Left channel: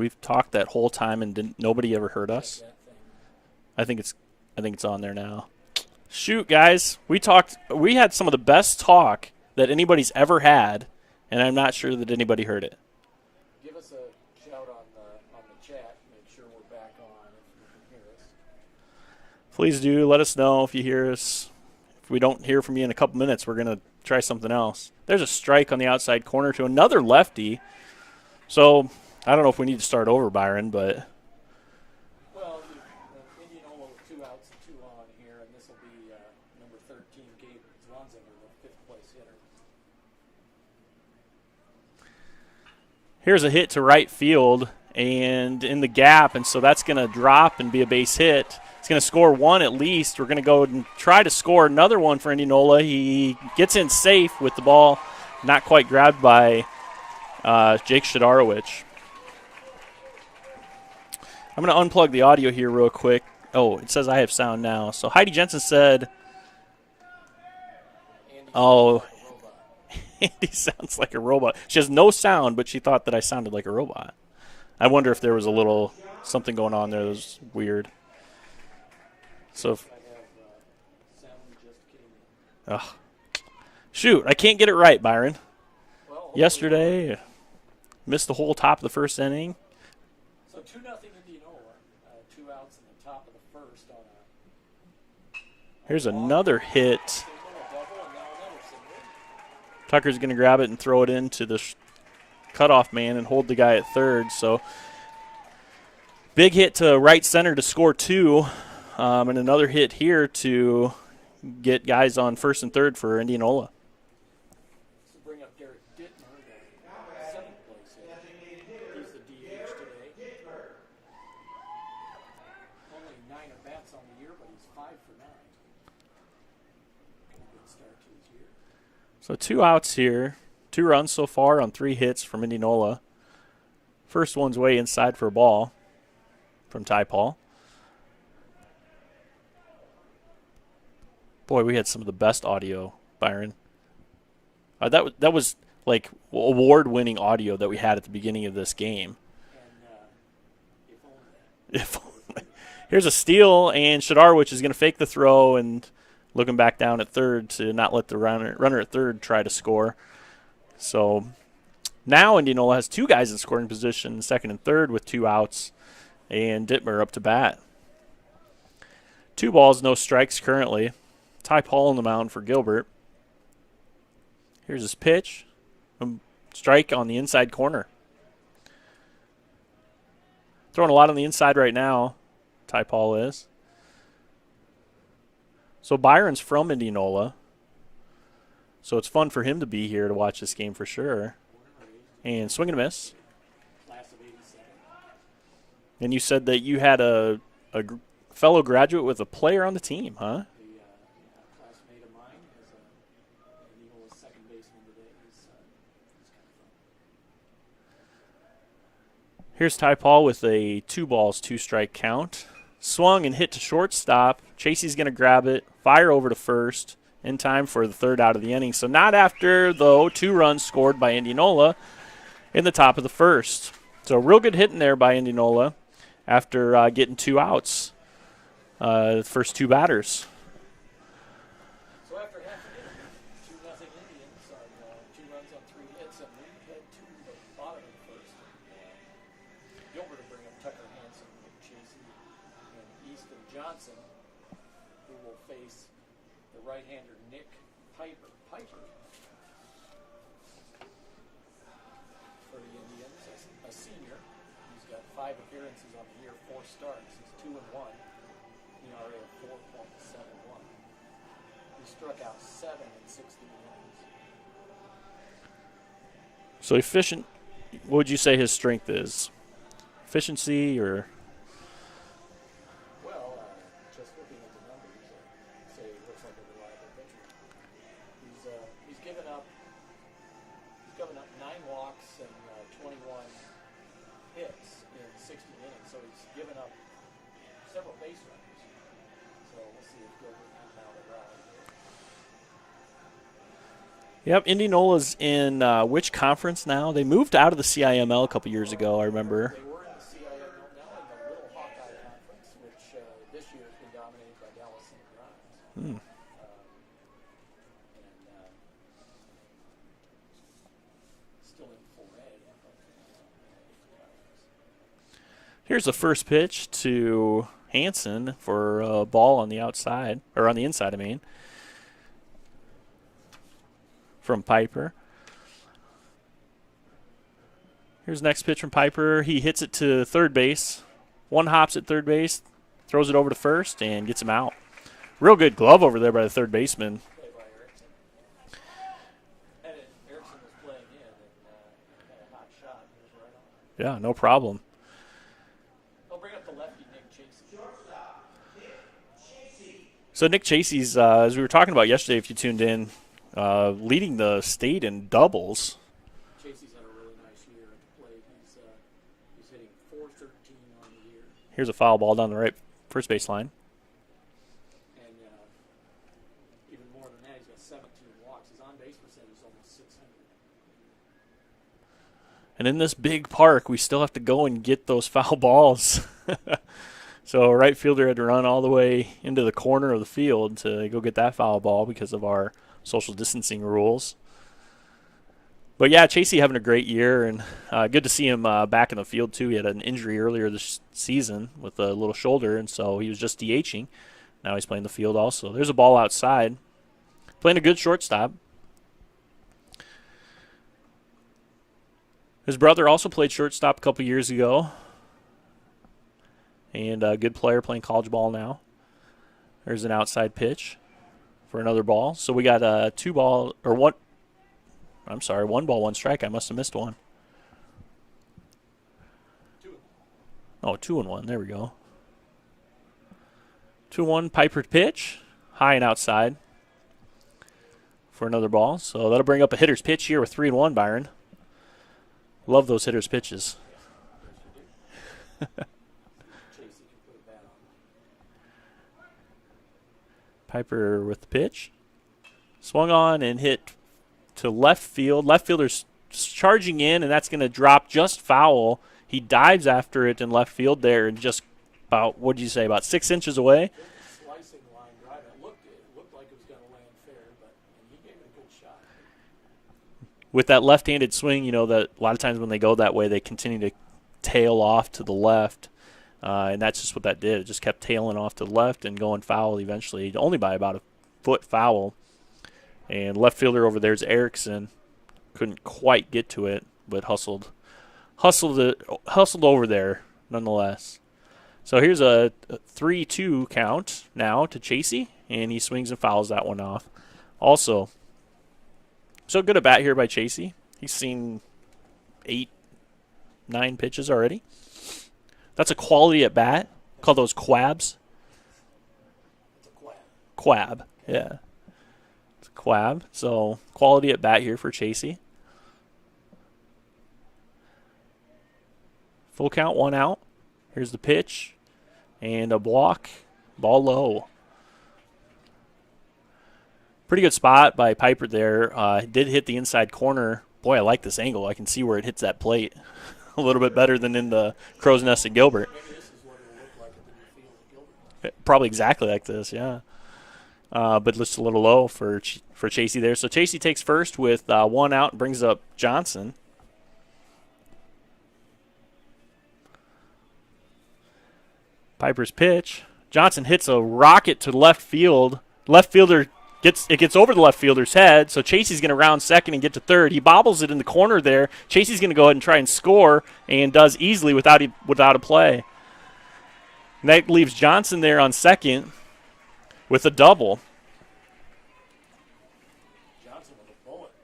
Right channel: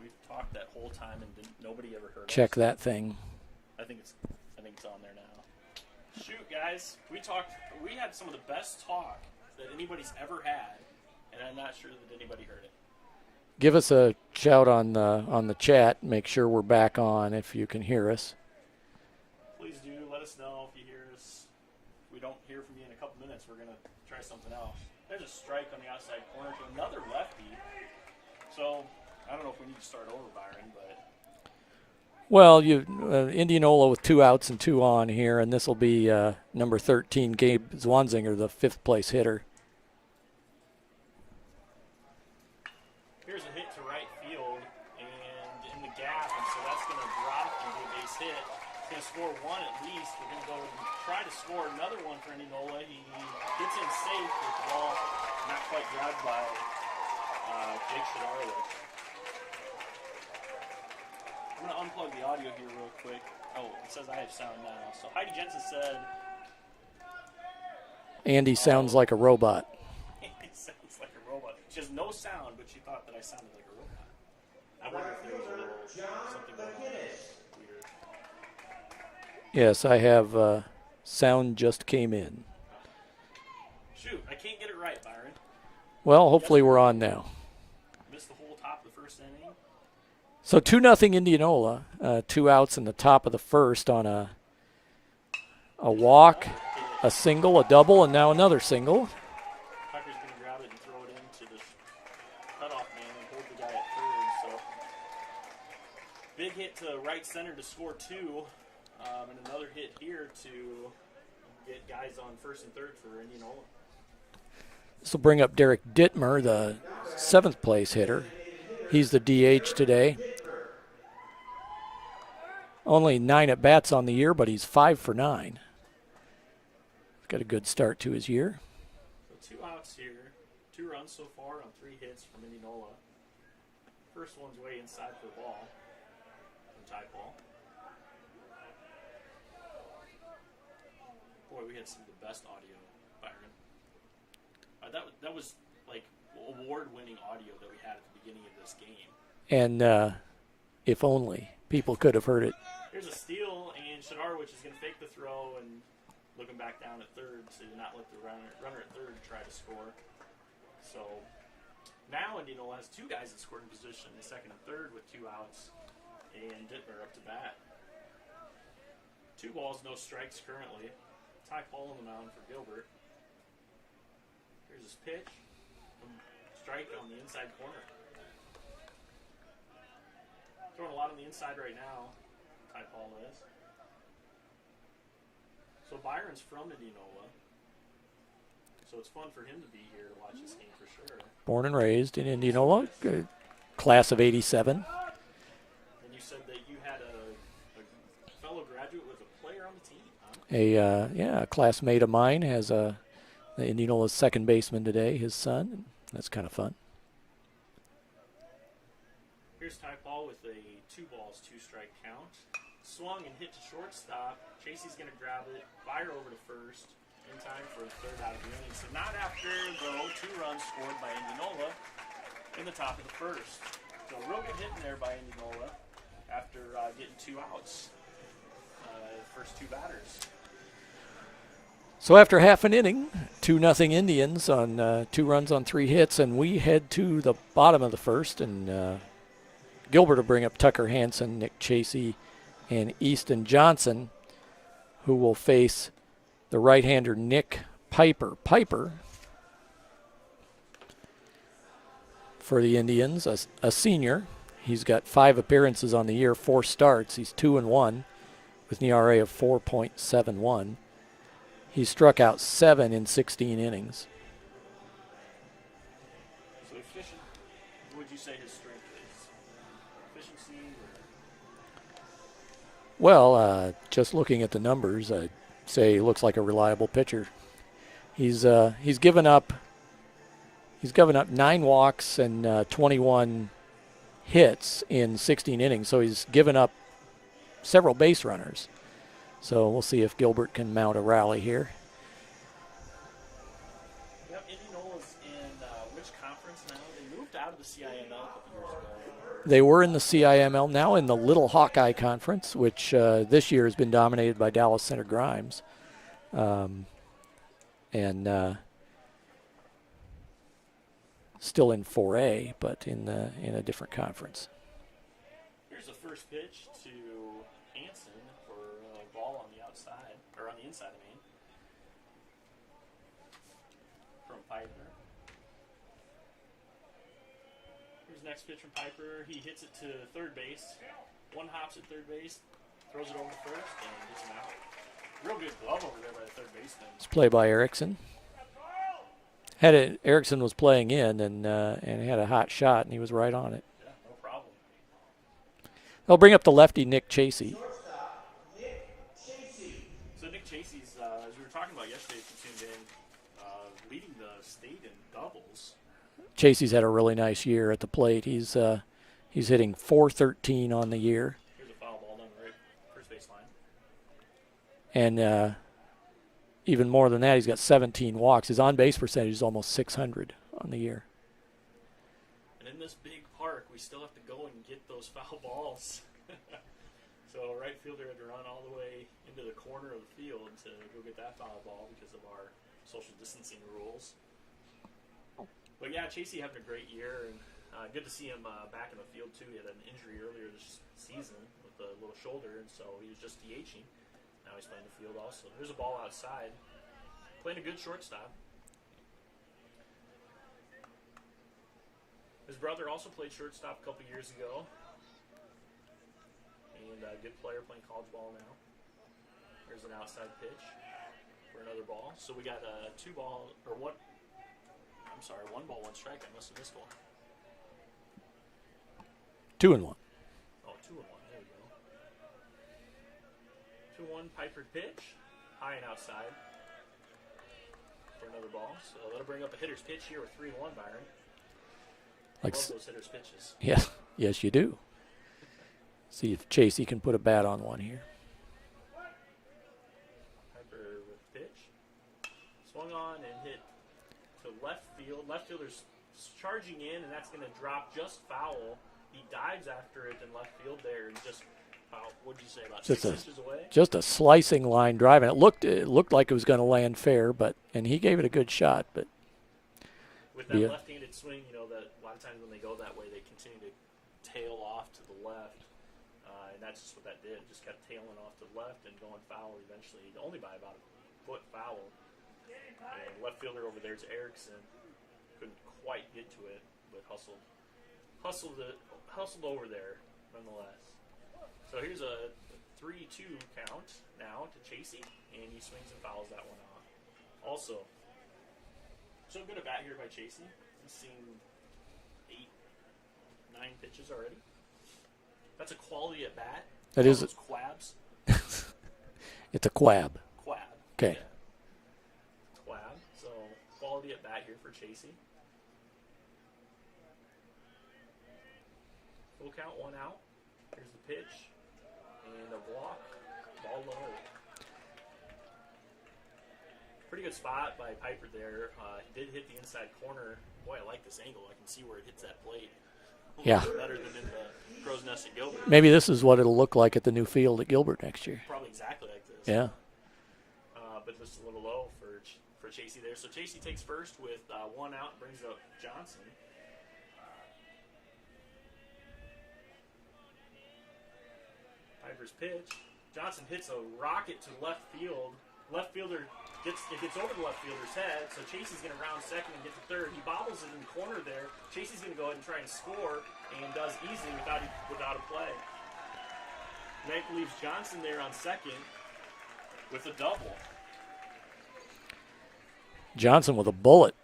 We've talked that whole time and nobody ever heard us. Check that thing. I think it's on there now. Shoot, guys, we had some of the best talk that anybody's ever had, and I'm not sure that anybody heard it. Give us a shout on the chat. Make sure we're back on if you can hear us. Please do. Let us know if you hear us. If we don't hear from you in a couple minutes, we're going to try something else. There's a strike on the outside corner to another lefty. So I don't know if we need to start over, Byron, but... Well, Indianola with 2 outs and 2 on here, and this will be number 13, Gabe Zwanzinger, the 5th place hitter. Here's a hit to right field and in the gap, and so that's going to drop and be a base hit. He's going to score 1 at least. We're going to go and try to score another one for Indianola. He gets in safe with the ball not quite grabbed by Jake Shadorowicz. I'm going to unplug the audio here real quick. Oh, it says I have sound now. So Heidi Jensen said... Andy sounds like a robot. Andy sounds like a robot. She has no sound, but she thought that I sounded like a robot. I wonder if there was a little something going on there that was weird. Yes, I have sound just came in. Ugh. Shoot, I can't get it right, Byron. Well, hopefully we're on now. Missed the whole top of the first inning. So 2-0 Indianola. 2 outs in the top of the first on a Here's walk, another hit. a single, a double, and now another single. Tucker's going to grab it and throw it into the cutoff man and hold the guy at third. So big hit to right center to score 2, and another hit here to get guys on first and third for Indianola. This will bring up Derek Dittmer, the 7th place hitter. He's the DH today. Only 9 at-bats on the year, but he's 5 for 9. Got a good start to his year. So 2 outs here. 2 runs so far on 3 hits from Indianola. First one's way inside for a ball from Ty Paul. Boy, we had some of the best audio, Byron. That was like award-winning audio that we had at the beginning of this game. And if only people could have heard it. Here's a steal, and Shadorowicz is going to fake the throw and looking back down at third to not let the runner at third try to score. So now Indianola has 2 guys in scoring position, second and third with 2 outs, and Dittmer up to bat. 2 balls, no strikes currently. Ty Paul on the mound for Gilbert. Here's his pitch. Strike on the inside corner. Throwing a lot on the inside right now, Ty Paul is. So Byron's from Indianola. So it's fun for him to be here to watch this game for sure. Born and raised in Indianola. Swing and miss. Class of 87. And you said that you had a fellow graduate with a player on the team, huh? A classmate of mine has the Indianola's second baseman today, his son. That's kind of fun. Here's Ty Paul with a 2 balls, 2 strike count. Swung and hit to shortstop. Chasey's going to grab it, fire over to first in time for the 3rd out of the inning. So not after, though, 2 runs scored by Indianola in the top of the first. So a real good hit in there by Indianola after getting 2 outs, the first 2 batters. So after half an inning, 2-0 Indians on 2 runs on 3 hits, and we head to the bottom of the first, and Gilbert will bring up Tucker Hansen, Nick Chasey, and Easton Johnson, who will face the right-hander Nick Piper. Piper, for the Indians, a senior. He's got 5 appearances on the year, 4 starts. He's 2-1 with an ERA of 4.71. He struck out 7 in 16 innings. So efficient, what would you say his strength is? Efficiency or? Well, just looking at the numbers, I'd say he looks like a reliable pitcher. He's given up 9 walks and 21 hits in 16 innings, so he's given up several base runners. So we'll see if Gilbert can mount a rally here. Yep, Indianola's in which conference now? They moved out of the CIML a couple years ago, I remember. They were in the CIML, now in the Little Hawkeye Conference, which this year has been dominated by Dallas Center Grimes. And still in 4A, but in a different conference. Here's the first pitch to Hansen for a ball on the outside, or on the inside, I mean, from Piper. Here's the next pitch from Piper. He hits it to third base. One hops at third base, throws it over to first, and gets him out. Real good glove over there by the third baseman. It's play by Erickson. Erickson was playing in and had a hot shot, and he was right on it. Yeah, no problem. They'll bring up the lefty, Nick Chasey. So Nick Chasey's, as we were talking about yesterday, if you tuned in, leading the state in doubles. Chasey's had a really nice year at the plate. He's hitting .413 on the year. Here's a foul ball down the right first base line. And even more than that, he's got 17 walks. His on-base percentage is almost .600 on the year. And in this big park, we still have to go and get those foul balls. So a right fielder had to run all the way into the corner of the field to go get that foul ball because of our social distancing rules. But, yeah, Chasey having a great year, and good to see him back in the field, too. He had an injury earlier this season with a little shoulder, and so he was just DHing. Now he's playing the field also. There's a ball outside. Playing a good shortstop. His brother also played shortstop a couple years ago. And a good player playing college ball now. There's an outside pitch for another ball. So we got a one ball, one strike. I must have missed one. 2-1. Oh, 2-1. There we go. 2-1 Piper pitch. High and outside for another ball. So that'll bring up a hitter's pitch here with 3-1, Byron. Love those hitter's pitches. Yeah. Yes, you do. See if Chasey can put a bat on one here. Piper with the pitch. Swung on and hit to left field. Left fielder's charging in, and that's going to drop just foul. He dives after it in left field there and just about, what did you say, about 6 inches away? Just a slicing line drive. And it looked like it was going to land fair, and he gave it a good shot. But with that left-handed swing, you know, that a lot of times when they go that way, they continue to tail off to the left. And that's just what that did. It just kept tailing off to the left and going foul eventually, only by about a foot foul. And left fielder over there is Erickson. Couldn't quite get to it, but hustled over there nonetheless. So here's a 3-2 count now to Chasey, and he swings and fouls that one off. Also, so good at bat here by Chasey. He's seen 8-9 pitches already. That's a quality at bat. Call those quabs. It's a quab. Quab. Okay. Yeah. It's a quab. So quality at bat here for Chasey. Full count, 1 out. Here's the pitch. And a block. Ball low. Pretty good spot by Piper there. Did hit the inside corner. Boy, I like this angle. I can see where it hits that plate a little bit better than in the Crow's Nest at Gilbert. Maybe this is what it'll look like at the new field at Gilbert next year. Probably exactly like this, yeah. But just a little low for Chasey there. So Chasey takes first with 1 out and brings up Johnson. Piper's pitch. Johnson hits a rocket to left field. Left fielder gets over the left fielder's head, so Chasey's going to round second and get to third. He bobbles it in the corner there. Chasey's going to go ahead and try and score, and does easily without a play. And that leaves Johnson there on second with a double. Johnson with a bullet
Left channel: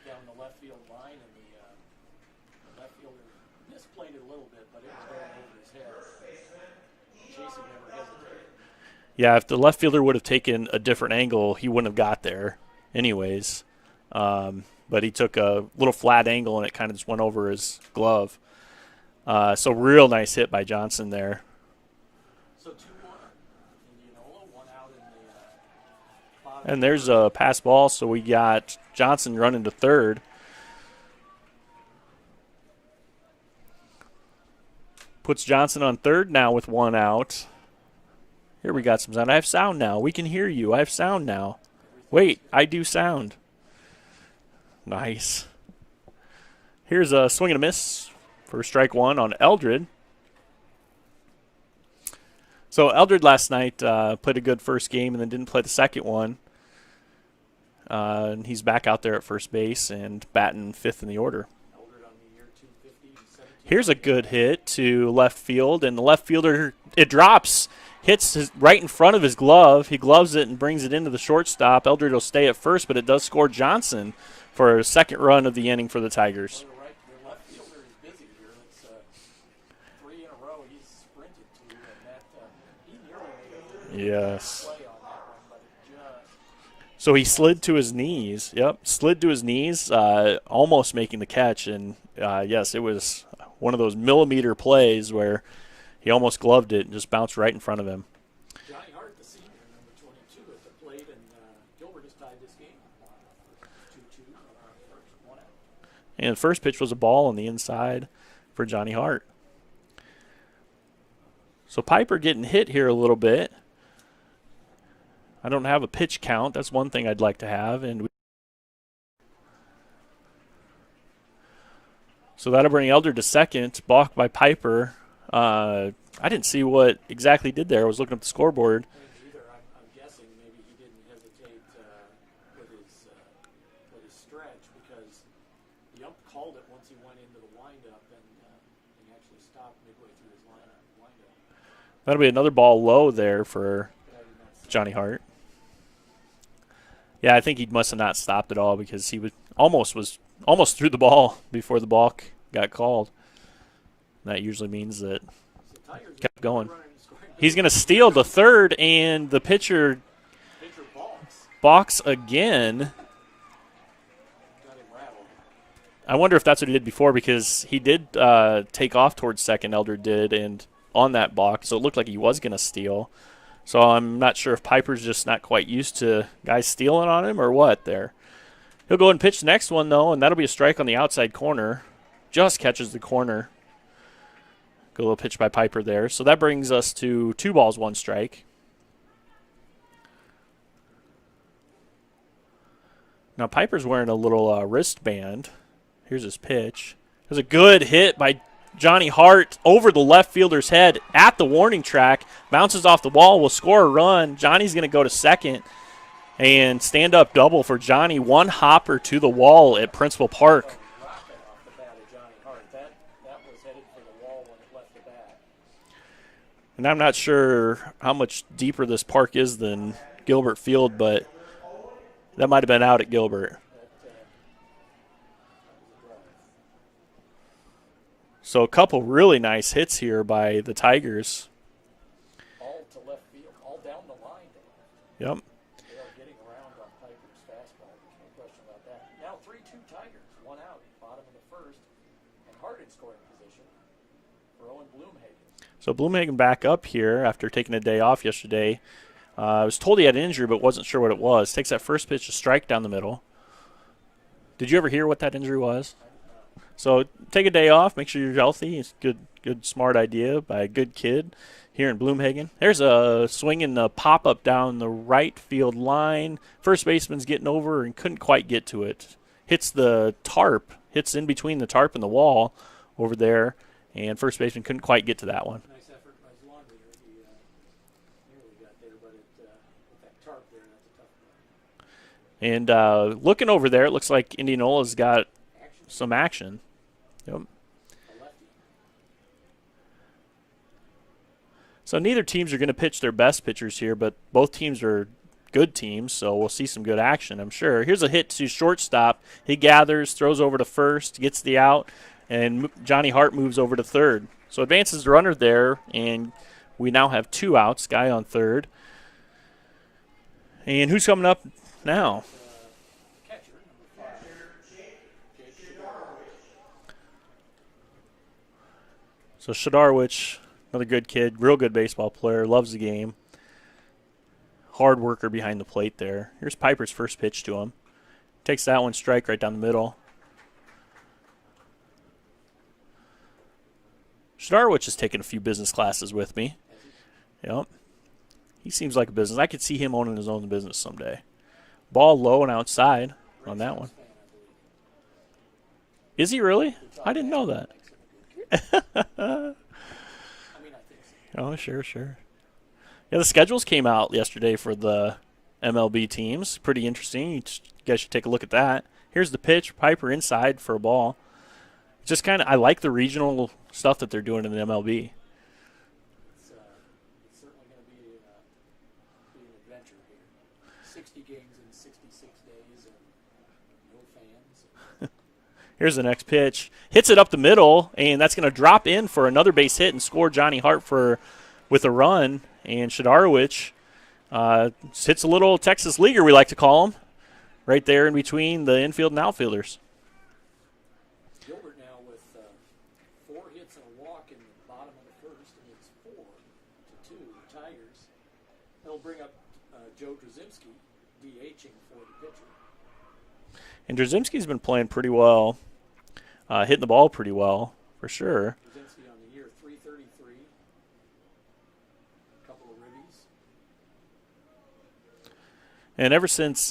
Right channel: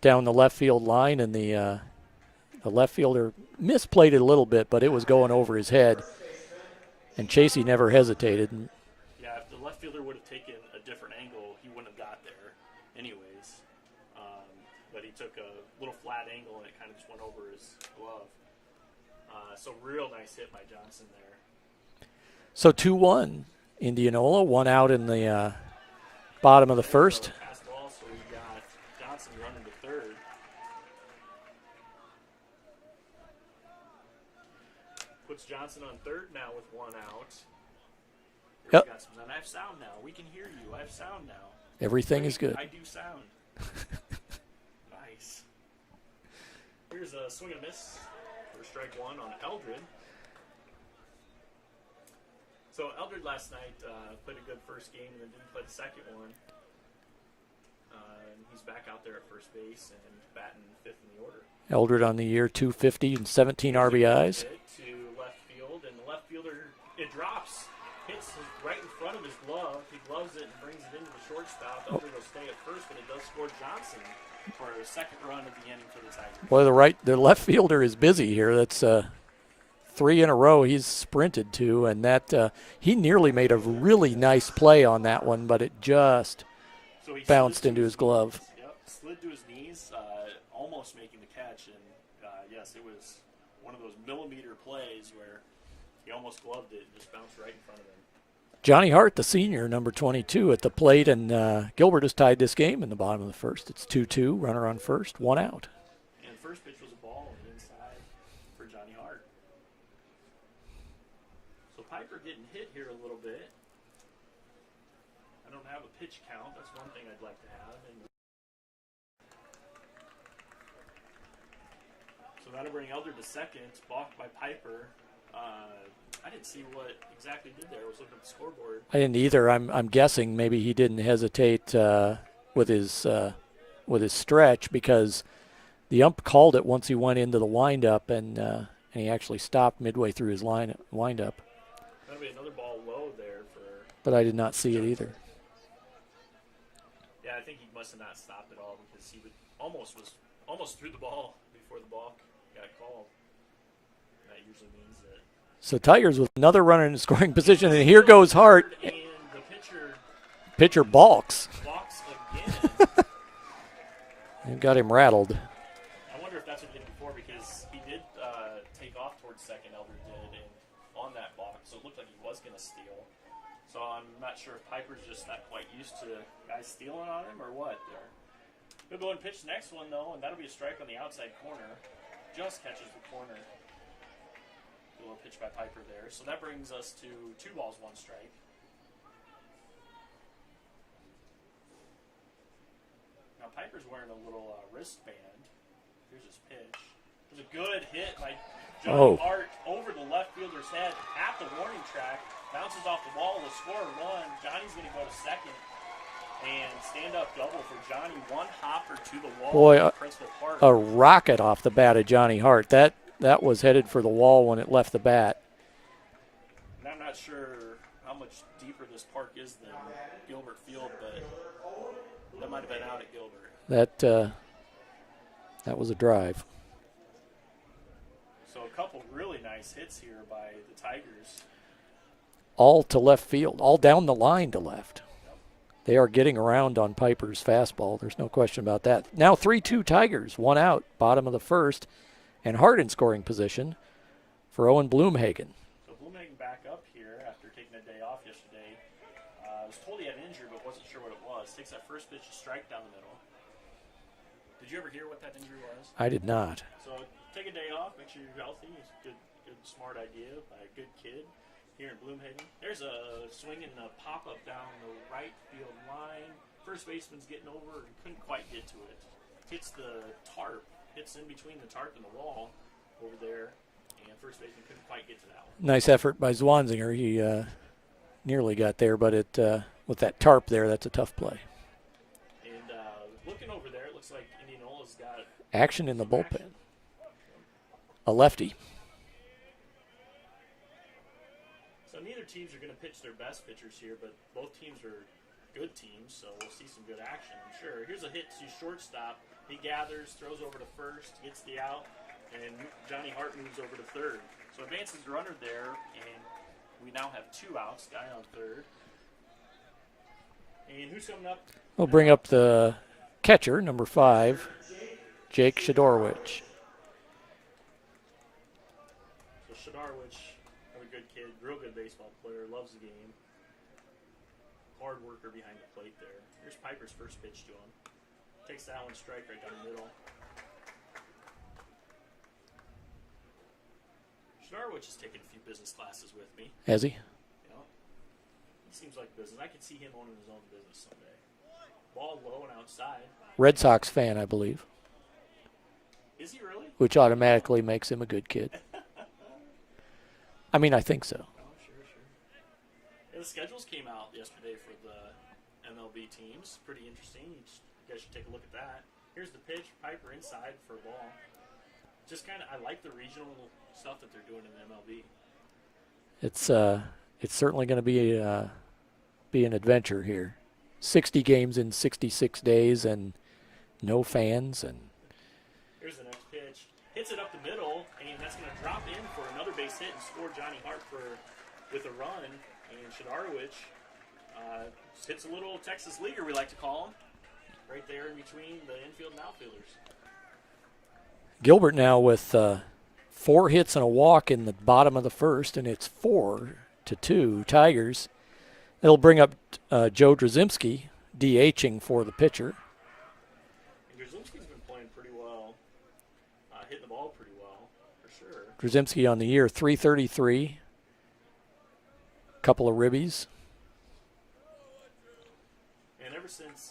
down the left field line, and the left fielder misplayed it a little bit, but it was going over his head. And Chasey never hesitated. Yeah, if the left fielder would have taken a different angle, he wouldn't have got there anyways. But he took a little flat angle, and it kind of just went over his glove. So real nice hit by Johnson there. So 2-1, Indianola, 1 out in the Bottom of And the there's first. a pass ball, so we got Johnson running to third. Puts Johnson on third now with 1 out. Here we got some sound. I have sound now. We can hear you. I have sound now. Everything is good. Wait, I do sound. Nice. Here's a swing and a miss for strike 1 on Eldred. So Eldred last night played a good first game and then didn't play the second one. And he's back out there at first base and batting 5th in the order. Eldred on the year, 250 and 17 Here's RBIs. a good hit to left field, and the left fielder, it drops, hits right in front of his glove. He gloves it and brings it into the shortstop. Eldred will stay at first, but it does score Johnson for a second run of the inning for the Tigers. Well, the left fielder is busy here. That's 3 in a row he's sprinted to, and that he nearly made a really nice play on that one, but it just so he slid to his glove. knees. Yep, slid to his knees, almost making the catch. And, yes, it was one of those millimeter plays where he almost gloved it and just bounced right in front of him. Johnny Hart, the senior, number 22, at the plate, and Gilbert has tied this game in the bottom of the first. It's 2-2, runner on first, 1 out. And the first pitch was a ball on the inside for Johnny Hart. So Piper getting hit here a little bit. I don't have a pitch count. That's one thing I'd like to have. So that'll bring Eldred to second, balked by Piper. I didn't see what exactly he did there. I was looking at the scoreboard. I didn't either. I'm guessing maybe he didn't hesitate with his stretch, because the ump called it once he went into the windup, and he actually stopped midway through his windup. That'll be another ball low there for but I did not see Johnny Hart. Yeah, I think he must have not stopped at all, because he was almost threw the ball before the balk got called. And that usually means that. So Tigers with another runner in the scoring position. He's going to and steal here goes the third, Hart. and the pitcher balks again. and got him rattled. I wonder if that's what he did before, because he did take off towards second, Eldred did, and on that balk, so it looked like he was going to steal. So I'm not sure if Piper's just not quite used to guys stealing on him or what there. He'll go and pitch the next one, though, and that'll be a strike on the outside corner. Just catches the corner. Good little pitch by Piper there. So that brings us to 2 balls, 1 strike. Now Piper's wearing a little wristband. Here's his pitch. There's a good hit by Johnny Hart over the left fielder's head at the warning track. Bounces off the wall, will score a run. Johnny's going to go to second and stand-up double for Johnny. 1 hopper to the wall at Principal Park. A rocket off the bat of Johnny Hart. That was headed for the wall when it left the bat. And I'm not sure how much deeper this park is than Gilbert Field, but that might have been out at Gilbert. That was a drive. So a couple really nice hits here by the Tigers. All to left field, all down the line to left. Yep. They are getting around on Piper's fastball. There's no question about that. Now 3-2 Tigers, 1 out, bottom of the first, and Hart in scoring position for Owen Bloomhagen. So Bloomhagen back up here after taking a day off yesterday. I was told he had an injury, but wasn't sure what it was. Takes that first pitch, a strike down the middle. Did you ever hear what that injury was? I did not. So take a day off, make sure you're healthy. It's a good, smart idea by a good kid here in Bloomhagen. There's a swing and a pop-up down the right field line. First baseman's getting over and couldn't quite get to it. Hits the tarp, hits in between the tarp and the wall over there, and first baseman couldn't quite get to that one. Nice effort by Zwanzinger. He nearly got there, but with that tarp there, that's a tough play. And looking over there, it looks like Indianola's got action in some the action. Yep. A lefty. So neither teams are going to pitch their best pitchers here, but both teams are good teams, so we'll see some good action, I'm sure. Here's a hit to shortstop. He gathers, throws over to first, gets the out, and Johnny Hart moves over to third. So advances the runner there, and we now have 2 outs, guy on third. And who's coming up We'll now? bring up the catcher, number 5, Jake Shadorwich. So Shadorwich, another good kid, real good baseball player, loves the game. hard worker behind the plate there. Here's Piper's first pitch to him. Takes that one, strike right down the middle. Shdarwich has taken a few business classes with me. Has he? Yep. He seems like a business. I could see him owning his own business someday. Ball low and outside. Red Sox fan, I believe. Is he really? Which automatically makes him a good kid. I mean, I think so. Oh, sure. Yeah, the schedules came out yesterday for the MLB teams. Pretty interesting. You guys should take a look at that. Here's the pitch. Piper inside for a ball. Just kind of, I like the regional stuff that they're doing in the MLB. It's certainly going to be an adventure here. 60 games in 66 days and no fans. And here's the next pitch. Hits it up the middle, and that's going to drop in for another base hit and score Johnny Hart with a run. And Shdarwich hits a little Texas leaguer, we like to call him, right there in between the infield and outfielders. Gilbert now with 4 hits and a walk in the bottom of the first, and it's 4-2 Tigers. It'll bring up Joe Drzymski DHing for the pitcher. And Drzymski's been playing pretty well, hitting the ball pretty well, for sure. Drzymski on the year, 333, couple of ribbies. And ever since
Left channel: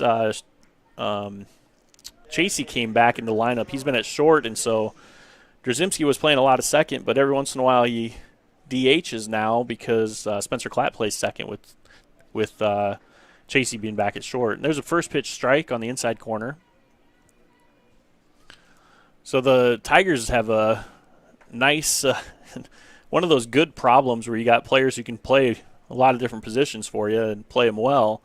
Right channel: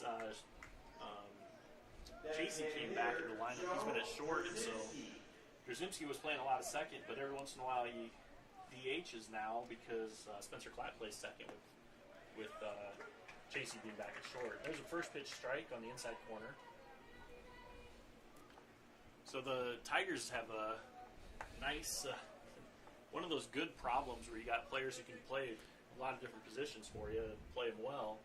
Chasey came back in the lineup, he's been at short, and so Drzymski was playing a lot of second, but every once in a while he DHs now because Spencer Klatt plays second with Chasey being back at short. And there's a first pitch strike on the inside corner. So the Tigers have a nice one of those good problems where you got players who can play a lot of different positions for you and play them well.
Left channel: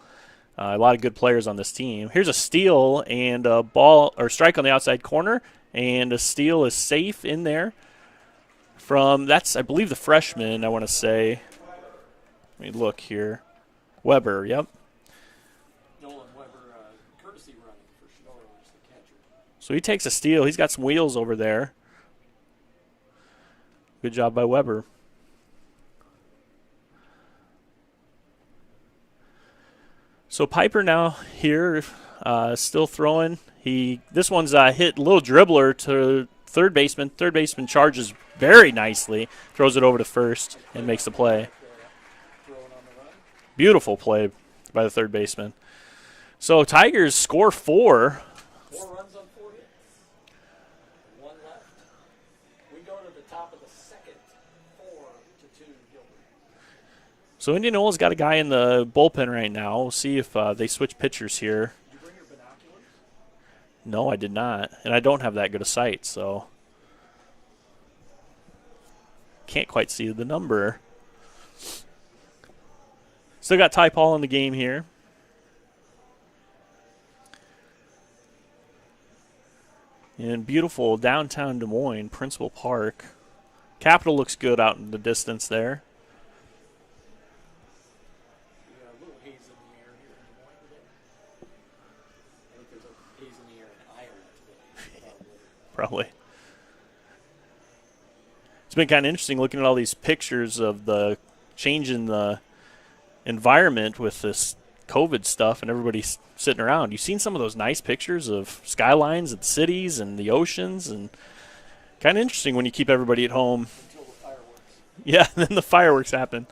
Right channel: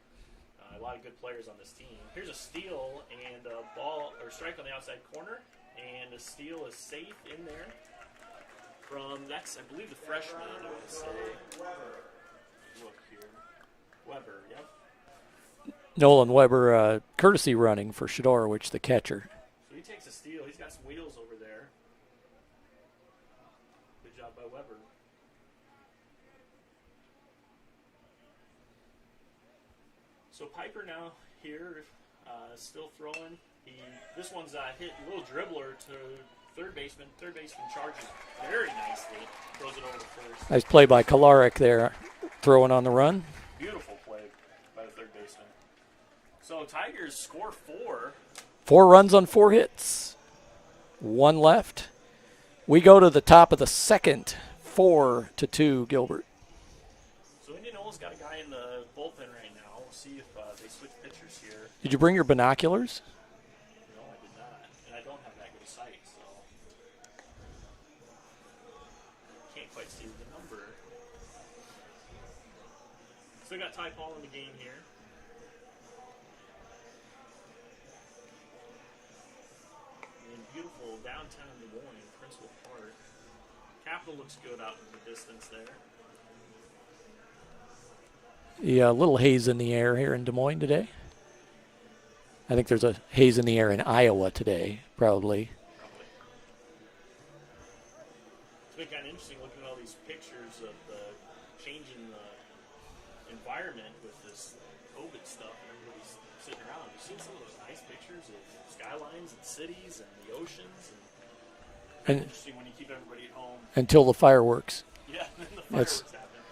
A lot of good players on this team. Here's a steal and a ball or strike on the outside corner, and a steal is safe in there from, that's, I believe, the freshman, I want to say. Let me look here. Weber, yep. Nolan Weber, courtesy running for Shdarwich, the catcher. So he takes a steal. He's got some wheels over there. Good job by Weber. So Piper now here, still throwing. This one's hit a little dribbler to third baseman. Third baseman charges very nicely, throws it over to first. Nice play by Kolarek there, throwing on the run. Beautiful play by the third baseman. So Tigers score 4. 4 runs on 4 hits. 1 left. We go to the top of the second, 4-2 Gilbert. So Indianola's got a guy in the bullpen right now. We'll see if they switch pitchers here. Did you bring your binoculars? No, I did not. And I don't have that good a sight, so can't quite see the number. Still got Ty Paul in the game here. In beautiful downtown Des Moines, Principal Park. Capitol looks good out in the distance there. Yeah, a little haze in the air here in Des Moines today. I think there's a haze in the air in Iowa today, probably. Probably. It's been kind of interesting looking at all these pictures of the change in the environment with this COVID stuff and everybody's sitting around. You've seen some of those nice pictures of skylines and cities and the oceans, and kind of interesting when you keep everybody at home. Until the fireworks. Yeah, then the fireworks happen.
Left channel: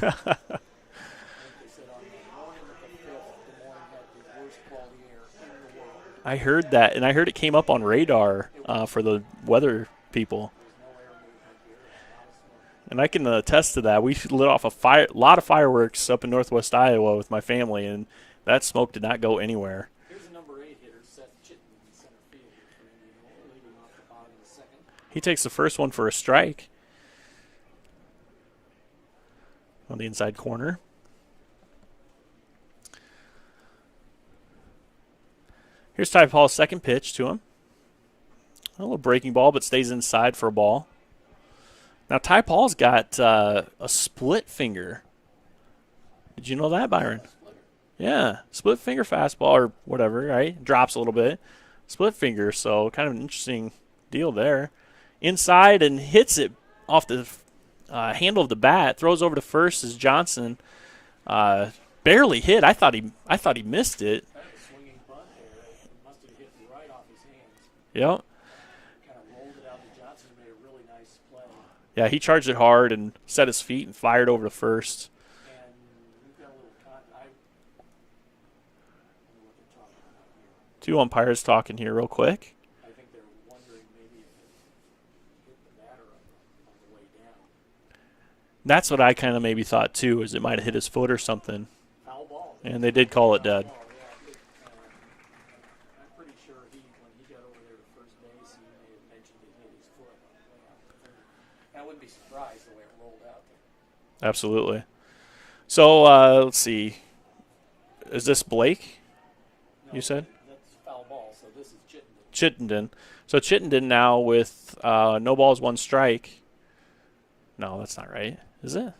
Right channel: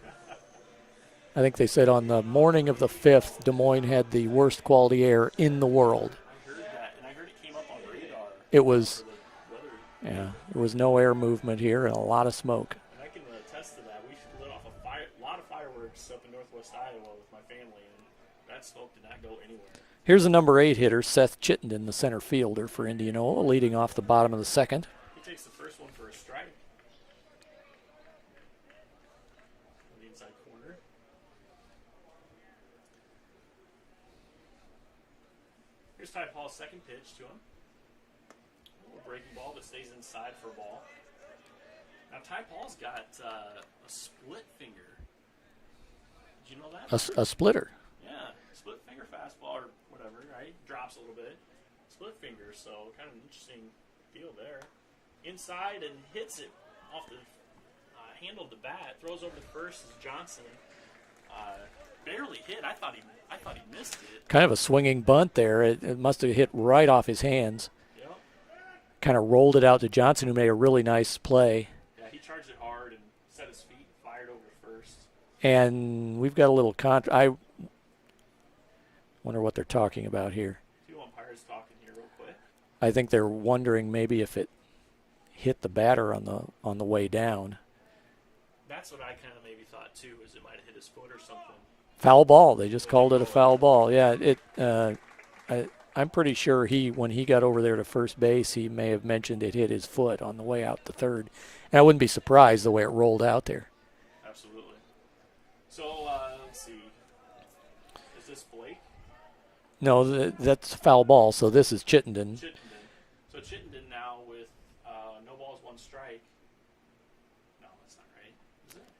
I think they said on the morning of the 5th, Des Moines had the worst quality air in the world. I heard that, and I heard it came up on radar for the weather people. There was no air movement here and a lot of smoke. And I can attest to that. We lit off a lot of fireworks up in northwest Iowa with my family, and that smoke did not go anywhere. Here's the number 8 hitter, Seth Chittenden, the center fielder for Indianola, leading off the bottom of the second. He takes the first one for a strike on the inside corner. Here's Ty Paul's second pitch to him. A little breaking ball, but stays inside for a ball. Now, Ty Paul's got a split finger. Did you know that, Byron? A splitter. Yeah, split finger fastball or whatever, right? Drops a little bit. Split finger, so kind of an interesting deal there. Inside and hits it off the handle of the bat. Throws over to first as Johnson barely hit. I thought he missed it. Kind of a swinging bunt there. It must have hit right off his hands. Yep. Kind of rolled it out to Johnson, who made a really nice play. Yeah, he charged it hard and set his feet and fired over to first. And we've got a little I wonder what they're talking about here. 2 umpires talking here real quick. I think they're wondering maybe if it hit the batter on the way down. That's what I kind of maybe thought too, is it might have hit his foot or something. Foul ball. They And just called it a foul ball. Yeah, I'm pretty sure when he got over there to first base, he may have mentioned it hit his foot on the way out to third. And I wouldn't be surprised the way it rolled out there. Absolutely. So let's see. Is this Blake? No, that's foul ball. So this is Chittenden. So Chittenden now with no balls, 1 strike. No, that's not right. Is it?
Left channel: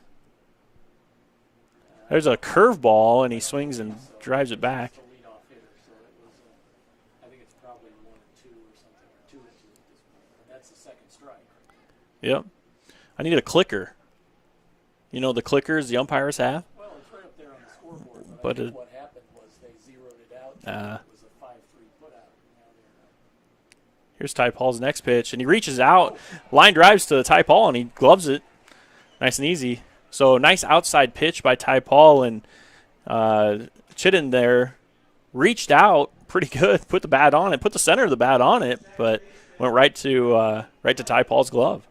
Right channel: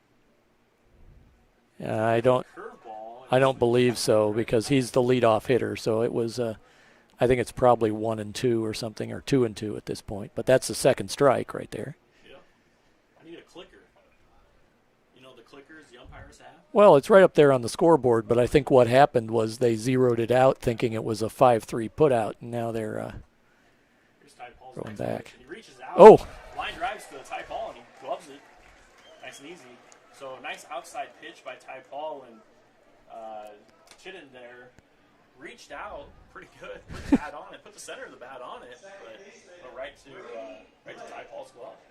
There's a curveball, and he I don't swings believe and so drives it because back. he's the leadoff hitter. So it was, I think it's probably 1-2 or something, or 2-2 at this point. But that's the second strike right there. Yep. I need a clicker. You know the clickers the umpires have? Well, it's right up there on the scoreboard, but I think what happened was they zeroed it out thinking it was a 5-3 putout, and now they're Here's Ty Paul's next back. pitch, and he reaches out. Oh. Line drives to Ty Paul, and he gloves it. Nice and easy. So nice outside pitch by Ty Paul, and Chittenden there reached out pretty good, put the bat on it, put the center of the bat on it, but went right to Ty Paul's glove.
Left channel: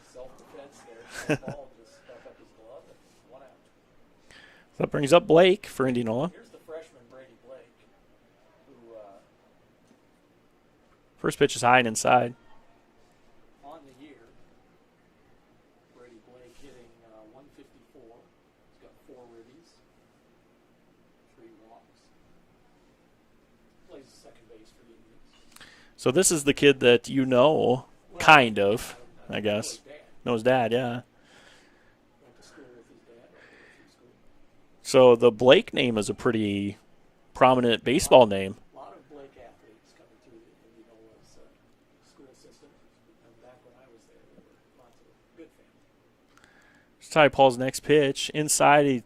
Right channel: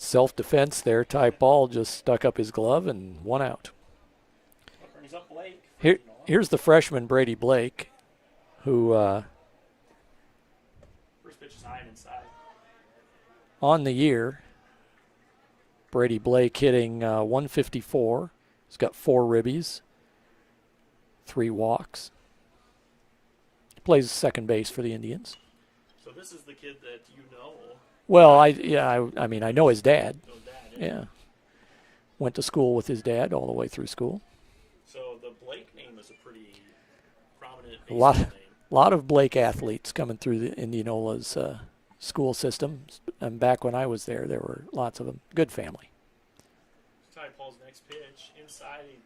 Self-defense there. Ty Paul just stuck up his glove and 1 out. That brings up Blake for Indianola. Here's the freshman Brady Blake, who first pitch is high and inside. On the year, Brady Blake hitting 154. He's got 4 ribbies, 3 walks. Plays second base for the Indians. So this is the kid that you know. Well, I know his dad. Know his dad, yeah. Went to school with his dad all the way through school. So the Blake name is a pretty prominent baseball name. A lot of Blake athletes coming through the Indianola's school system. And back when I was there were lots of them. Good family. It's Ty Paul's next pitch. Inside,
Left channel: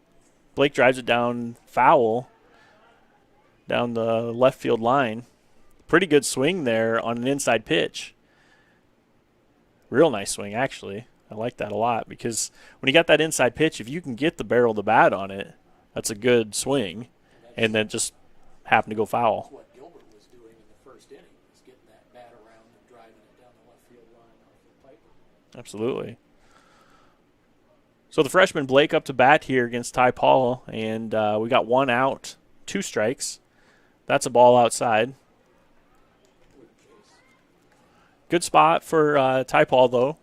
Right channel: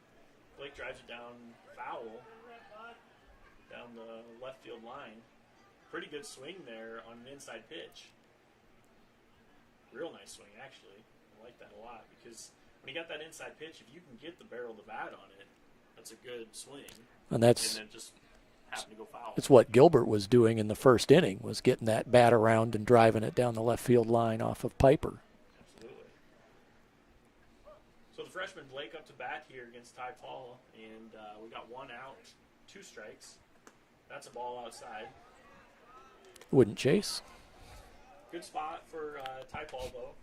Blake drives it down foul, down the left field line. Pretty good swing there on an inside pitch. Real nice swing, actually. I like that a lot because when you got that inside pitch, if you can get the barrel of the bat on it, that's a good swing. And then just happened to go foul. That's what Gilbert was doing in the first inning, was getting that bat around and driving it down the left field line off of Piper. Absolutely. So the freshman Blake up to bat here against Ty Paul, and we got 1 out, 2 strikes. That's a ball outside. Wouldn't chase. Good spot for Ty Paul, though.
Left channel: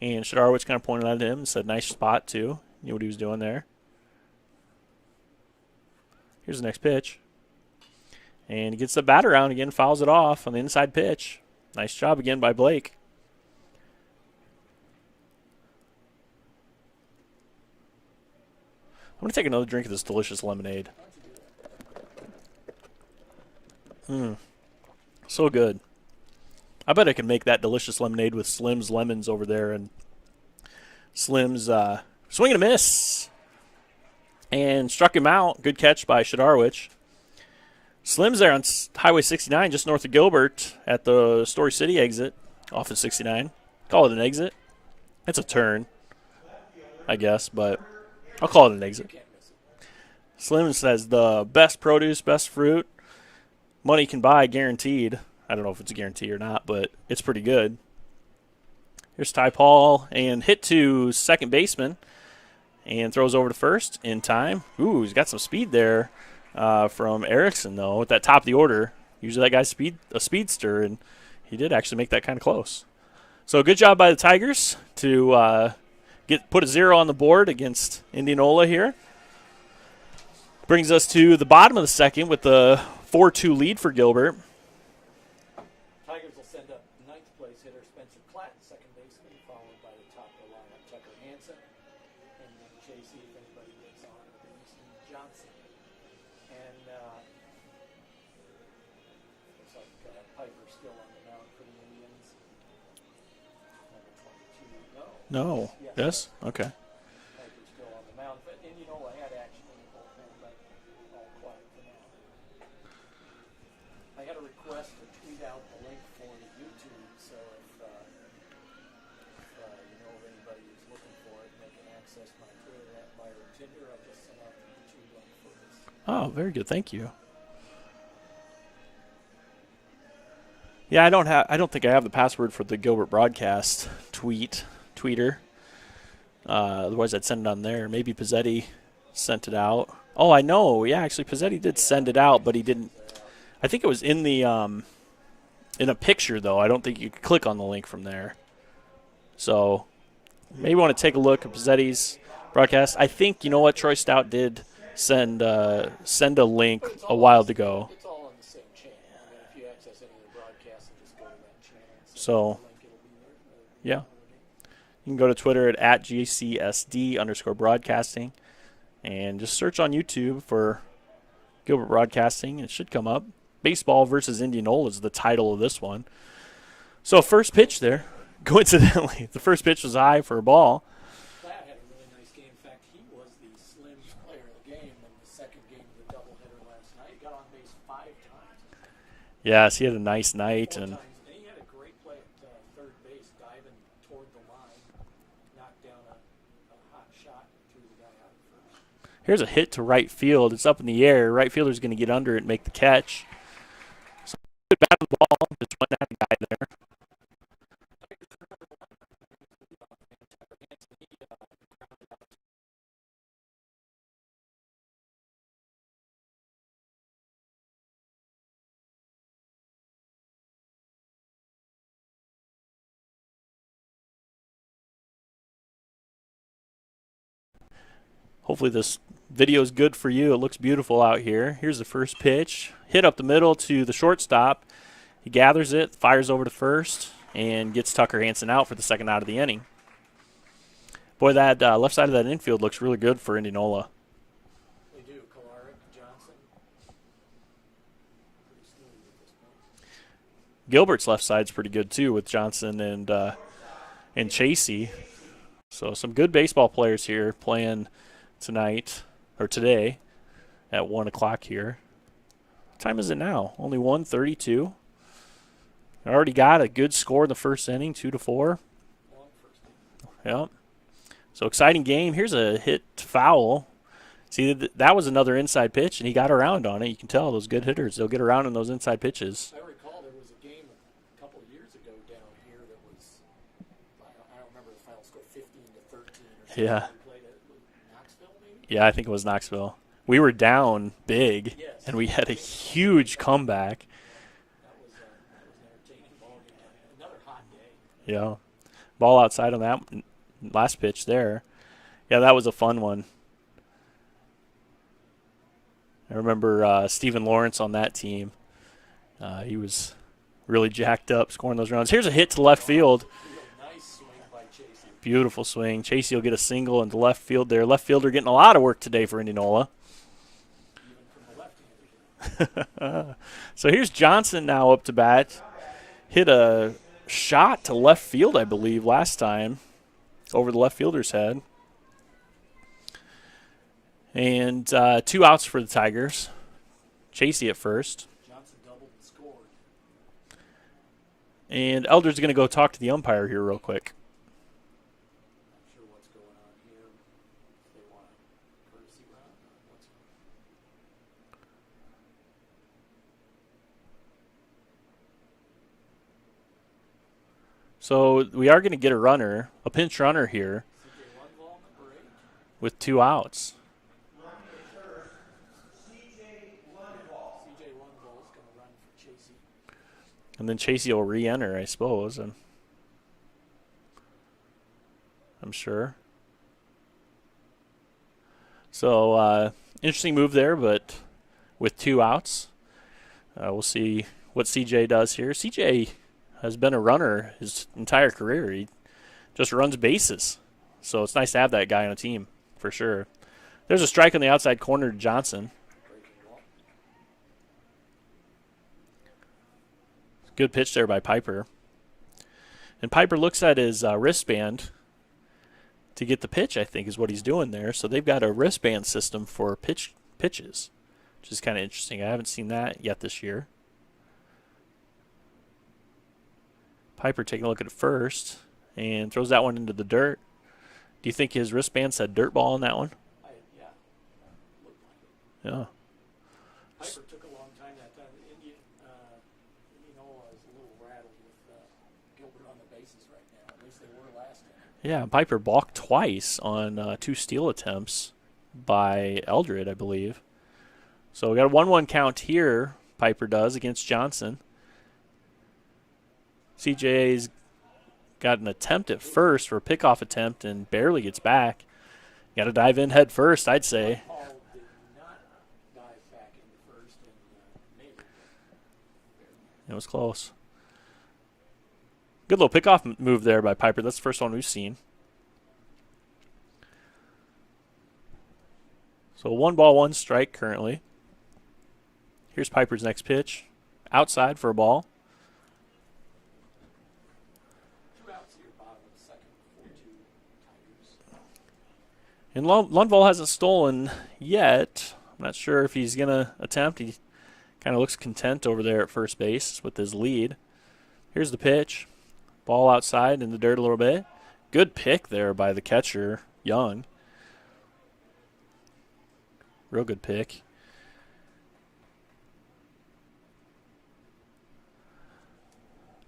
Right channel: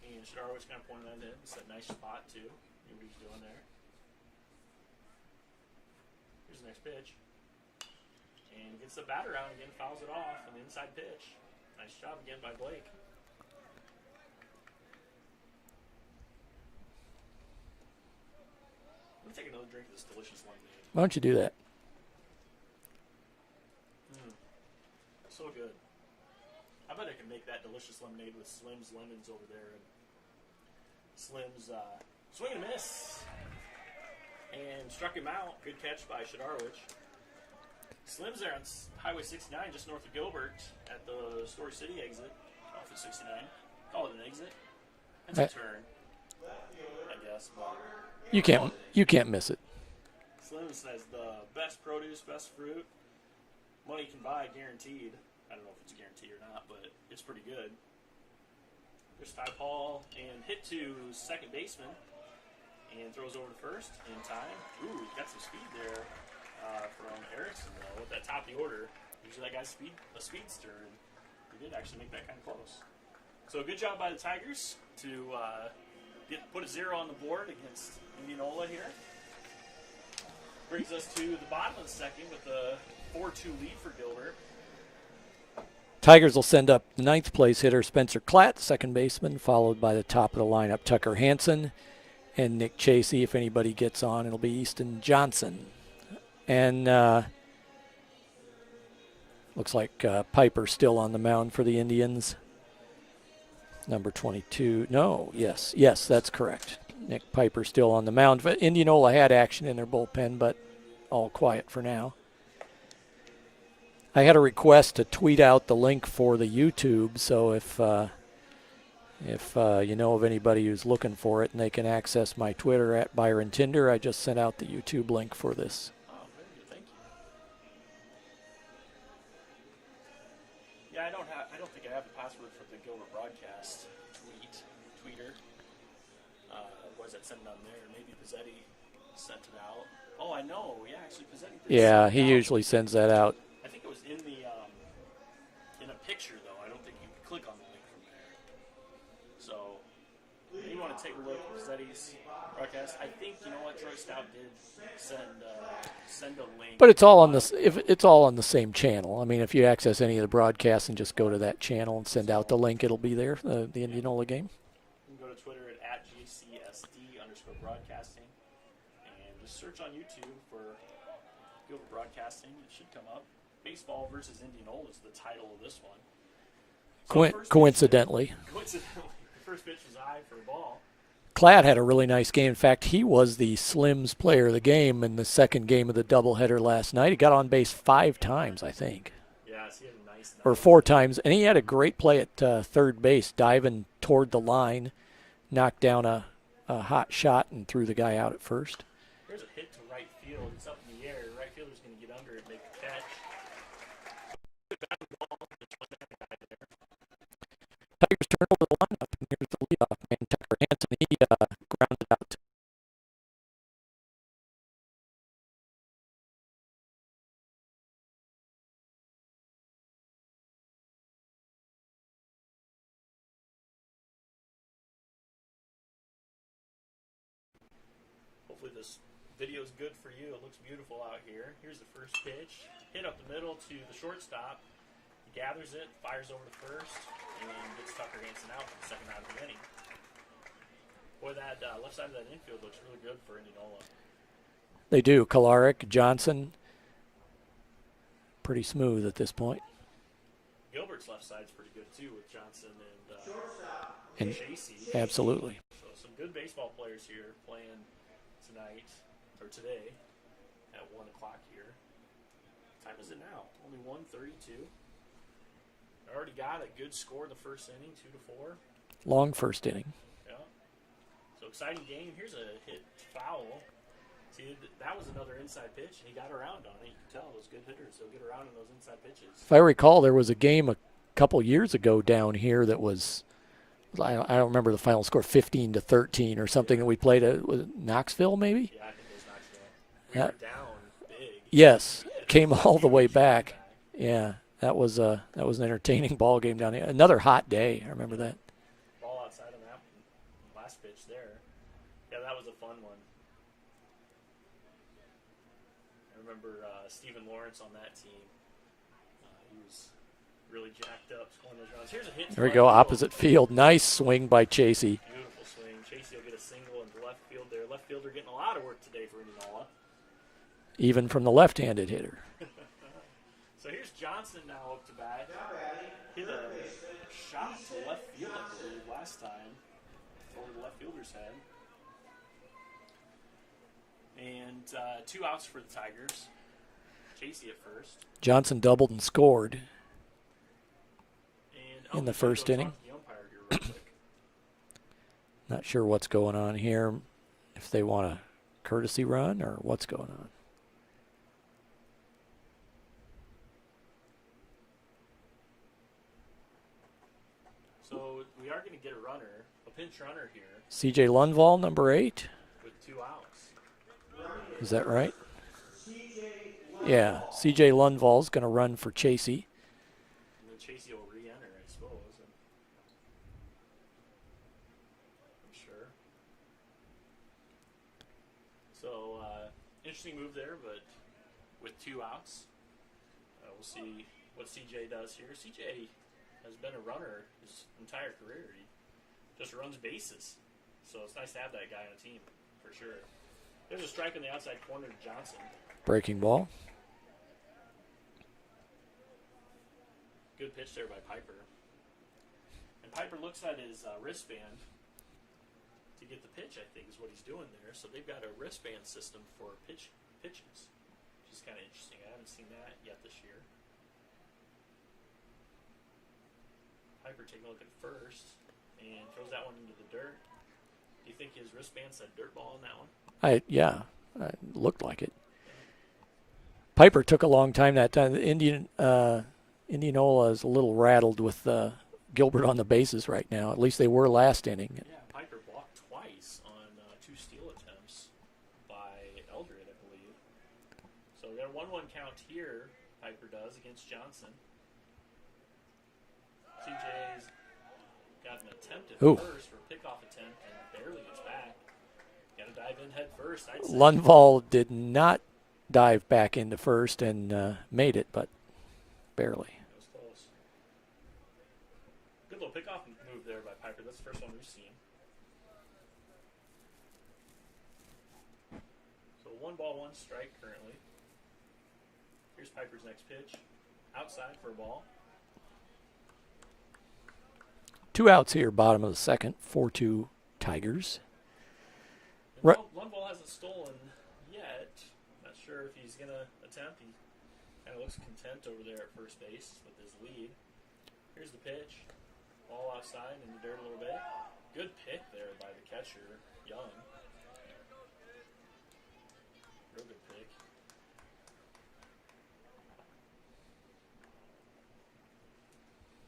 And Shadarwich kind of pointed at him and said, nice spot, too. Knew what he was doing there. Here's the next pitch. And he gets the bat around again, fouls it off on the inside pitch. Nice job again by Blake. I'm going to take another drink of this delicious lemonade. Why don't you do that? So good. I bet I can make that delicious lemonade with Slim's lemons over there. And Slim's swing and a miss. And struck him out. Good catch by Shadarwich. Slim's there on Highway 69, just north of Gilbert at the Story City exit off of 69. Call it an exit. It's a turn, I guess, but I'll call it an exit. You can't miss it. Slim says the best produce, best fruit, money can buy, guaranteed. I don't know if it's a guarantee or not, but it's pretty good. Here's Ty Paul, and hit to second baseman, and throws over to first in time. Ooh, he's got some speed there from Erickson, though, at that top of the order. Usually that guy's a speedster, and he did actually make that kind of close. So good job by the Tigers to put a 0 on the board against Indianola here. Brings us to the bottom of the second with the 4-2 lead for Gilbert. Tigers will send up ninth place hitter Spencer Klatt, second baseman, followed by the top of the lineup Tucker Hansen and Nick Chasey. If anybody gets on, it'll be Easton Johnson. And looks like Piper still on the mound for the Indians. Number 22. No. Yes, that's correct. Okay. Nick Piper still on the mound. But Indianola had action in their bullpen, but all quiet for now. I had a request to tweet out the link for the YouTube, so if you know of anybody who's looking for it and they can access my Twitter at Byron Tinder, I just sent out the YouTube link for this. Oh, very good. Thank you. Yeah, I don't think I have the password for the Gilbert broadcast tweeter. Otherwise, I'd send it on there. Maybe Pizzetti sent it out. Oh, I know. Yeah, actually, Pizzetti did send it out, but he didn't. Sends that out. I think it was in the in a picture, though. I don't think you could click on the link from there. So maybe want to take a look at Pizzetti's broadcast. I think, you know what, Troy Stout did send a link but it's all a while ago. It's all on the same channel. I mean, if you access any of the broadcasts and just go to that channel and send out the link, it'll be there, the Indianola game. You can go to Twitter at GCSD_broadcasting and just search on YouTube for Gilbert Broadcasting. It should come up. Baseball versus Indianola is the title of this one. So first pitch coincidentally, the first pitch was high for a ball. Klatt had a really nice game. In fact, he was the Slims player of the game in the second game of the doubleheader last night. He got on base 5 times, I think. Yes, he had a nice night. Or 4 times. And he had a great play at third base, diving toward the line, knocked down a hot shot and threw the guy out at first. Here's a hit to right field. It's up in the air. Right fielder's going to get under it and make the catch. So good bat on the ball. Just went at the guy there. Tigers turn over the lineup, and here's the leadoff man, Tucker Hansen. He grounded out. Hopefully this video is good for you. It looks beautiful out here. Here's the first pitch. Hit up the middle to the shortstop. He gathers it, fires over to first, and gets Tucker Hansen out for the second out of the inning. Boy, that left side of that infield looks really good for Indianola. They do. Kolarek, Johnson, pretty smooth at this point. Gilbert's left side's pretty good too with Johnson and Chasey. Absolutely. So some good baseball players here playing tonight or today at 1 o'clock here. What time is it now? Only 1:32. I already got a good score in the first inning, 2-4. Long first inning. Yep. So exciting game. Here's a hit foul. See, that was another inside pitch, and he got around on it. You can tell those good hitters, they'll get around in those inside pitches. If I recall, there was a game a couple years ago down here that was, I don't remember the final score, 15-13 or something. Yeah. We played was it Knoxville maybe? Yeah, I think it was Knoxville. We were down big. Yes. And we had came a all huge the way back. comeback. Yeah, that was an entertaining ball game down here. Another hot day. I remember that. Ball outside on that last pitch there. Yeah, that was a fun one. I remember Stephen Lawrence on that team. He was really jacked up scoring those runs. Here's a hit to left field. Opposite field. Nice swing by Chasey. Beautiful swing. Chasey will get a single into left field there. Left fielder getting a lot of work today for Indianola. Even from the left-handed hitter. So here's Johnson now up to bat. Hit a shot to left field, I believe, last time over the left fielder's head. And 2 outs for the Tigers. Chasey at first. Johnson doubled and scored. And Eldred's going to go talk to the umpire here real quick. Not sure what's going on here, if they want a courtesy run or what's going on. So we are going to get a runner, a pinch runner here. C.J. Lundvall, number 8. With 2 outs. Is that right? Yeah, C.J. Lundvall's going to run for Chasey. And then Chasey will re-enter, I suppose. I'm sure. So interesting move there, but with 2 outs. We'll see what CJ does here. CJ has been a runner his entire career. He just runs bases. So it's nice to have that guy on a team, for sure. There's a strike on the outside corner to Johnson. Breaking ball. Good pitch there by Piper. And Piper looks at his wristband. to get the pitch, I think, is what he's doing there. So they've got a wristband system for pitches, which is kind of interesting. I haven't seen that yet this year. Piper taking a look at it first and throws that one into the dirt. Do you think his wristband said dirt ball on that one? Yeah, it looked like it. Yeah. Piper took a long time that time. Indianola is a little rattled with Gilbert on the bases right now. At least they were last inning. Yeah, Piper balked twice on 2 steal attempts by Eldred, I believe. So we got a 1-1 count here, Piper does, against Johnson. CJ's got an attempt at first for a pickoff attempt and barely gets back. Got to dive in head first, I'd say. Lundvall did not dive back into first and made it, but barely. It was close. Good little pickoff move there by Piper. That's the first one we've seen. So 1 ball, 1 strike currently. Here's Piper's next pitch. Outside for a ball. 2 outs here, bottom of the second, 4-2 Tigers. And Lundvall hasn't stolen yet. I'm not sure if he's going to attempt. He kind of looks content over there at first base with his lead. Here's the pitch. Ball outside in the dirt a little bit. Good pick there by the catcher, Young. Real good pick.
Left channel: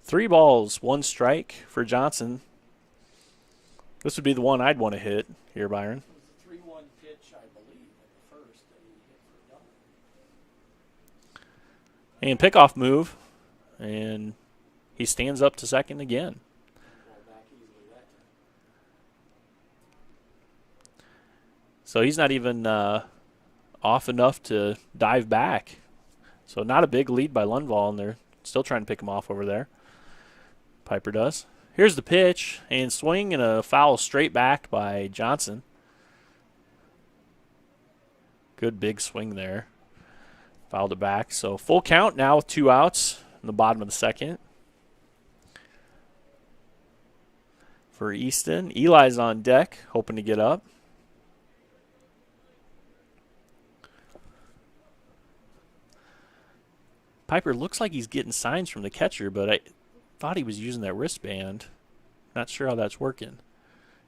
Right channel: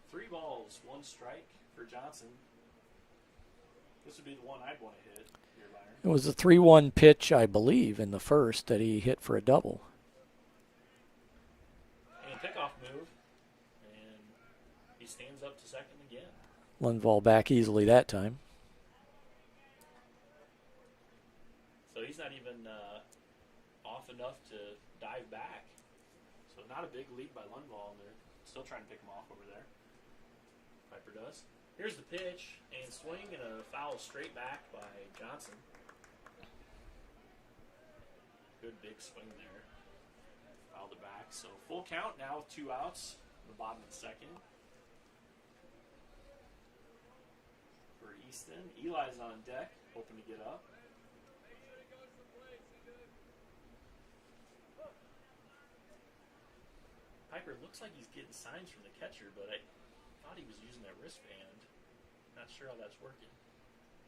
Three balls, 1 strike for Johnson. This would be the one I'd want to hit here, Byron. It was a 3-1 pitch, I believe, in the first that he hit for a double. And pickoff move, and he stands up to second again. Lundvall back easily that time. So he's not even off enough to dive back. So not a big lead by Lundvall, and they're still trying to pick him off over there. Piper does. Here's the pitch, and swing and a foul straight back by Johnson. Good big swing there. Fouled it back. So full count now with 2 outs in the bottom of the second. For Easton, Eli's on deck, hoping to get up. Piper looks like he's getting signs from the catcher, but I thought he was using that wristband. Not sure how that's working.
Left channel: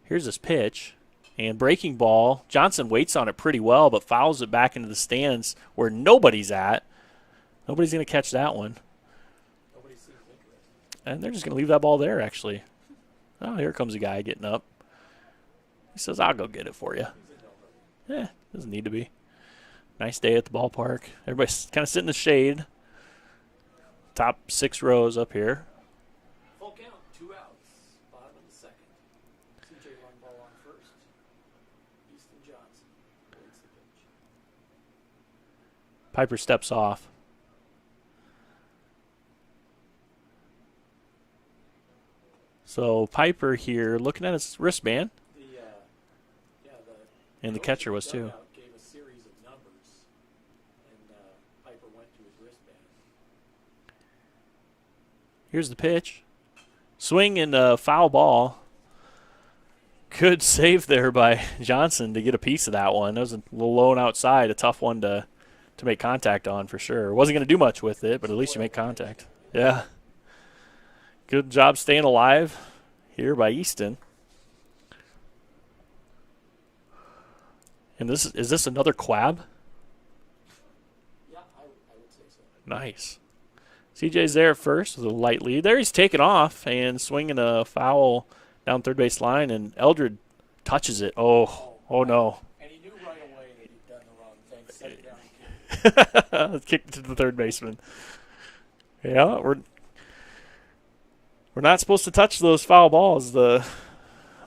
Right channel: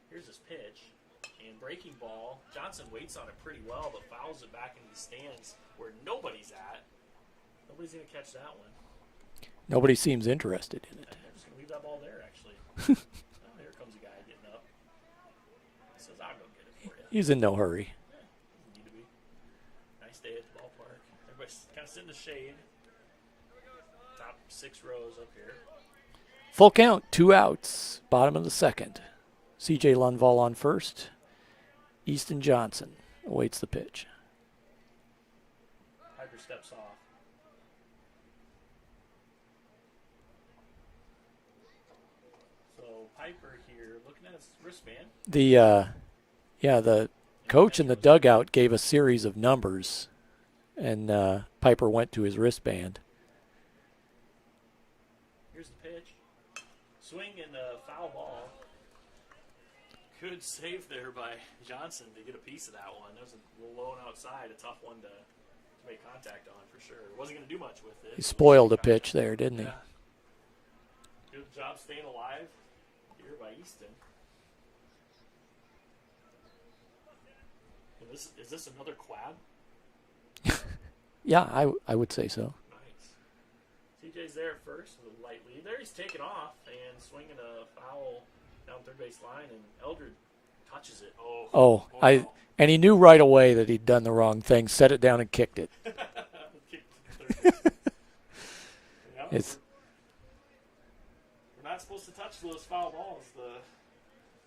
Here's his pitch. And breaking ball. Johnson waits on it pretty well, but fouls it back into the stands where nobody's at. Nobody's going to catch that one. Nobody seems interested in it. And they're just going to leave that ball there, actually. Oh, here comes a guy getting up. He says, I'll go get it for you. He's in no hurry. Doesn't need to be. Nice day at the ballpark. Everybody's kind of sitting in the shade. Top 6 rows up here. Full count, 2 outs, bottom of the second. C.J. Lundvall on first. Easton Johnson awaits the pitch. Piper steps off. So Piper here looking at his wristband. The coach in the dugout gave a series of numbers, and Piper went to his wristband. Here's the pitch. Swing and a foul ball. Good save there by Johnson to get a piece of that one. That was a little low and outside, a tough one to make contact on for sure. Wasn't going to do much with it, but at least spoiled made the contact. pitch there, didn't Yeah. Good job staying alive here by Easton. And is this another quab? Yeah, I would say so. Nice. CJ's there at first with a light lead. There he's taken off and swinging a foul down third base line, and Eldred touches it. Oh no. And he knew right away that he'd done the wrong thing, set it down and kicked it. Kicked it to the third baseman. Yeah, we're not supposed to touch those foul balls. The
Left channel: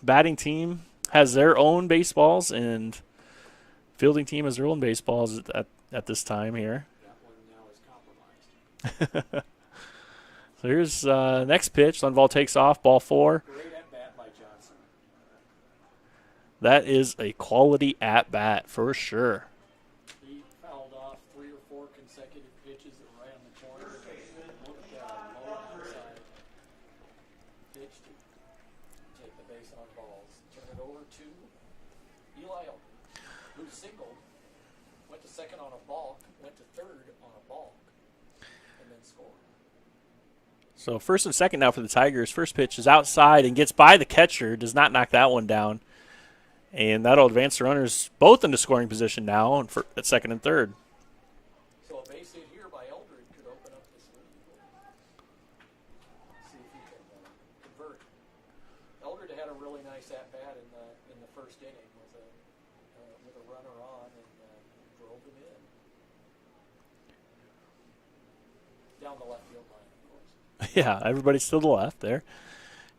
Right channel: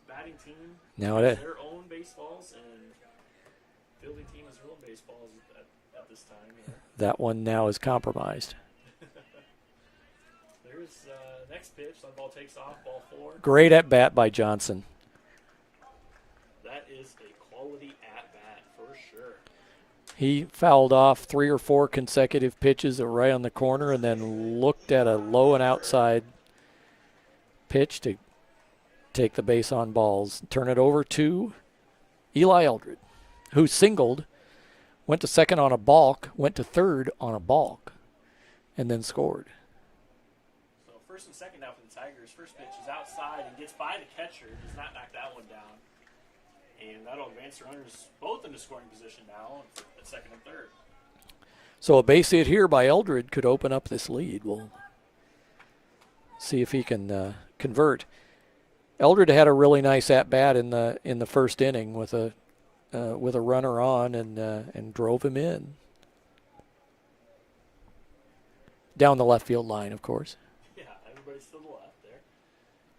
batting team has their own baseballs, and fielding team has their own baseballs at this time here. That one now is compromised. So here's next pitch. Lundvall takes off, ball 4. Great at bat by Johnson. That is a quality at bat for sure. He fouled off 3 or 4 consecutive pitches that were right on the corner, and then looked at a low and outside pitch to take the base on balls. Turn it over to Eli Eldred, who singled, went to second on a balk, went to third on a balk, and then scored. So first and second now for the Tigers. First pitch is outside and gets by the catcher. Does not knock that one down. And that'll advance the runners both into scoring position now at second and third. So a base hit here by Eldred could open up this lead. We'll see if he can convert. Eldred had a really nice at bat in the first inning with a runner on and drove him in down the left field line, of course. Yeah, everybody's to the left there.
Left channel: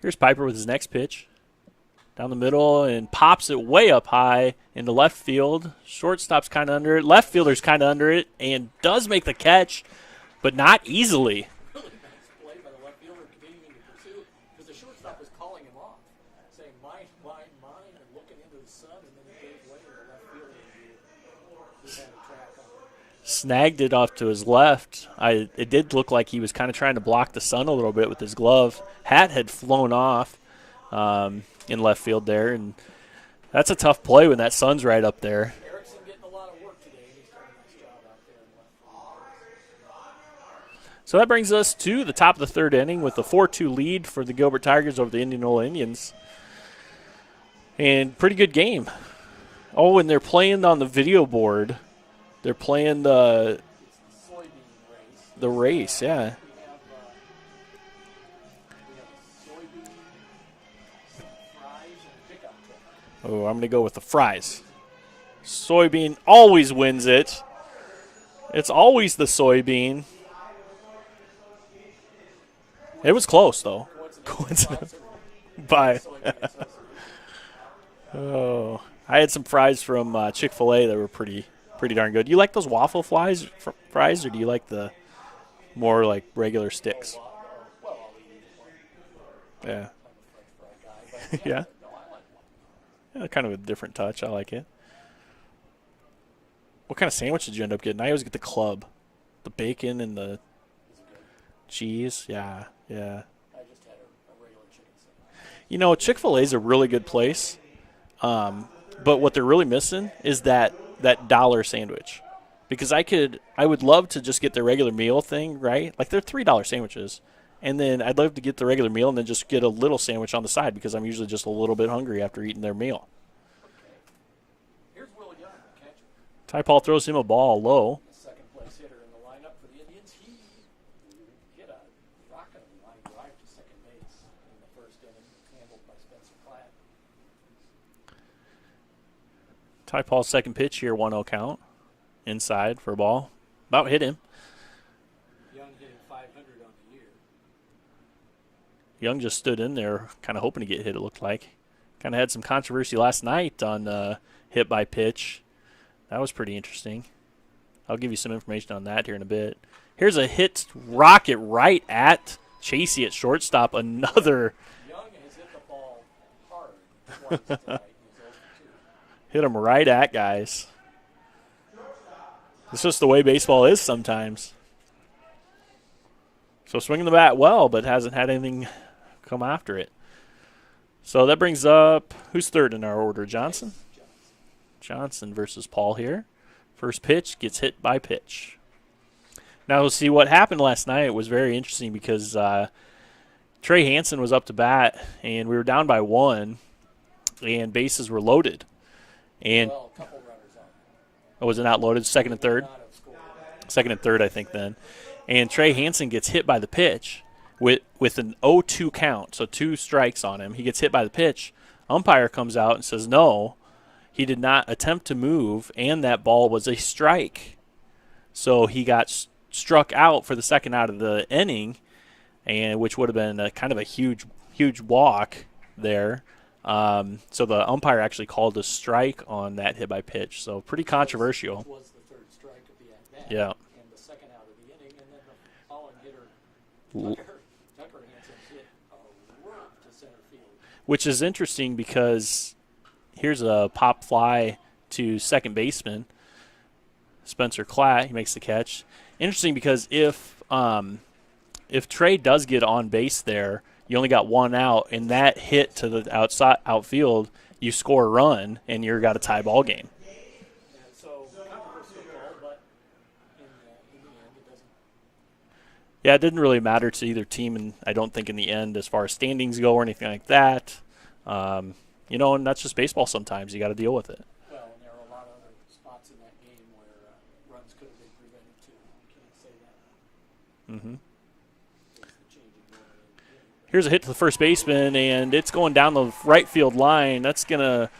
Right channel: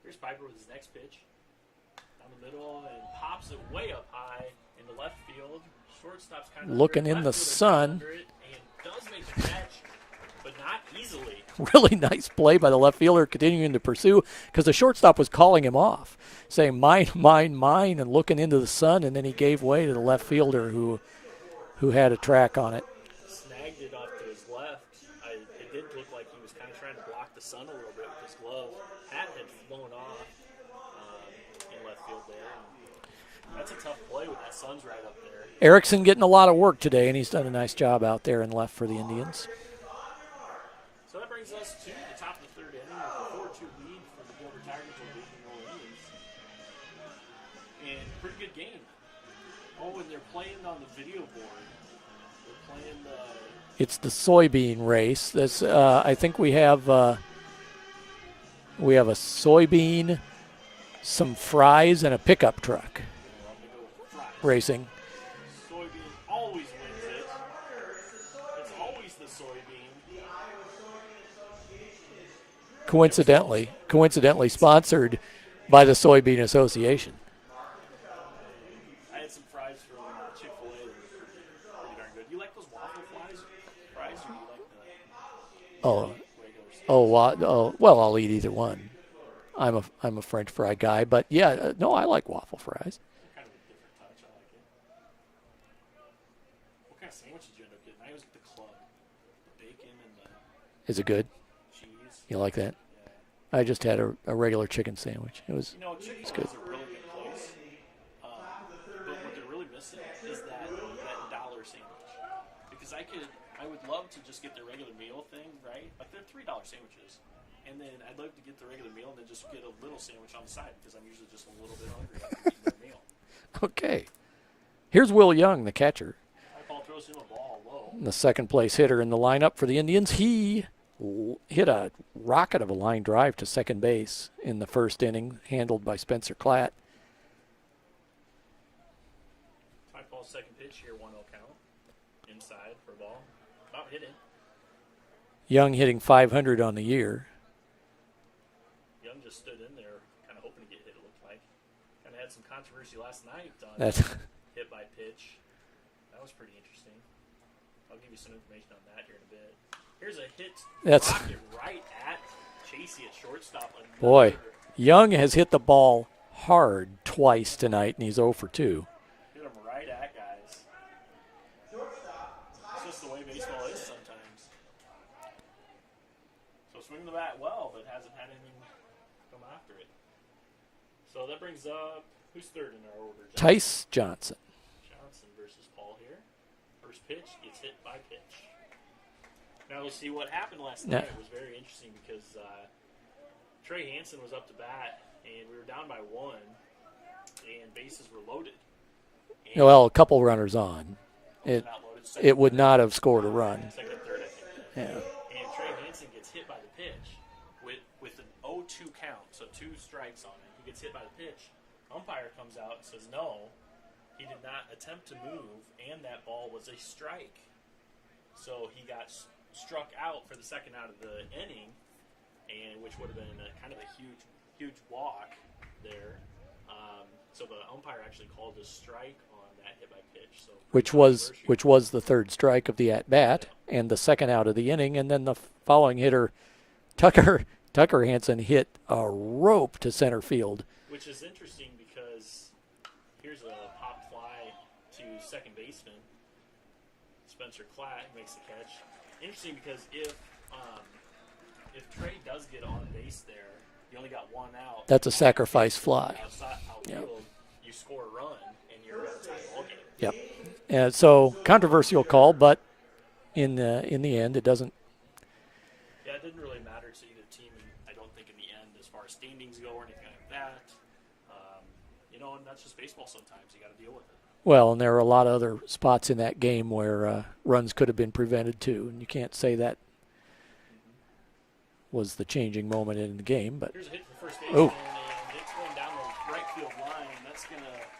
Here's Piper with his next pitch. Down the middle and pops it way up high into left field. Shortstop's kind of under it. Left fielder's kind of under it and does make the catch, but not easily. Really nice play by the left fielder, continuing to pursue because the shortstop was calling him off, saying mine, mine, mine, and looking into the sun, and then he gave way to the left fielder who had a track on it. Snagged it off to his left. It did look like he was kind of trying to block the sun a little bit with his glove. Hat had flown off in left field there, and that's a tough play when that sun's right up there. Erickson getting a lot of work today, and he's done a nice job out there in left for the Indians. So that brings us to the top of the third inning with a 4-2 lead for the Gilbert Tigers over the Indianola Indians. And pretty good game. Oh, and they're playing on the video board. They're playing the... It's the soybean race. The race, yeah. I think we have a soybean, some fries, and a pickup truck. Oh, I'm going to go with the fries. Racing. Soybean always wins it. It's always the soybean. Coincidentally, it was close, though. Coincidentally sponsored by the Soybean Association. Oh, I had some fries from Chick-fil-A that were pretty darn good. You like those waffle fries, or do you like the more like regular sticks? Well, I'll eat either one. I'm a French fry guy, but yeah. No, I like waffle fries. Yeah, kind of a different touch. I like it. What kind of sandwich did you end up getting? I always get the club, the bacon and the. Is it good? Cheese. You like that? Yeah. I just had a regular chicken sandwich. Chick-fil-A is a really good place, but what they're really missing is that dollar sandwich, because I would love to just get their regular meal thing, right? Like they're $3 sandwiches, and then I'd love to get the regular meal and then just get a little sandwich on the side because I'm usually just a little bit hungry after eating their meal. Okay. Here's Will Young, the catcher. Ty Paul throws him a ball low. The second place hitter in the lineup for the Indians. He hit a rocket of a line drive to second base in the first inning, handled by Spencer Klatt. Ty Paul's second pitch here, 1-0 count. Inside for a ball. About hit him. Young hitting .500 on the year. Young just stood in there kind of hoping to get hit, it looked like. Kind of had some controversy last night on hit by pitch. That was pretty interesting. I'll give you some information on that here in a bit. Here's a hit rocket right at Chasey at shortstop. Another. Boy, Young has hit the ball hard twice tonight, and he's 0 for 2. Hit him right at guys. It's just the way baseball is sometimes. So swinging the bat well, but hasn't had anything come after it. So that brings up, who's third in our order? Johnson? Tice Johnson. Johnson versus Paul here. First pitch gets hit by pitch. Now we'll see what happened last night. It was very interesting because Trey Hansen was up to bat, and we were down by 1, and bases were loaded. And a couple runners on. Was it not loaded? Second and third? It would not have scored a run. Second and third, I think, then. Yeah. And Trey Hansen gets hit by the pitch with an 0-2 count, so 2 strikes on him. He gets hit by the pitch. Umpire comes out and says, no, he did not attempt to move, and that ball was a strike. So he got struck out for the second out of the inning, and which would have been kind of a huge walk there. So the umpire actually called a strike on that hit by pitch. So pretty controversial. Which was the third strike of the at-bat, yeah. And the second out of the inning. And then the following hitter, Tucker Hansen, hit a rope to center field. Which is interesting because here's a pop fly to second baseman, Spencer Klatt. He makes the catch. Interesting because if Trey does get on base there you only got one out, That's and a that hit sacrifice to fly. the outfield, you score a run, and you've got a tie ball game. Yep. And so controversial call, but in the end, it doesn't. Yeah, it didn't really matter to either team, and I don't think in the end, as far as standings go or anything like that. And that's just baseball sometimes. You got to deal with it. Well, and there are a lot of other spots in that game where runs could have been prevented too, and you can't say that was the changing moment in the game. But here's a hit to the first baseman, and it's going down the right field line. That's going to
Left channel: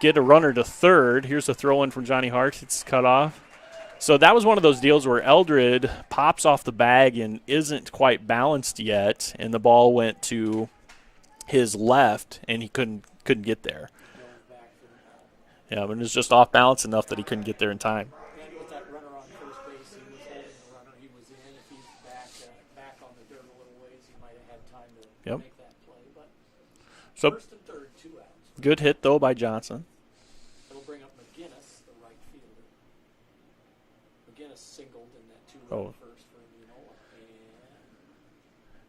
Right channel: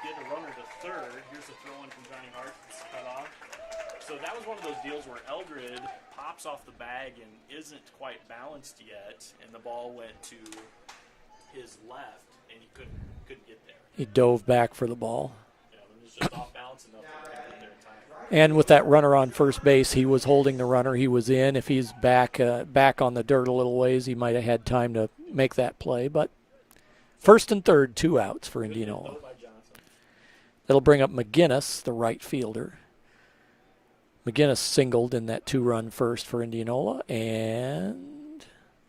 get a runner to third. Here's a throw-in from Johnny Hart. It's cut off. So that was one of those deals where Eldred pops off the bag and isn't quite balanced yet, and the ball went to his left, and he couldn't get there. He dove back for the ball. Yeah, but it was just off balance enough that he couldn't get there in time. And with that runner on first base, he was holding the runner. He was in. If he's back on the dirt a little ways, he might have had time to make that play. But so first and third, 2 outs for good Indianola. hit, though, by Johnson. It'll bring up McGinnis, the right fielder. McGinnis singled in that 2-run first for Indianola. And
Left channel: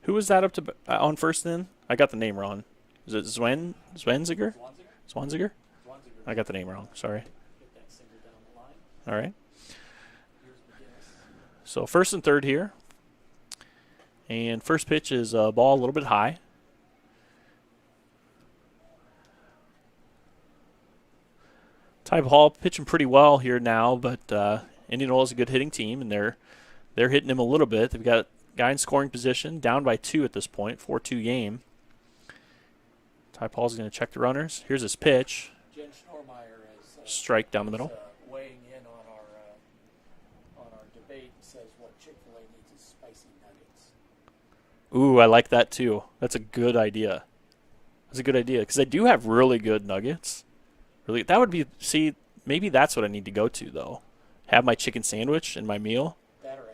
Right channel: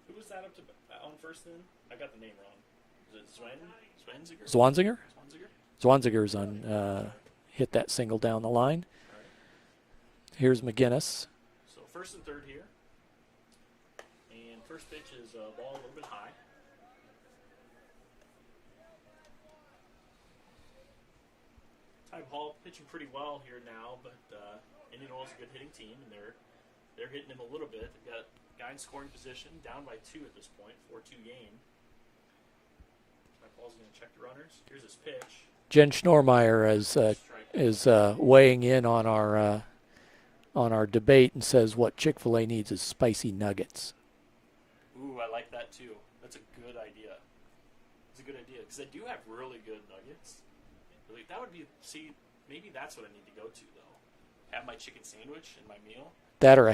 who was that up to on first then? I got the name wrong. Is it Zwanziger? Zwanziger? Zwanziger's I got the name wrong. Sorry. Hit that single down the line. All right. Here's McGinnis. So first and third here. And first pitch is a ball a little bit high. Ty Hall pitching pretty well here now, but Indianola's a good hitting team, and they're hitting him a little bit. They've got a guy in scoring position, down by 2 at this point, 4-2 game. Ty Paul's going to check the runners. Here's his pitch. Jen Schnormeyer strike down the is middle. weighing in on our debate and says what Chick-fil-A needs is spicy nuggets. Ooh, I like that too. That's a good idea. That's a good idea because they do have really good nuggets. Really, that would be. See, maybe that's what I need to go to though. Have my chicken sandwich and my meal. That or a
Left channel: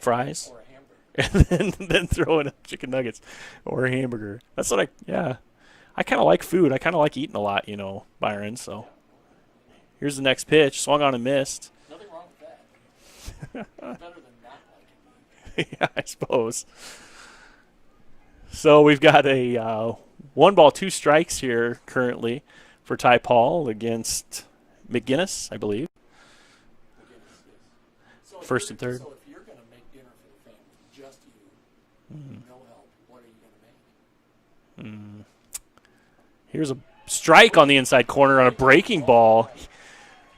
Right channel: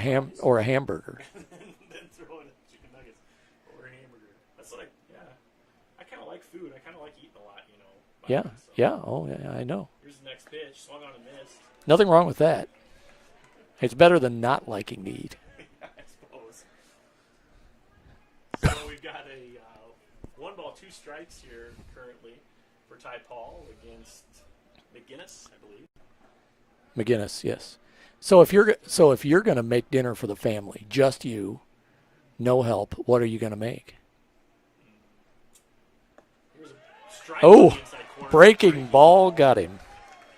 hamburger. and then throw in chicken nuggets or a hamburger. That's what I kind of like food. I kind of like eating a lot, Byron. Yeah. So Yeah, I know. Here's the next pitch. Swung on and missed. Nothing wrong with that. It's better than not liking to eat. Yeah, I suppose. So we've got a 1 ball, 2 strikes here currently for Ty Paul against McGinnis, I believe. McGinnis, yes. So if you're going to make dinner for the family, just you, no help, what are you going to make? Here's a strike on the inside corner. A breaking ball got him.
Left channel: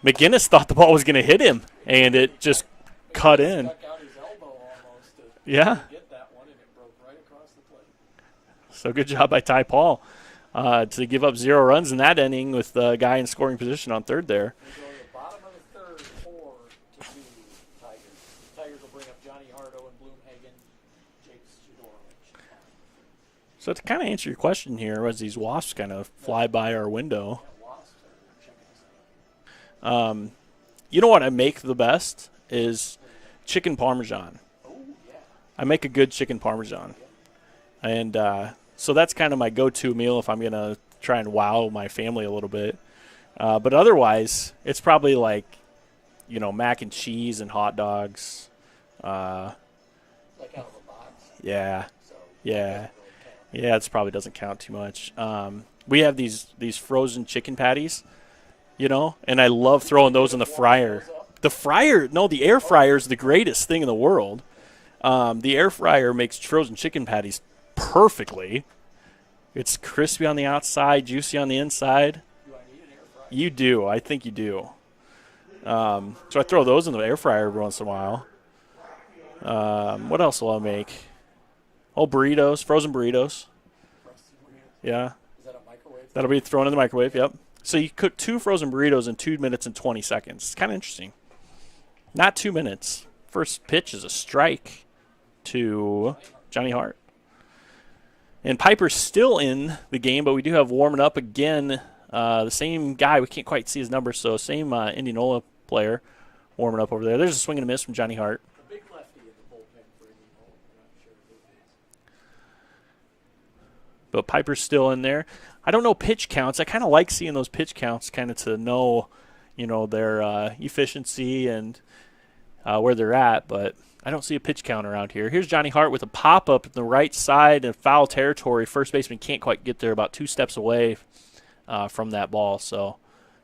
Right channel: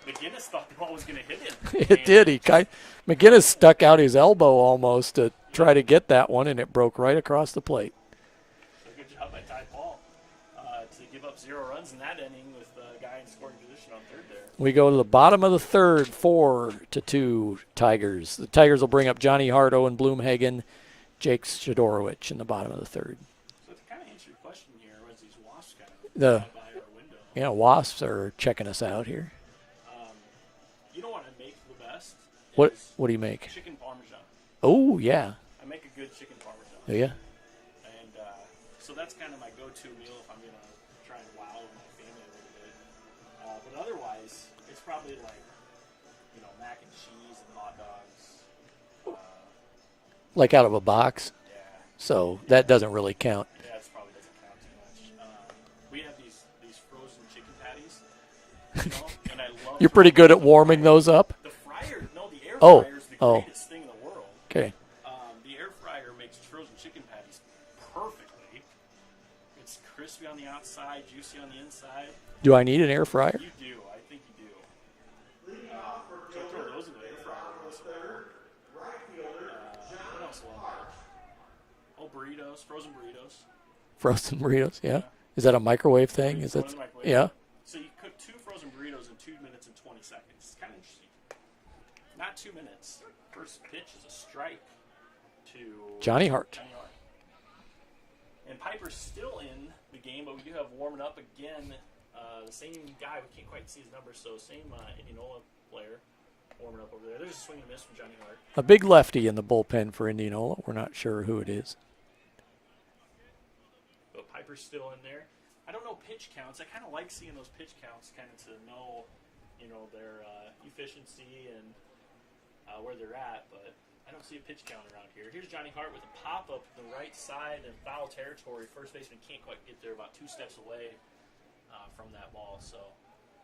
McGinnis thought the ball was going to hit him. McGinnis stuck out his elbow almost to try to get that one, and it broke right across the plate. So good job by Ty Paul to give up 0 runs in that inning with the guy in scoring position on third there. We go to the bottom of the third, 4-2 Tigers. The Tigers will bring up Johnny Hart, Owen Bloomhagen, Jake Shadorowicz in the bottom of the third. So to kind of answer your question here, as these wasps kind of fly by our window. Yeah, wasps are checking us out here. You know what I make the best is what do you make? Chicken Parmesan. Oh, yeah. I make a good chicken Parmesan. Oh, yeah. And so that's kind of my go-to meal if I'm going to try and wow my family a little bit. But otherwise, it's probably like, mac and cheese and hot dogs. Like out of a box? Yeah. So that doesn't really count. Yeah, it probably doesn't count too much. We have these frozen chicken patties, and I love You're throwing pretty good those in at the warming fryer. those up? The air fryer is the greatest thing in the world. Okay. The air fryer makes frozen chicken patties perfectly. It's crispy on the outside, juicy on the inside. Do I need an air fryer? You do. I think you do. So I throw those in the air fryer every once in a while. What else will I make? Burritos, frozen burritos. Frozen burritos, yeah. Is that a microwave thing? That'll be thrown in the microwave, yeah. Yep. So you cook 2 frozen burritos in 2 minutes and 20 seconds. It's kind of interesting. Not 2 minutes. First pitch is a strike to Johnny Hart. And Piper's still in the game, but we do have warming up again. The same guy. We can't quite see his numbers, so same Indianola player warming up over there. There's a swing and a miss from Johnny Hart. A big lefty in the bullpen for Indianola. We're not sure who it is. But Piper's still in there. I don't know pitch counts. I kind of like seeing those pitch counts kind of to know, their efficiency and where they're at. But I don't see a pitch count around here. Here's Johnny Hart with a pop-up in the right side in foul territory. First baseman can't quite get there, about 2 steps away from that ball, so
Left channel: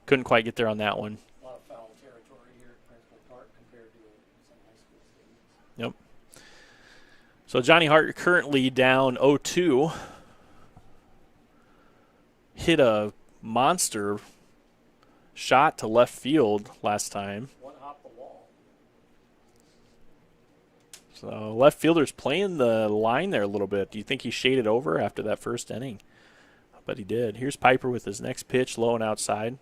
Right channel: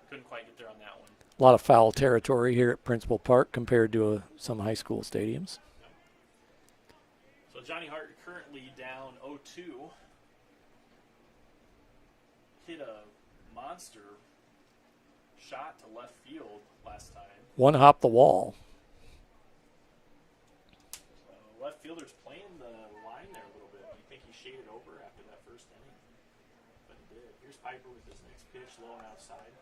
couldn't quite get there on that one. A lot of foul territory here at Principal Park compared to some high school stadiums. Yep. So Johnny Hart currently down 0-2. Hit a monster shot to left field last time. One hop the wall. So left fielder's playing the line there a little bit. Do you think he shaded over after that first inning? But he did. Here's Piper with his next pitch, low and outside.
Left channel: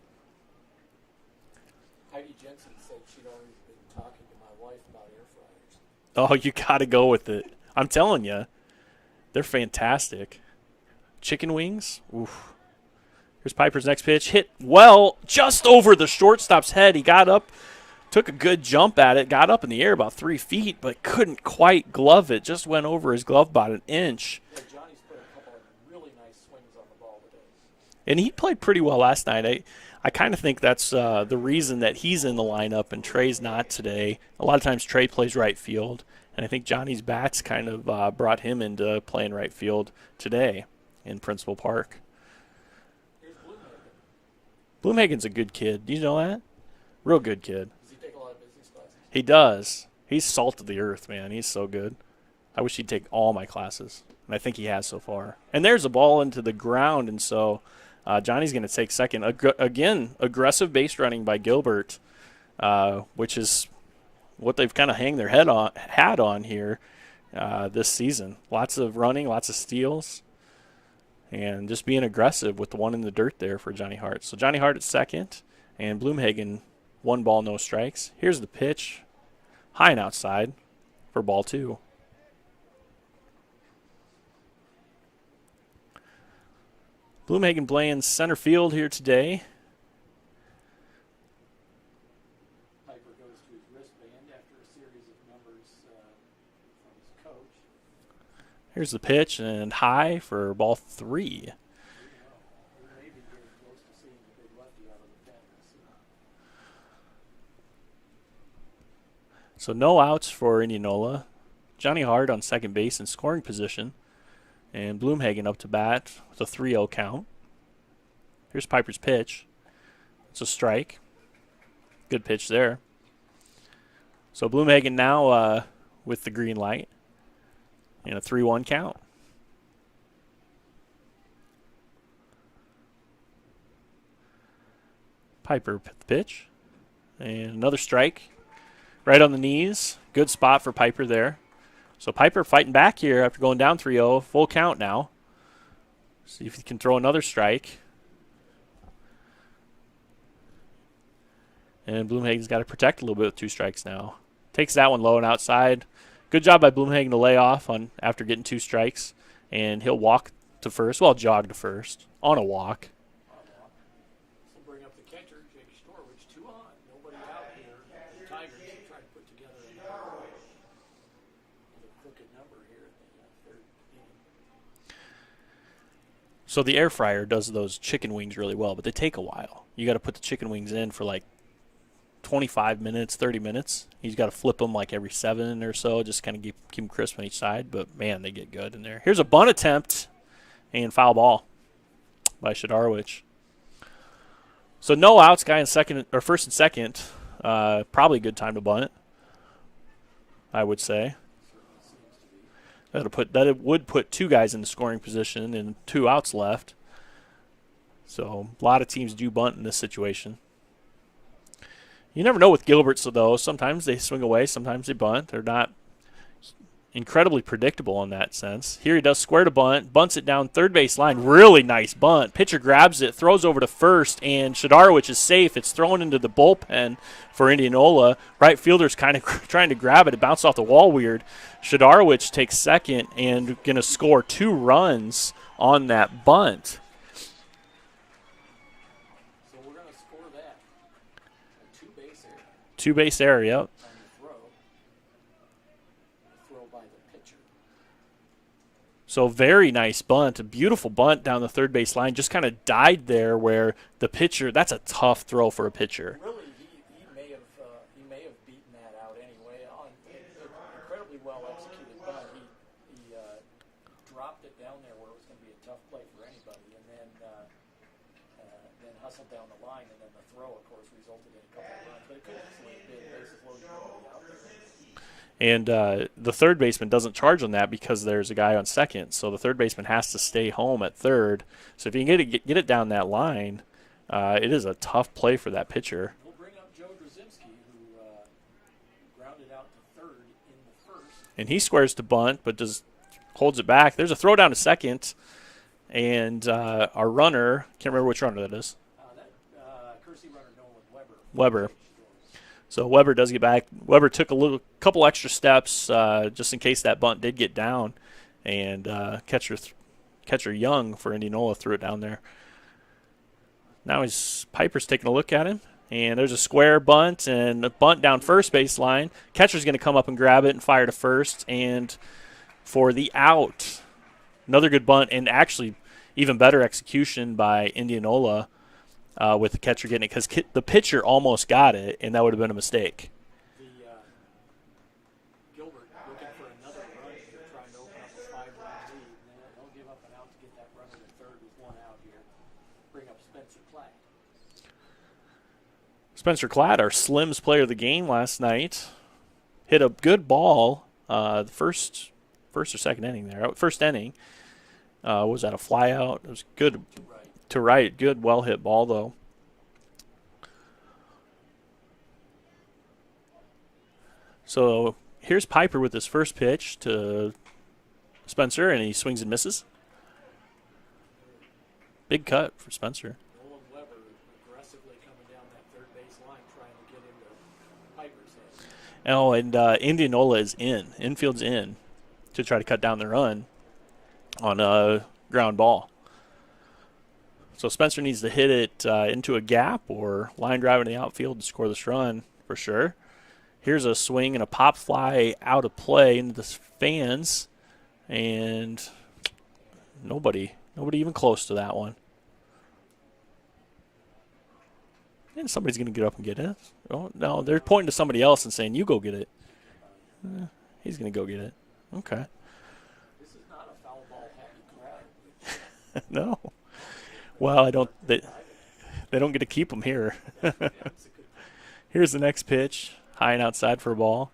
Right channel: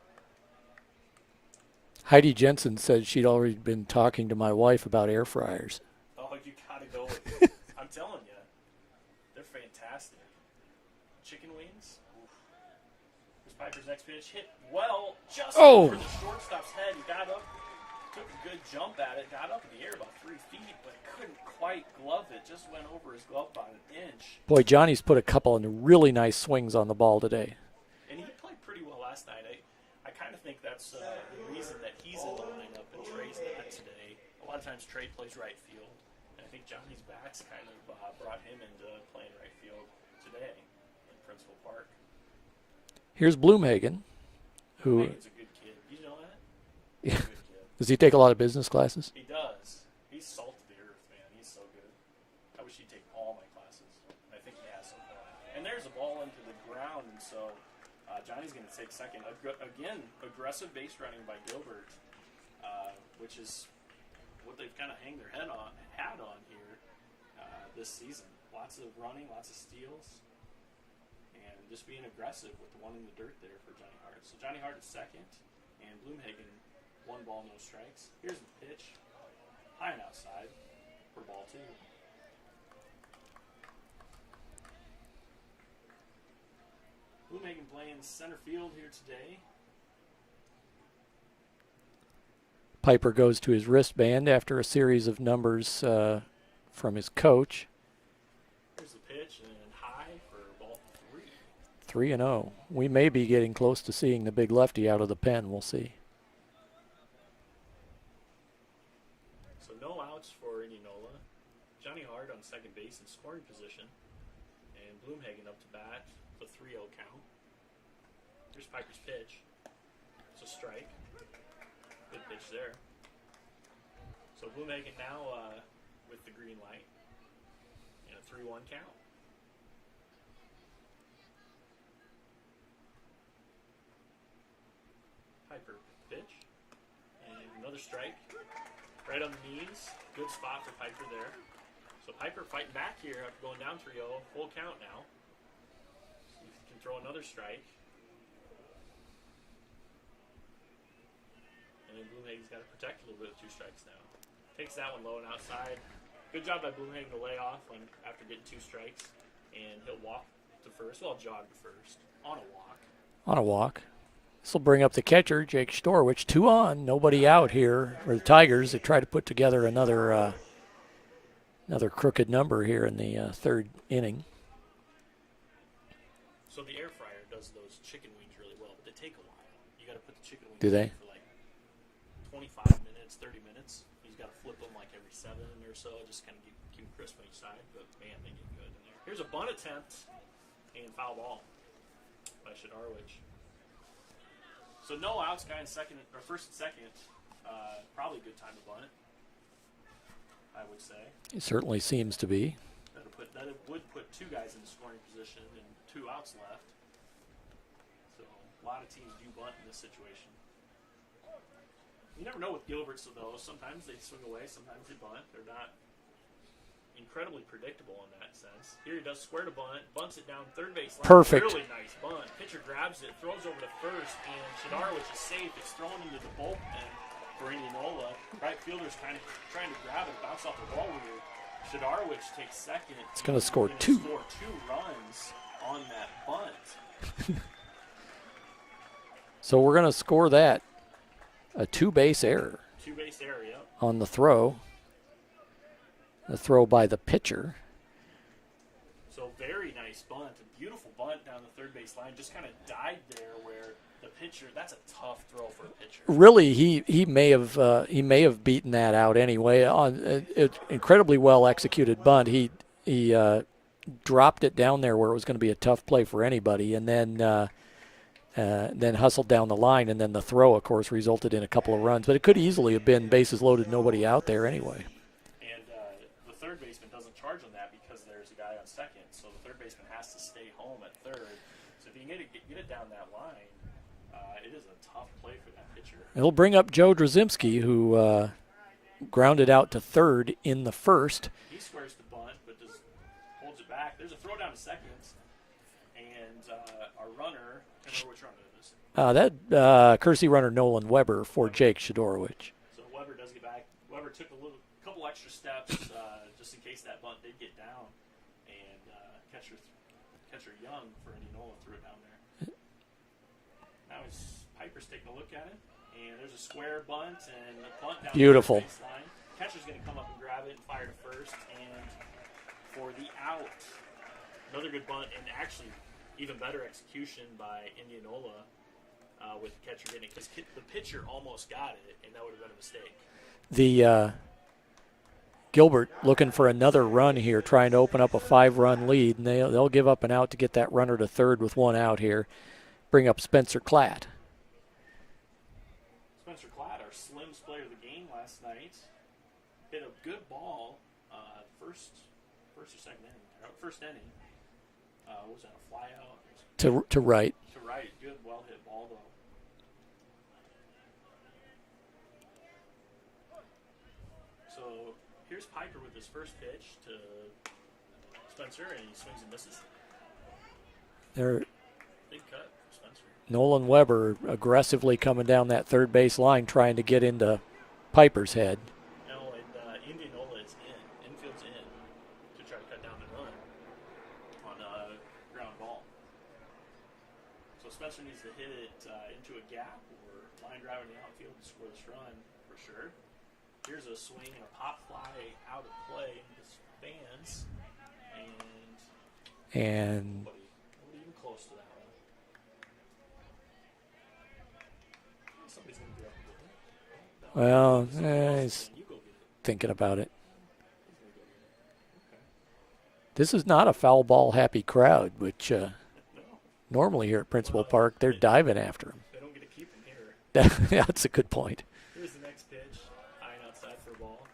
Heidi Jensen said she'd already been talking to my wife about air fryers. Oh, you got to go with it. I'm telling you, they're fantastic. Chicken wings? Oof. Here's Piper's next pitch. Hit well just over the shortstop's head. He got up, took a good jump at it, got up in the air about 3 feet, but couldn't quite glove it. Just went over his glove about an inch. Boy, Johnny's put a couple of really nice swings on the ball today. And he played pretty well last night. I kind of think that's the reason that he's in the lineup and Trey's not today. A lot of times Trey plays right field, and I think Johnny's bats kind of brought him into playing right field today in Principal Park. Here's Bloomhagen. Bloomhagen's a good kid. Do you know that? Real good kid. Does he take a lot of business classes? He does. He's salt of the earth, man. He's so good. I wish he'd take all my classes, and I think he has so far. And there's a ball into the ground, and so Johnny's going to take second. Again, aggressive base running by Gilbert, which is what they've kind of hang their hat on here this season. Lots of running, lots of steals, and just being aggressive with the one in the dirt there for Johnny Hart. So Johnny Hart at second, and Bloomhagen 1 ball, no strikes. Here's the pitch, high and outside for ball 2. Bloomhagen playing center field here today. Piper goes to his wristband after a series of numbers from his coach. Here's the pitch and high for ball 3. 3-0. We may be getting close to seeing the big lefty out of the pen. We'll see. So no outs for Indianola. Johnny Hart on second base in scoring position. And Bloomhagen up to bat with a 3-0 count. Here's Piper's pitch. It's a strike. Good pitch there. So Bloomhagen now with the green light and a 3-1 count. Piper pitch. And another strike. Right on the knees. Good spot for Piper there. So Piper fighting back here after going down 3-0. Full count now. See if he can throw another strike. And Bloomhagen's got to protect a little bit with 2 strikes now. Takes that one low and outside. Good job by Bloomhagen to lay off on after getting 2 strikes. And he'll walk to first. Well, jog to first. On a walk. On a walk. This will bring up the catcher, Jake Storwich. 2 on. Nobody out here for the Tigers. They try to put together another crooked number here in the 3rd inning. So the air fryer does those chicken wings really well, but they take a while. You got to put the chicken wings in for like 25 minutes, 30 minutes. You've got to flip them like every 7 or so, just kind of keep them crisp on each side. But, man, they get good in there. Here's a bunt attempt and foul ball by Shadarwich. So no outs, guy in second or first and second. Probably a good time to bunt, I would say. It certainly seems to be. It would put 2 guys in the scoring position and 2 outs left. So a lot of teams do bunt in this situation. You never know with Gilbert, though. Sometimes they swing away, sometimes they bunt. They're not incredibly predictable in that sense. Here he does square to bunt, bunts it down third base line. Perfect. Really nice bunt. Pitcher grabs it, throws over to first, and Shadarwich is safe. It's thrown into the bullpen for Indianola. Right fielder's kind of trying to grab it. It bounced off the wall weird. Shadarwich takes second and going to score 2 runs on that bunt. So we're going to score that. A 2-base error. 2-base error, yep. On the throw. The throw by the pitcher. So very nice bunt, a beautiful bunt down the third base line. Just kind of died there where the pitcher. That's a tough throw for a pitcher. Really, he may have beaten that out anyway. On incredibly well executed bunt, he dropped it down there where it was going to be a tough play for anybody, and then hustled down the line, and then the throw, of course, resulted in a couple of runs. But it could easily have been bases loaded, nobody out there anyway. And the third baseman doesn't charge on that because there's a guy on second. So the third baseman has to stay home at third. So if you can get it down that line, it is a tough play for that pitcher. It'll bring up Joe Drzymski, who grounded out to third in the first. And he squares to bunt, but just holds it back. There's a throw down to second. And our runner, can't remember which runner that is. Courtesy runner Nolan Weber for Jake Shadorowicz. So Weber does get back. Weber took a couple extra steps just in case that bunt did get down, and catcher Young for Indianola threw it down there. Now Piper's taking a look at him, and there's a square bunt and a bunt down first base line. Catcher's going to come up and grab it and fire to first, and for the out, another good bunt, and actually even better execution by Indianola. With the catcher getting it, because the pitcher almost got it, and that would have been a mistake. The Gilbert looking for another run here, trying to open up a 5-run lead, and they'll give up an out to get that runner to third with one out here. Bring up Spencer Klatt. Spencer Klatt, our Slims player of the game last night, hit a good ball the first or second inning there. First inning. Was that a fly out? It was good to right. To right. Good, well hit ball though. So here's Piper with his first pitch to Spencer, and he swings and misses. Big cut for Spencer. Nolan Weber aggressively coming down that third base line, trying to get into Piper's head. Oh, and Indianola is infield's in to try to cut down the run on a ground ball. So Spencer needs to hit it into a gap or line drive in the outfield to score this run for sure. Here's a swing and a pop fly out of play into the fans, and nobody even close to that one. And somebody's going to get up and get it. Oh, no, they're pointing to somebody else and saying, you go get it. Thinking about it. He's going to go get it. Okay. This is not a foul ball happy crowd, which no. Normally here at Principal Park, they're diving after. They don't get to keep them here. Yeah, that's a good point. Here's the next pitch, high and outside for a ball.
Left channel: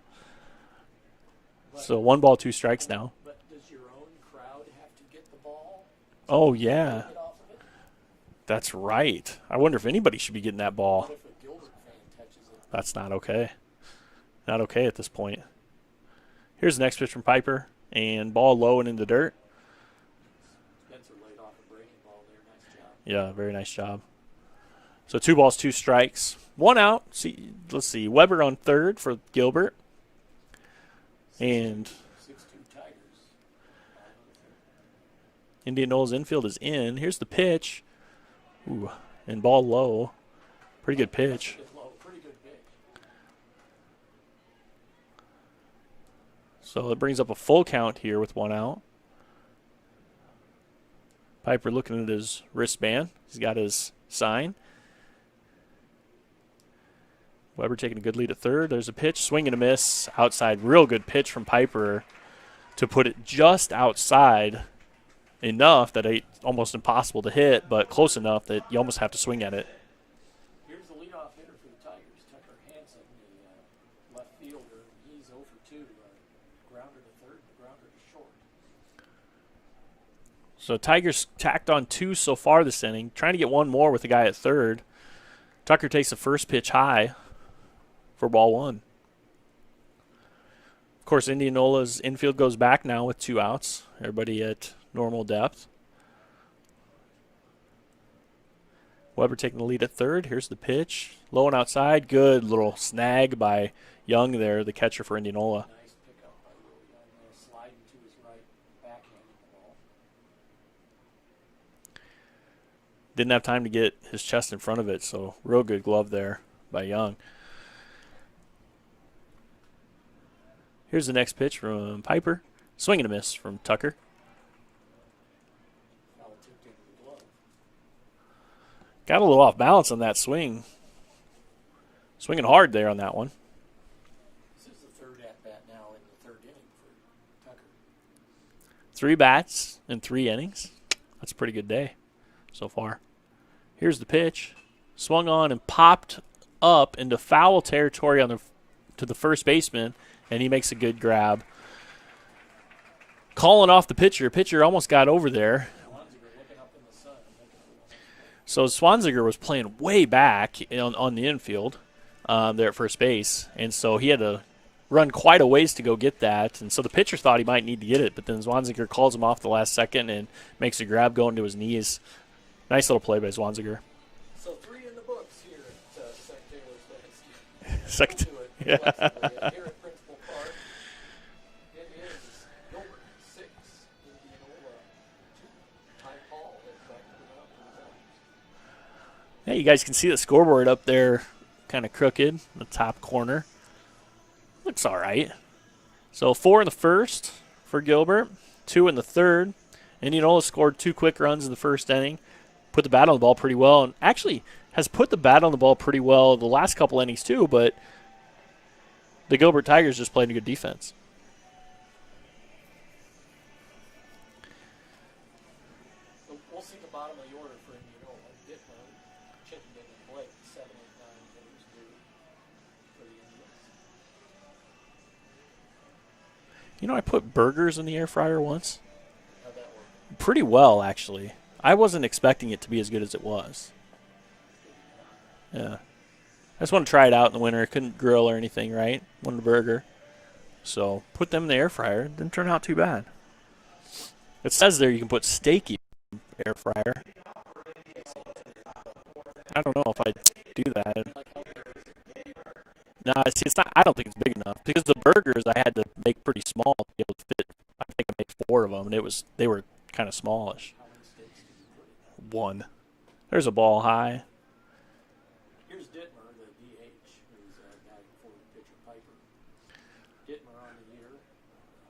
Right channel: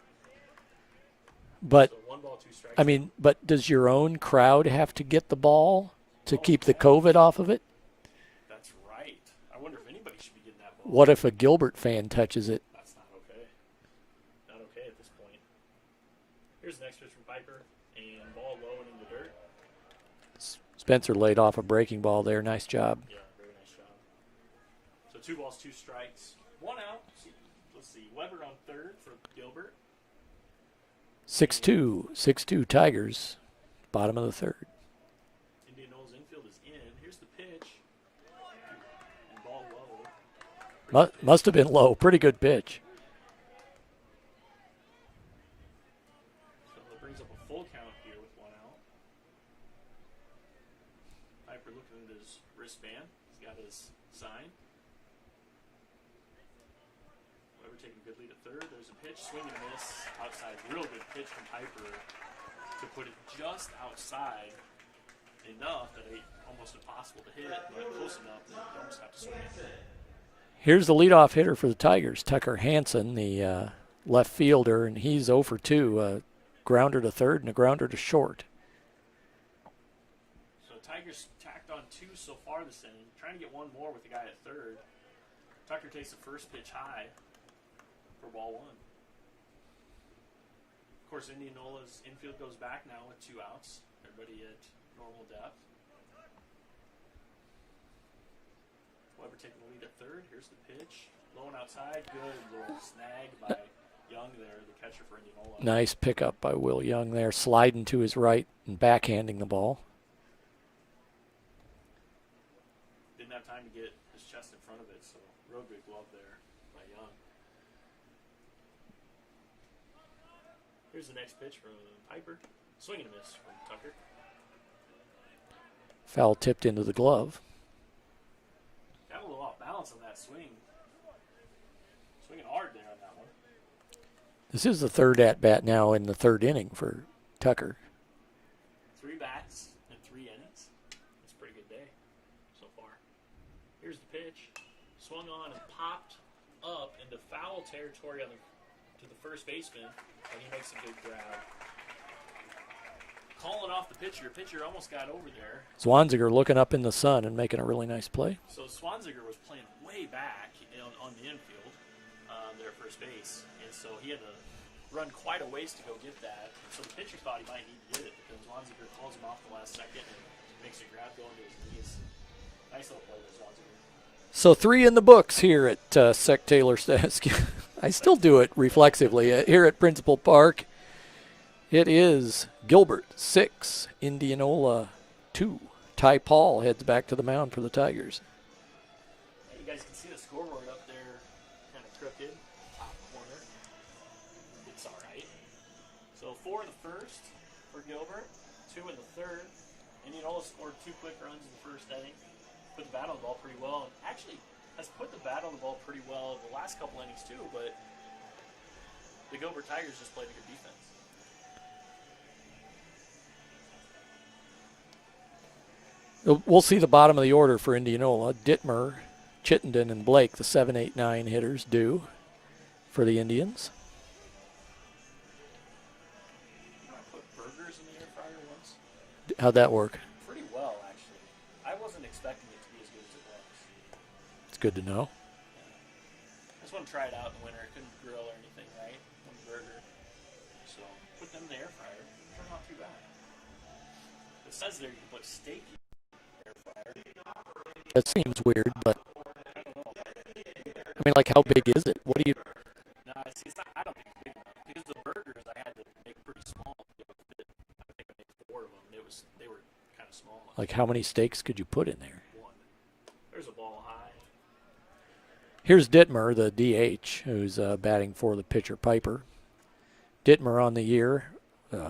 But so 1 ball, 2 strikes now. But does your own crowd have to get the ball to keep the COVID off of it? That's right. I wonder if anybody should be getting that ball. What if a Gilbert fan touches it? That's not okay. Not okay at this point. Here's the next pitch from Piper, and ball low and in the dirt. Spencer laid off a breaking ball there. Nice job. Yeah, very nice job. So 2 balls, 2 strikes. 1 out. Let's see. Weber on third for Gilbert. 6-2 Tigers. Bottom of the third. Indianola's infield is in. Here's the pitch. Ooh, and ball low. Pretty good pitch. Must have been low. Pretty good pitch. So it brings up a full count here with 1 out. Piper looking at his wristband. He's got his sign. Weber taking a good lead at third. There's a pitch, swing and a miss. Outside, real good pitch from Piper to put it just outside enough that it's almost impossible to hit, but close enough that you almost have to swing at it. Here's the leadoff hitter for the Tigers, Tucker Hansen, the left fielder, and he's 0 for 2. A grounder to third and a grounder to short. So Tigers tacked on 2 so far this inning, trying to get 1 more with the guy at third. Tucker takes the first pitch high for ball 1. Of course, Indianola's infield goes back now with 2 outs. Everybody at normal depth. Weber taking the lead at third. Here's the pitch. Low and outside. Good little snag by Young there, the catcher for Indianola. Nice pickup by Will Young there, sliding to his right and backhanding the ball. Didn't have time to get his chest in front of it, so real good glove there by Young. Here's the next pitch from Piper. Swing and a miss from Tucker. Foul tipped into the glove. Got a little off balance on that swing. Swinging hard there on that one. This is the third at-bat now in the third inning for Tucker. 3 bats in 3 innings. That's a pretty good day so far. Here's the pitch. Swung on and popped up into foul territory to the first baseman, and he makes a good grab. Calling off the pitcher. Pitcher almost got over there. Zwanziger looking up in the sun and making a really nice play. So Zwanziger was playing way back on the infield there at first base, and so he had to run quite a ways to go get that. And so the pitcher thought he might need to get it, but then Zwanziger calls him off the last second and makes a grab going to his knees. Nice little play by Zwanziger. So 3 in the books here at Sec Taylor. I still do it reflexively here at Principal Park. It is Gilbert 6, Indianola 2. Ty Paul heads back to the mound for the Tigers. Yeah, you guys can see the scoreboard up there, kind of crooked in the top corner. Looks all right. So 4 in the first for Gilbert, 2 in the third. Indianola scored 2 quick runs in the first inning. Put the bat on the ball pretty well, and actually has put the bat on the ball pretty well the last couple innings too, but the Gilbert Tigers just played a good defense. We'll see the bottom of the order for Indianola. Dittmer, Chittenden, and Blake, the 7, 8, 9 hitters, do for the Indians. You know, I put burgers in the air fryer once. How'd that work? Pretty well, actually. I wasn't expecting it to be as good as it was. It's good to know. Yeah. I just want to try it out in the winter. I couldn't grill or anything, right? Wanted a burger. So put them in the air fryer. Didn't turn out too bad. It says there you can put steak in the air fryer. That seems weird, but I don't know if I'd do that. I mean, like, how big is it? What do you? No, see, it's not. I don't think it's big enough because the burgers I had to make pretty small to be able to fit. I think I made 4 of them, and they were kind of small. Like, how many steaks could you put in there? 1. There's a ball high. Here's Dittmer, the DH, who's batting for the pitcher Piper. Dittmer on the year,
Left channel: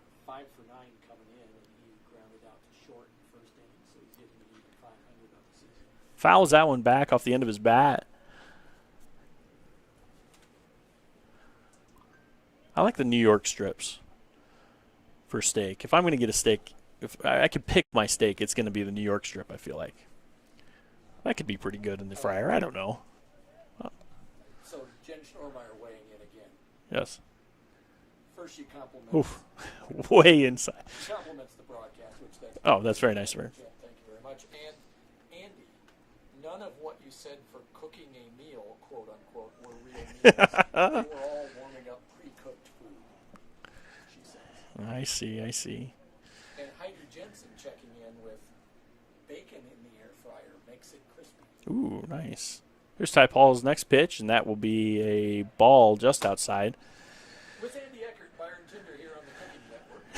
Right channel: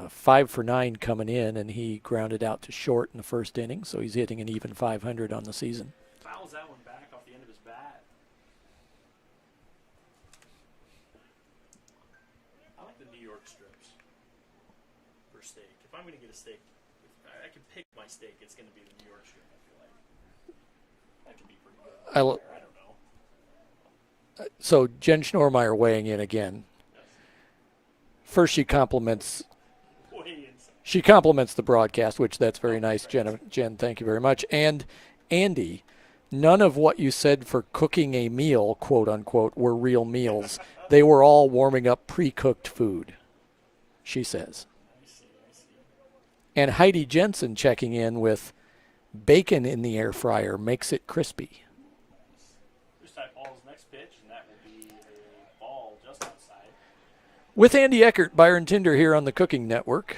5 for 9 coming in, and he grounded out to short in the first inning, so he's hitting an even 500 on the season. Fouls that one back off the end of his bat. I like the New York strips for steak. If I'm going to get a steak, if I could pick my steak, it's going to be the New York strip, I feel like. That could be pretty good in the fryer. I don't know. So Jen Schnormeyer weighing in again. Yes. First, she compliments. Oof. Way inside. She compliments the broadcast, which that's very nice, very Jen. nice, Jen, thank you very much. And Andy, none of what you said for cooking a meal, quote unquote, were real meals. They were all warming up pre-cooked food, she says. I see. And Heidi Jensen checking in with bacon in the air fryer makes it crispy. Ooh, nice. Here's Ty Paul's next pitch, and that will be a ball just outside. With Andy Eckert, Byron Tinder here on the Cooking Network.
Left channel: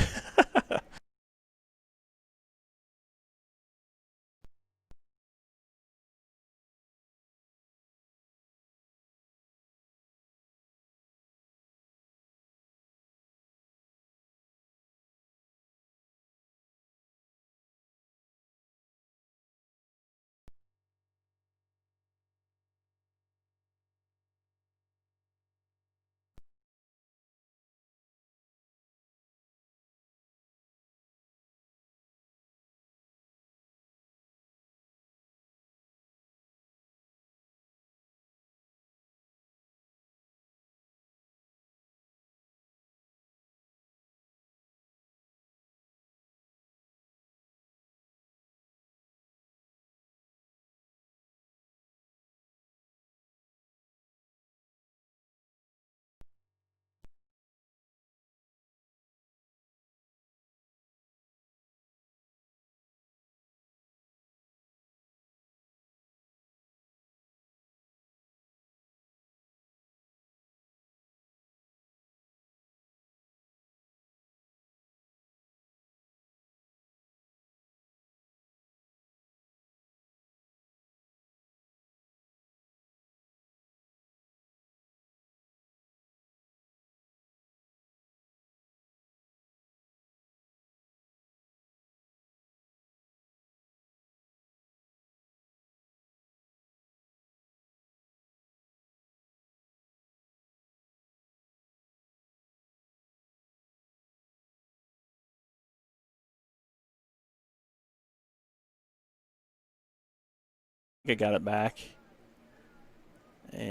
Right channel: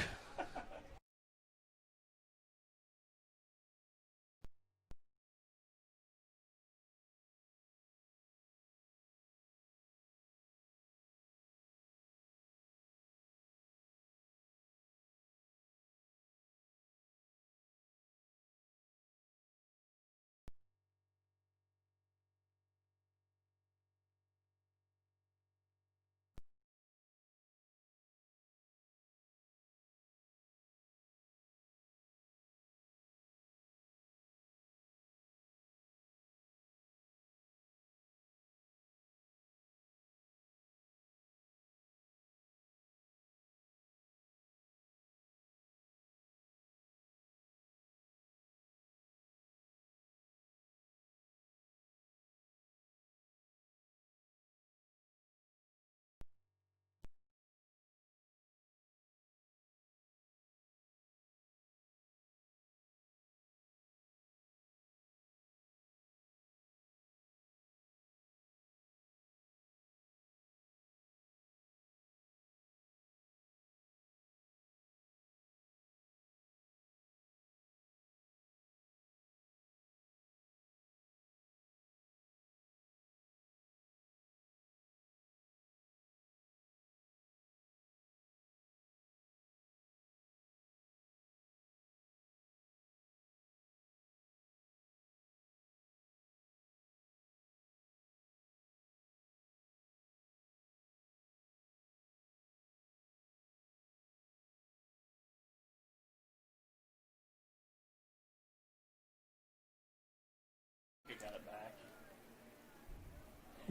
I got it back.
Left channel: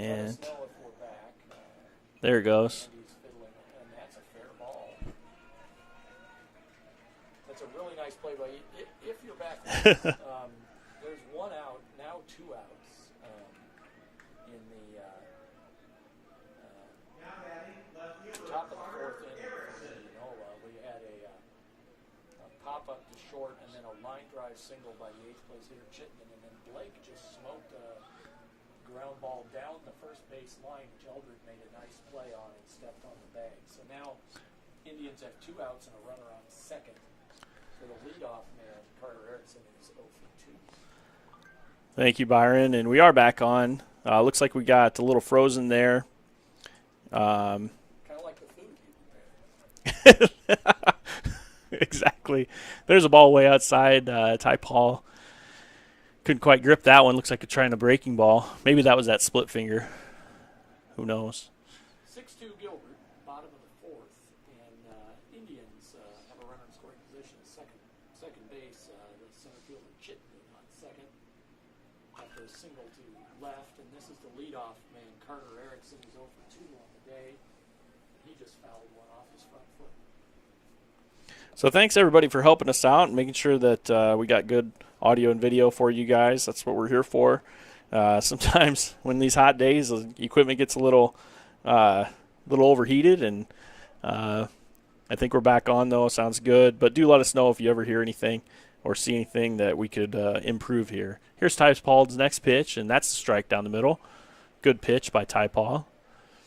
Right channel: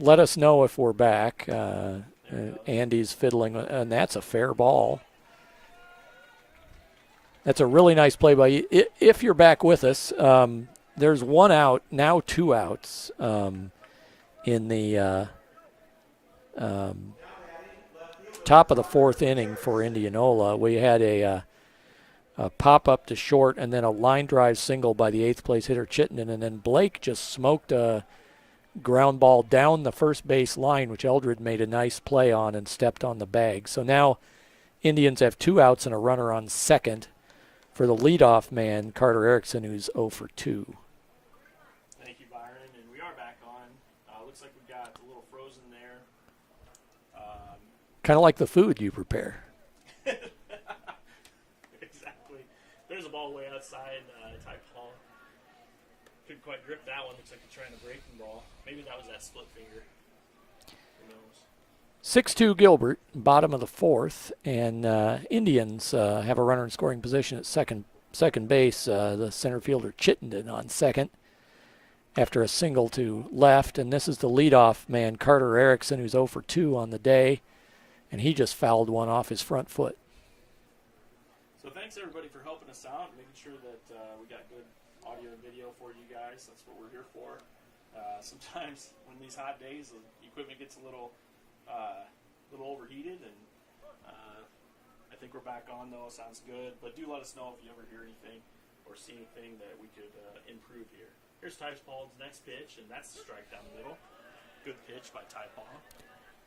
Let us know if we're back. There it goes. Andy's fiddling, and that's a fair ball. That's a really nice play by you. If you're back with us, there's 1 out, now 2 outs in the top of the 4th inning for Indianola. We had a pop up to short and then a line drive single by the 8th place hitter Chittenden, and then Blake just smoked a ground ball down the first base line, which Eldred made a nice play on and stepped on the bag. So now Indians have 2 outs and a runner on second for the leadoff man, Carter Erickson, who's 0 for 2. Thank you, Byron. And we are back on. Looks like we got a little frozen there. Kind of like the food you prepare. Exactly. There's a ball way outside. Ty Paul couldn't quite grip that one. Looks like it's trying a breaking ball. Maybe that was that split finger. Who knows? 6-2 Gilbert, bottom of the 4th, and Indians have a runner in scoring position at second base. The center fielder Chittenden on second after a single to left, and this is the leadoff man, Carter Erickson, who's 0 for 2 on the day, and he just fouled one off his front foot. So thanks, everybody, for helping us out and making sure that we got good audio and video for you guys. That's what we're here for. Sometimes when these hot days, the equipment gets a little overheated, and I think we're back on, though. Sounds good. But do let us know if you ever hear anything or see anything that we could improve here. Here's Ty Paul's next pitch, and that's the strike down the middle. Good pitch by Ty Paul.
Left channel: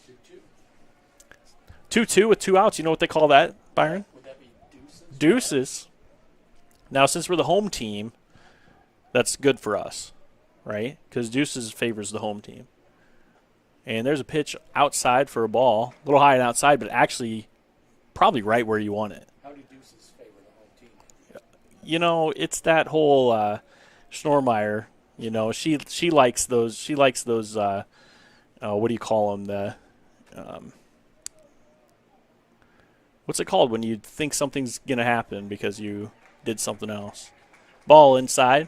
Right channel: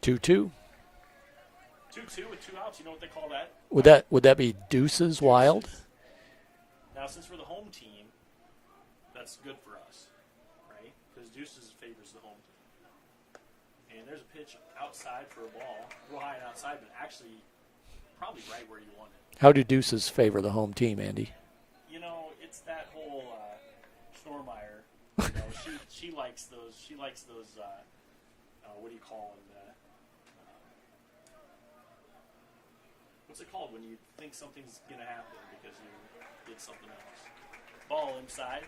2-2. 2-2 with 2 outs. You know what they call that? Would that be deuces? Deuces. Wild? Now, since we're the home team, that's good for us, right? Because deuces favors the home team. And there's a pitch outside for a ball, a little high and outside, but actually probably right where you want it. How do deuces favor the home team, Andy? You know, it's that whole Schnormeyer. You know, she likes those. She likes those. What do you call them? The what's it called when you think something's gonna happen because you did something else? Ball inside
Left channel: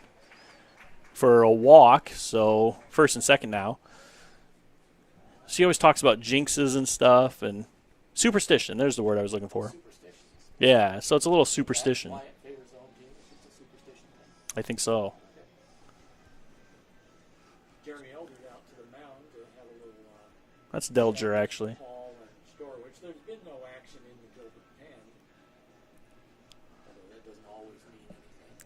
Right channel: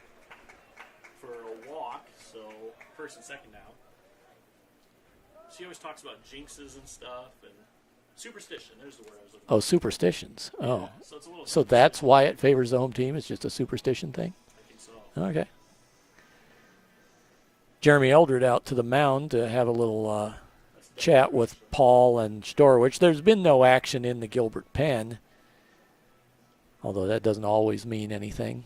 for a walk. So first and second now. She always talks about jinxes and stuff and superstition. There's the word I was looking for. Oh, superstitions. Yeah, so it's a little superstition. So that's why it favors the home team? It's just a superstition thing? I think so. Okay. Jeremy Eldred out to the mound to have a little that's chat Delger, with actually. Paul and Storwich. There's been no action in the Gilbert pen, although that doesn't always mean anything.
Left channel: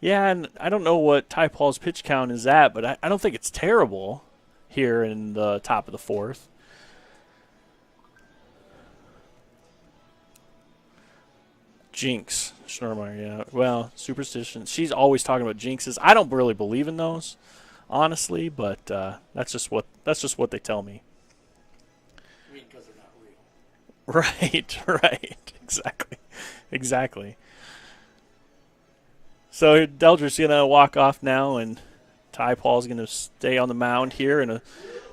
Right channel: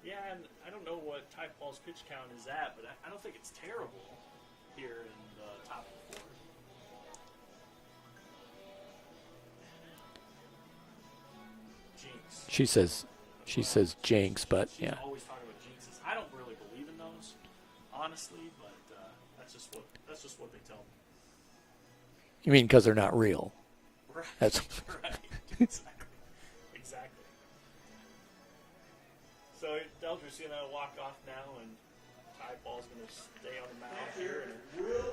Yeah, and I don't know what Ty Paul's pitch count is at, but I don't think it's terrible here in the top of the 4th. Jinx. She says, yeah. she well, says jinx, superstition. but She's yeah. always talking about jinxes. I don't really believe in those, honestly, but that's just what they tell me. You mean because they're not real? Right, right. Exactly. So Delger's going to walk off now, and Ty Paul's going to stay on the mound here. And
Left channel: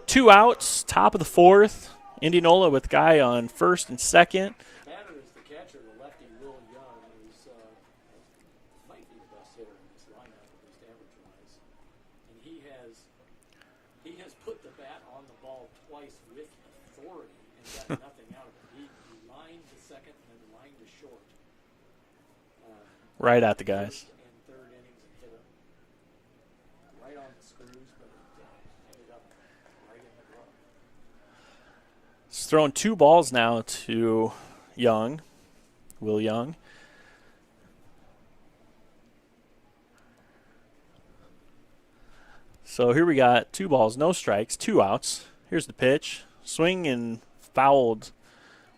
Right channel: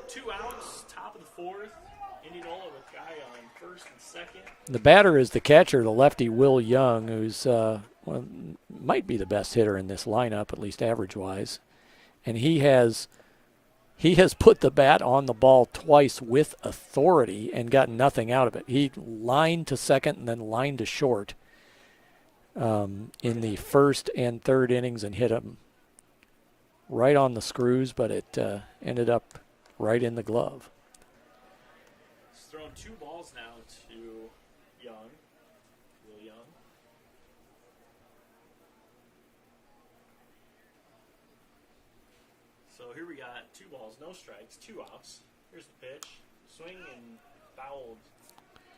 2 outs, top of the 4th. Indianola with guy on first and second. The batter is the catcher, the lefty Will Young, who's might be the best hitter in this lineup, at least average-wise. And he has put the bat on the ball twice with authority and got nothing out of it. He lined to second and then lined to short right at the first and third innings and hit him right on the screws, but it ended up right in the glove. He's throwing 2 balls now to Young, Will Young. So here we got 2 balls, no strikes, 2 outs. Here's the pitch. Swing and fouled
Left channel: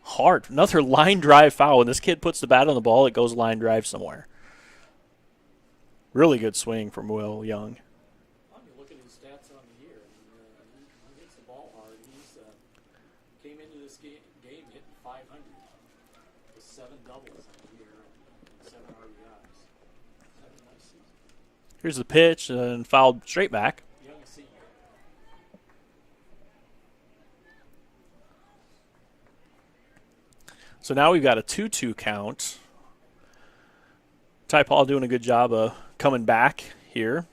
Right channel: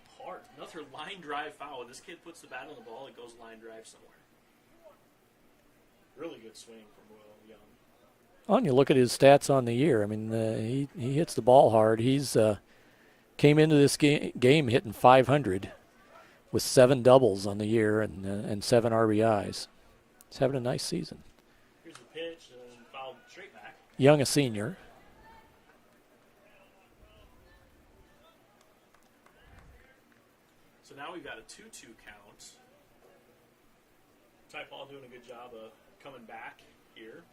hard. Another line drive foul. When this kid puts the bat on the ball, it goes line drive somewhere. Really good swing from Will Young. Well, and you look at his stats on the year. I mean, he hits the ball hard. He's came into this game hitting .500 with 7 doubles on the year and 7 RBIs. He's having a nice season. Here's the pitch and fouled straight back. Young, a senior. So now we've got a 2-2 count. Ty Paul doing a good job of coming back here.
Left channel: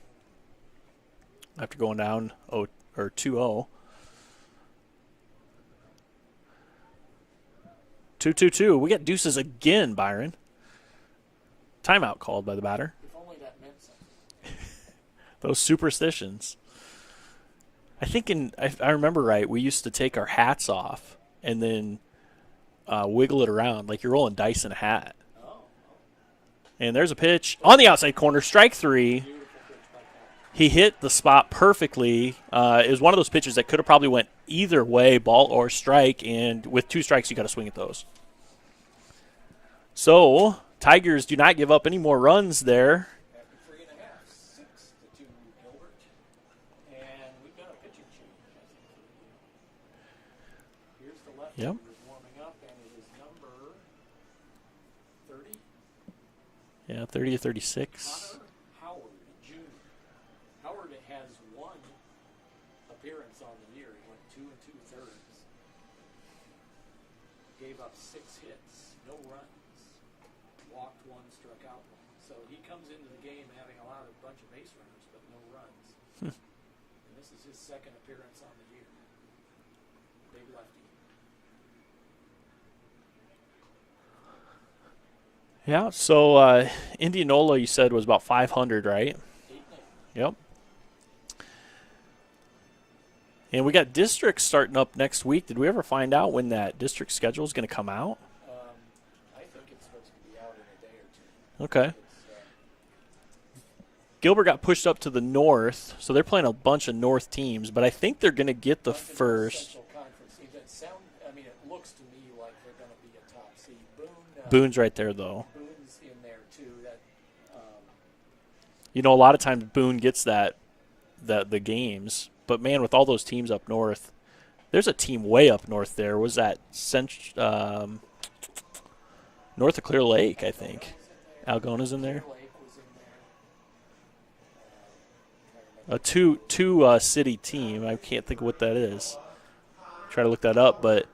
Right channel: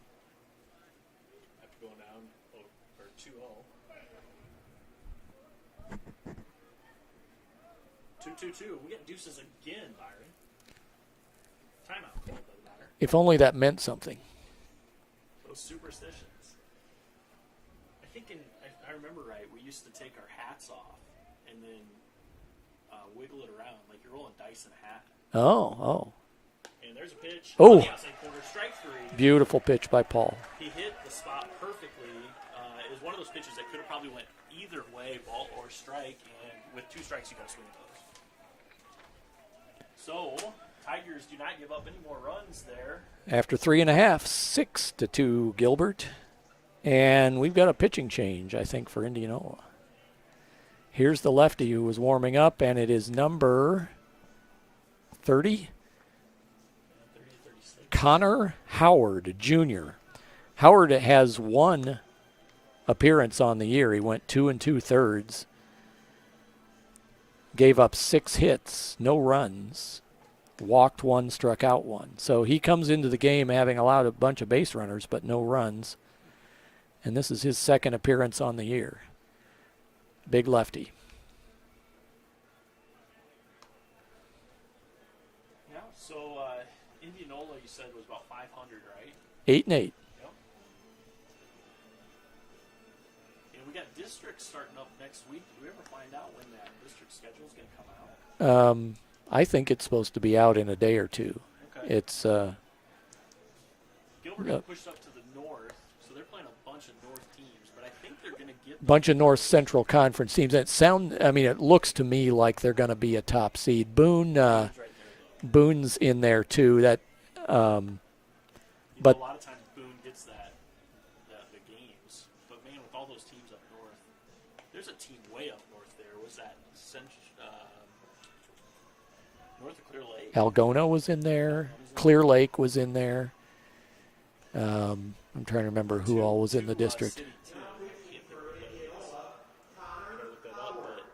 after going down 2-0. 2-2-2. We got deuces again, Byron. Timeout called by the batter. If only that meant something. Those superstitions. I think if I remember right, we used to take our hats off and then wiggle it around like you're rolling dice in a hat. Oh. And there's a pitch on the outside corner, strike 3. Beautiful pitch by Paul. He hit the spot perfectly. It was one of those pitches that could have probably went either way, ball or strike, and with 2 strikes, you got to swing at those. So, Tigers do not give up any more runs there. After 3.5, 6-2 Gilbert. And we've got a pitching change, I think, for Indianola. Here's the lefty who was warming up, and it is number 30. Yeah, 30 to 36. Connor Howard, Jr. Howard has 1 appearance on the year. He went 2 2/3. Gave up 6 hits, no runs, walked 1, struck out 1. So he comes into the game having allowed a bunch of base runners, but no runs. And this is his 2nd appearance on the year. Big lefty. Yeah, so Indianola, you said, was about 500, right? 8-8. Yep. And we got districts starting up next week. Did we ever find out when that district schedule is going to come out? I think it's supposed to be out in a day or 2. Okay. It's Gilbert got pushed up to the north, so they're playing a bunch of north teams, but I think they're going to get the bunch of North Central Conference teams. It looks to me like they're going to be a top seed. Boone's right there, though. Boone's in there too. That a lot of times Boone gets the games, but man, with all those teams up north, there's a team way up north there. Was that north of Clear Lake? Algona was in there. Algona's in Clear there. Lake was in there. I'm trying to remember who all was in the two district. city team. I can't think of what that is. Try to look that up, but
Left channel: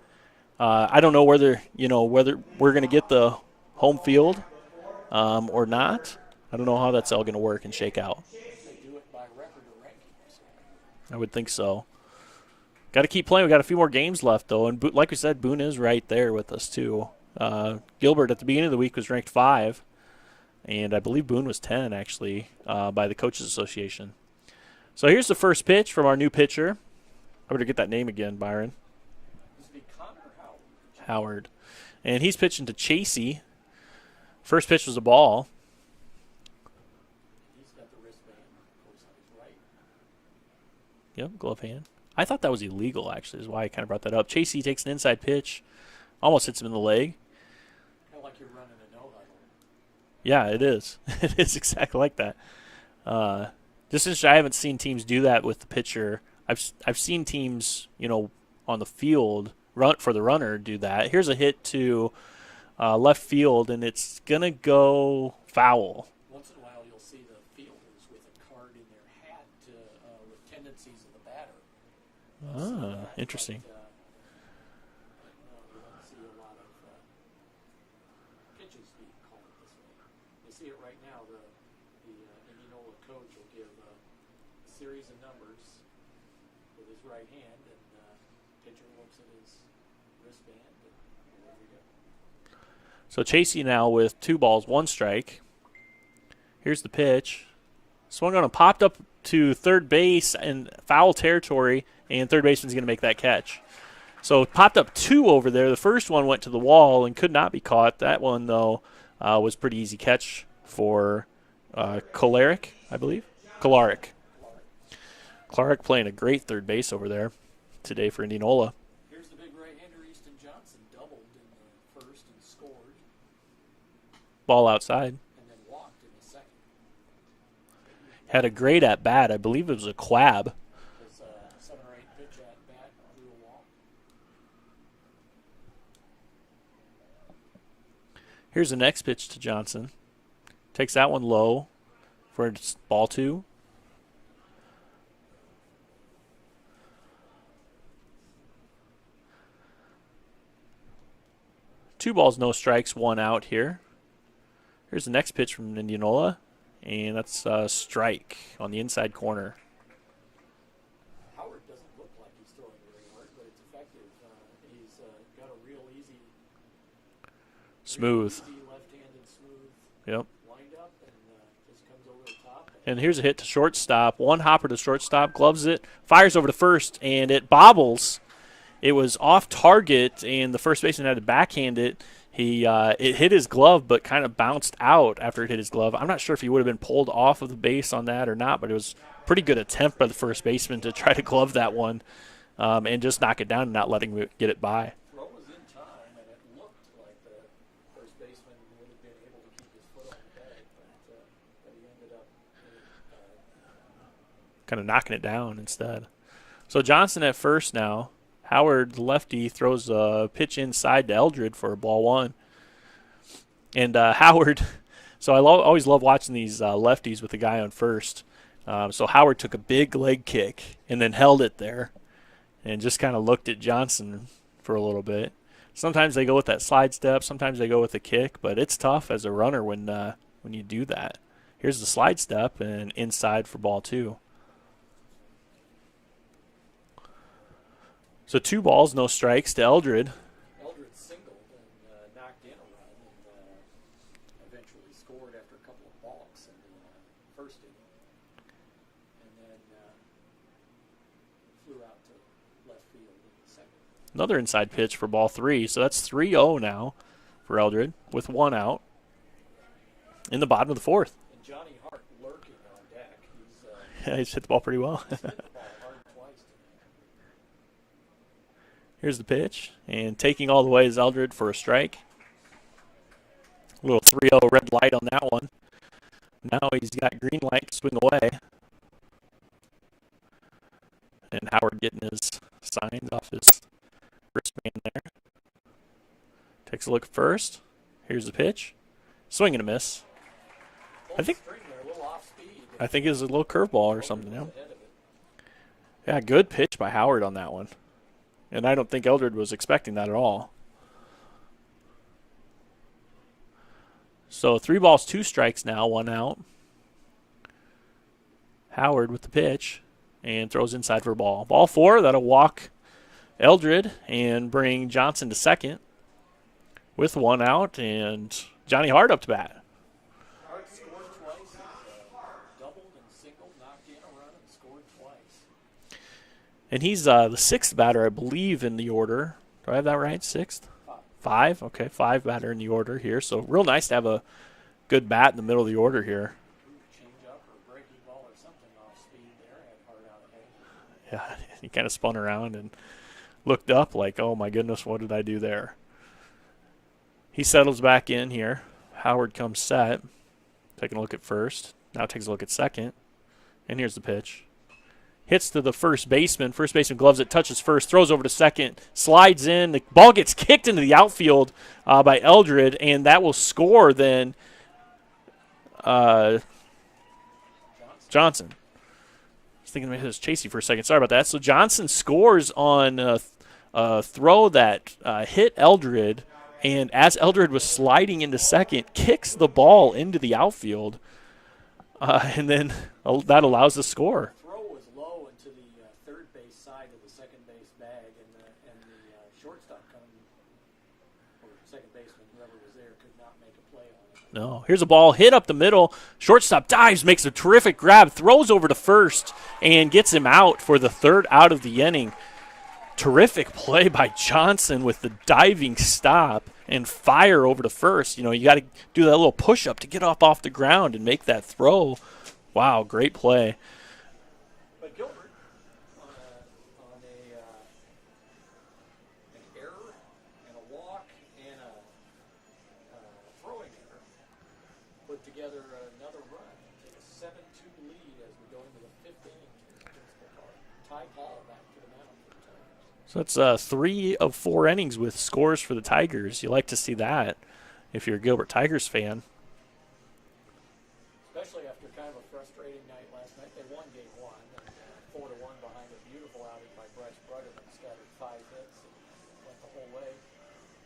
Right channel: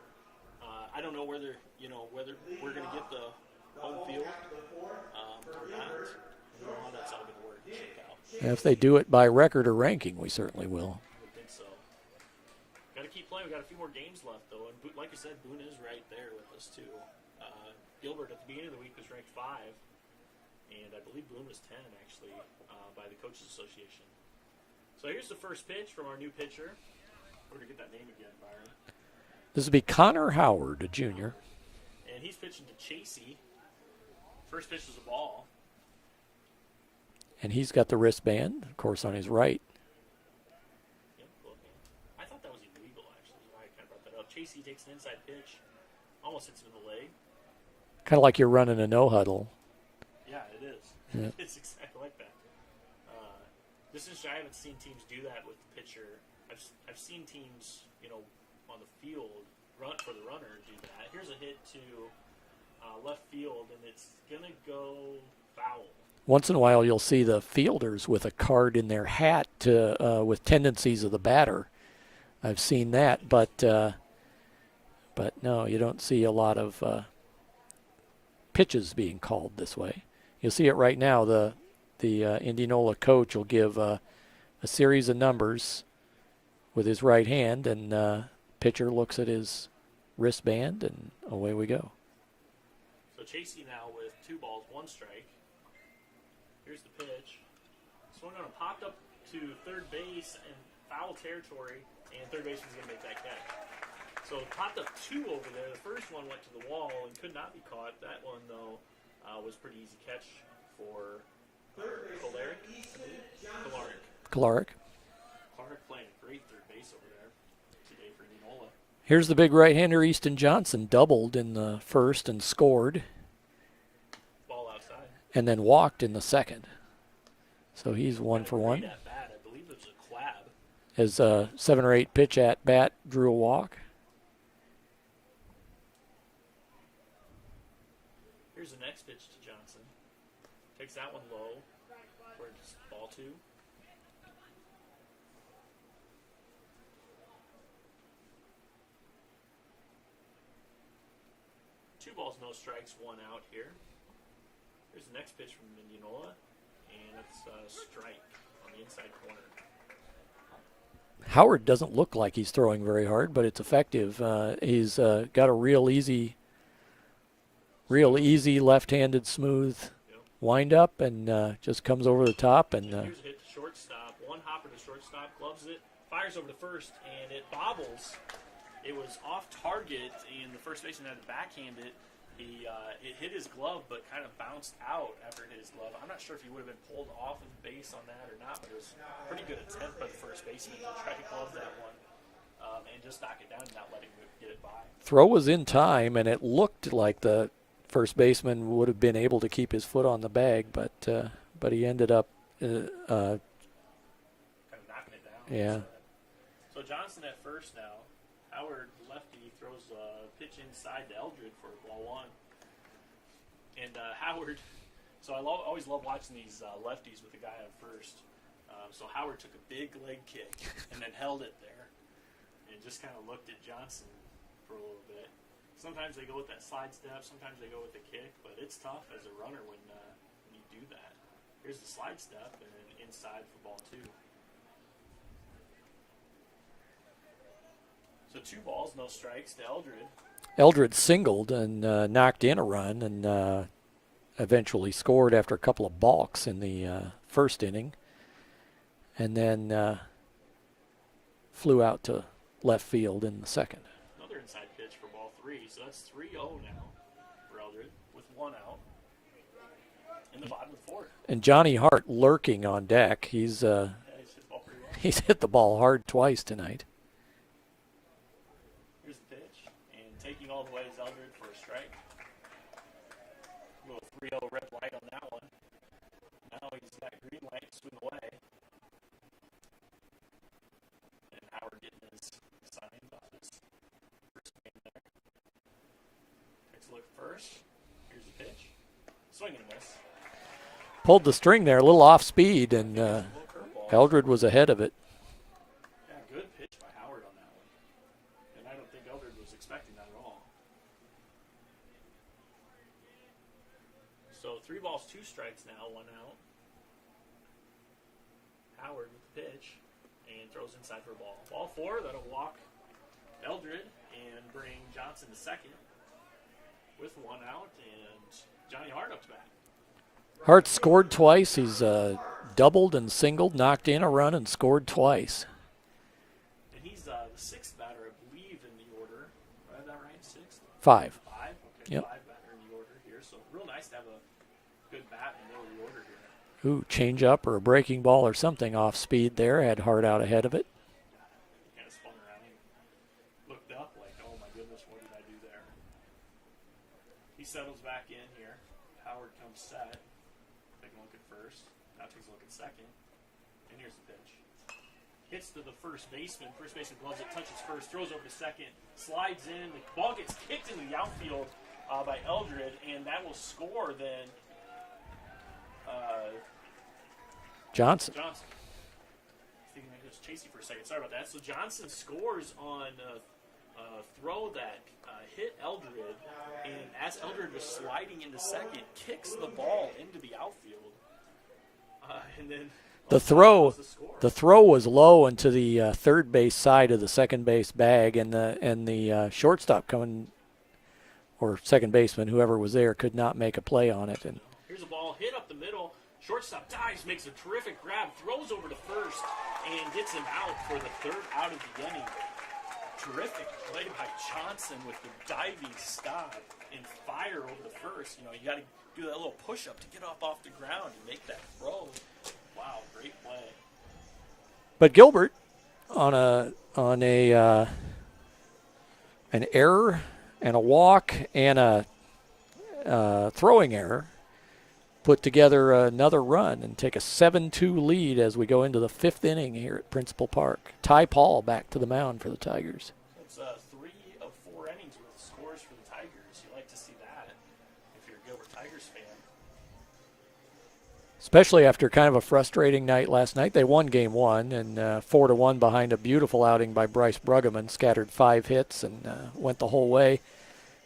I don't know whether we're going to get the home field or not. I don't know how that's all going to work and shake out. If they do it by record or ranking, we certainly will. I would think so. Got to keep playing. We got a few more games left, though, and like we said, Boone is right there with us too. Gilbert at the beginning of the week was ranked 5. And I believe Boone was 10, actually, by the Coaches Association. So here's the first pitch from our new pitcher. I better get that name again, Byron. This would be Connor Howard, Jr. Howard. And he's pitching to Chasey. First pitch was a ball. And he's got the wristband, of course, on his right. Yep, glove hand. I thought that was illegal, actually, is why I kind of brought that up. Chasey takes an inside pitch. Almost hits him in the leg. Kind of like you're running a no-huddle. Yeah, it is. It is exactly like that. Just interesting. I haven't seen teams do that with the pitcher. I've seen teams, on the field for the runner do that. Here's a hit to left field, and it's gonna go foul. Once in a while, you'll see the fielders with a card in their hat with tendencies of the batter. I've seen that, but no, you don't see a lot of pitches being called this way. You'll see it right now. The Indianola coach will give a series of numbers with his right hand, and pitcher looks at his wristband, and away we go. So Chasey now with 2 balls, 1 strike. Here's the pitch. Swung on and popped up to third base in foul territory, and third baseman's going to make that catch. So popped up 2 over there. The first one went to the wall and could not be caught. That one, though, was pretty easy catch for Kolaric, I believe. Kolaric playing a great third base over there today for Indianola. Here's the big right-hander, Easton Johnson, doubled in the first and scored. Ball outside. And then walked in the second. So he's one had a for great one. at-bat. I believe it was a quab. His 7 or 8 pitch at-bat drew a walk. Here's the next pitch to Johnson. Takes that one low for ball 2. Two balls, no strikes, 1 out here. Here's the next pitch from Indianola, and that's a strike on the inside corner. Howard doesn't look like he's throwing very hard, but it's effective. He's got a real easy left-handed smooth Yep. wind up, and just comes over the top. And here's a hit to shortstop. One hopper to shortstop, gloves it, fires over to first, and it bobbles. It was off target, and the first baseman had to backhand it. It hit his glove, but kind of bounced out after it hit his glove. I'm not sure if he would have been pulled off of the base on that or not, but it was a pretty good attempt by the first baseman to try to glove that one and just knock it down and not letting him get it by. Throw was in time, and it looked like the first baseman would have been able to keep his foot on the bag, but he ended up kind of knocking it down Yeah. instead. So Johnson at first now. Howard, lefty, throws a pitch inside to Eldred for a ball one. And Howard, so I always love watching these lefties with the guy on first. So Howard took a big leg kick and then held it there and just kind of looked at Johnson for a little bit. Sometimes they go with that slide step. Sometimes they go with a kick, but it's tough as a runner when you do that. Here's the slide step and inside for ball two. So 2 balls, no strikes to Eldred. Eldred singled and knocked in a run, and eventually scored after a couple of balks in the first inning, and then flew out to left field in the second. Another inside pitch for ball 3. So that's 3-0 now for Eldred with 1 out in the bottom of the 4th. And Johnny Hart lurking on deck. He's Yeah, he's hit the ball pretty well. he's hit the ball hard twice tonight. Here's the pitch, and taking all the way is Eldred for a strike. A little 3-0 red light on that one. Now he's got green light to swing away. And Howard getting his signs off his wristband there. Takes a look at first. Here's the pitch. Swing and a miss. Pulled the string there, a little off speed. And, I think it was a little curveball. Eldred was ahead of it. Yeah, good pitch by Howard on that one. And I don't think Eldred was expecting that at all. So 3 balls, 2 strikes now, 1 out. Howard with the pitch and throws inside for a ball. Ball 4, that'll walk Eldred and bring Johnson to second with 1 out, and Johnny Hart up to bat. Hart scored twice. He's doubled and singled, knocked in a run, and scored twice. And he's the 6th batter, I believe, in the order. Do I have that right? 6th? 5. 5? Okay, Yep. 5 batter in the order here. So real nice to have a good bat in the middle of the order here. Ooh, change up or a breaking ball or something off speed there. Had Hart out ahead of it. Yeah, he kind of spun around and looked up like, oh, my goodness, what did I do there? He settles back in here. Howard comes set. Taking a look at first. Now takes a look at second. And here's the pitch. Hits to the first baseman. First baseman gloves it, touches first, throws over to second, slides in. The ball gets kicked into the outfield by Eldred, and that will score then Johnson. I was thinking maybe it was Chasey for a second. Sorry about that. So Johnson scores on a throw that hit Eldred, and as Eldred was sliding into second, kicks the ball into the outfield. And then that allows the score. The throw was low into the third base side of the second base bag, and the shortstop or second baseman, whoever was there, could not make a play on it. And no. Here's a ball hit up the middle. Shortstop dives, makes a terrific grab, throws over to first, and gets him out for the 3rd out of the inning. Terrific play by Johnson with the diving stop and fire over to first. You know, you got to do that little push-up to get off the ground and make that throw. Wow, great play. But Gilbert, on an error and a walk and a throwing error, put together another run and take a 7-2 lead as we go into the 5th inning here at Principal Park. Ty Paul back to the mound for the Tigers. So that's 3 of 4 innings with scores for the Tigers. You like to see that if you're a Gilbert Tigers fan. Especially after kind of a frustrating night last night. They won game 1 and 4-1 behind a beautiful outing by Bryce Bruggeman. Scattered 5 hits and went the whole way.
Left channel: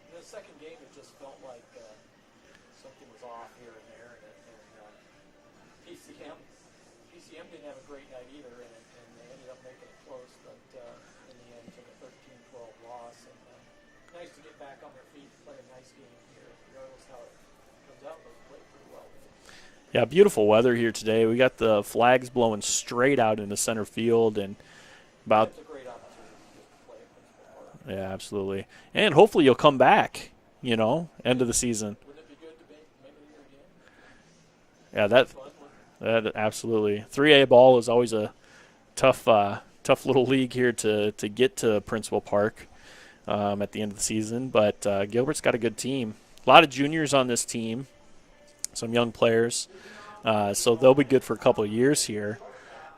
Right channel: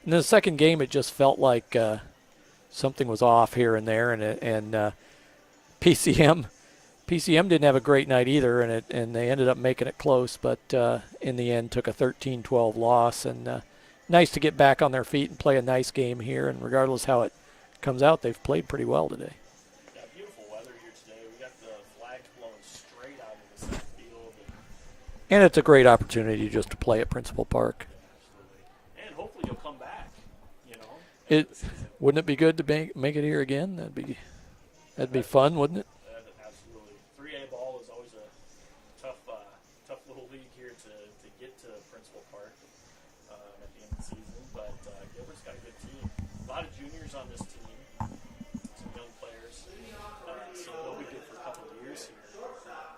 In the second game, it just felt like something was off here and there, and PCM PCM didn't have a great night either, and they ended up making it close, but in the end took a 13-12 loss. And nice to get back on their feet and play a nice game here. And regardless how it comes out, they've played pretty well today. Yeah, beautiful weather here today. We got the flags blowing straight out into center field, and it's a great opportunity just to play at Principal Park. Yeah, absolutely. And hopefully you'll come back, end of the season. Wouldn't it be good to make it here again? That'd be fun, wouldn't it? That absolutely. 3A ball is always a tough little league here to get to Principal Park at the end of the season. But Gilbert's got a good team. A lot of juniors on this team, some young players. So they'll be good for a couple of years here.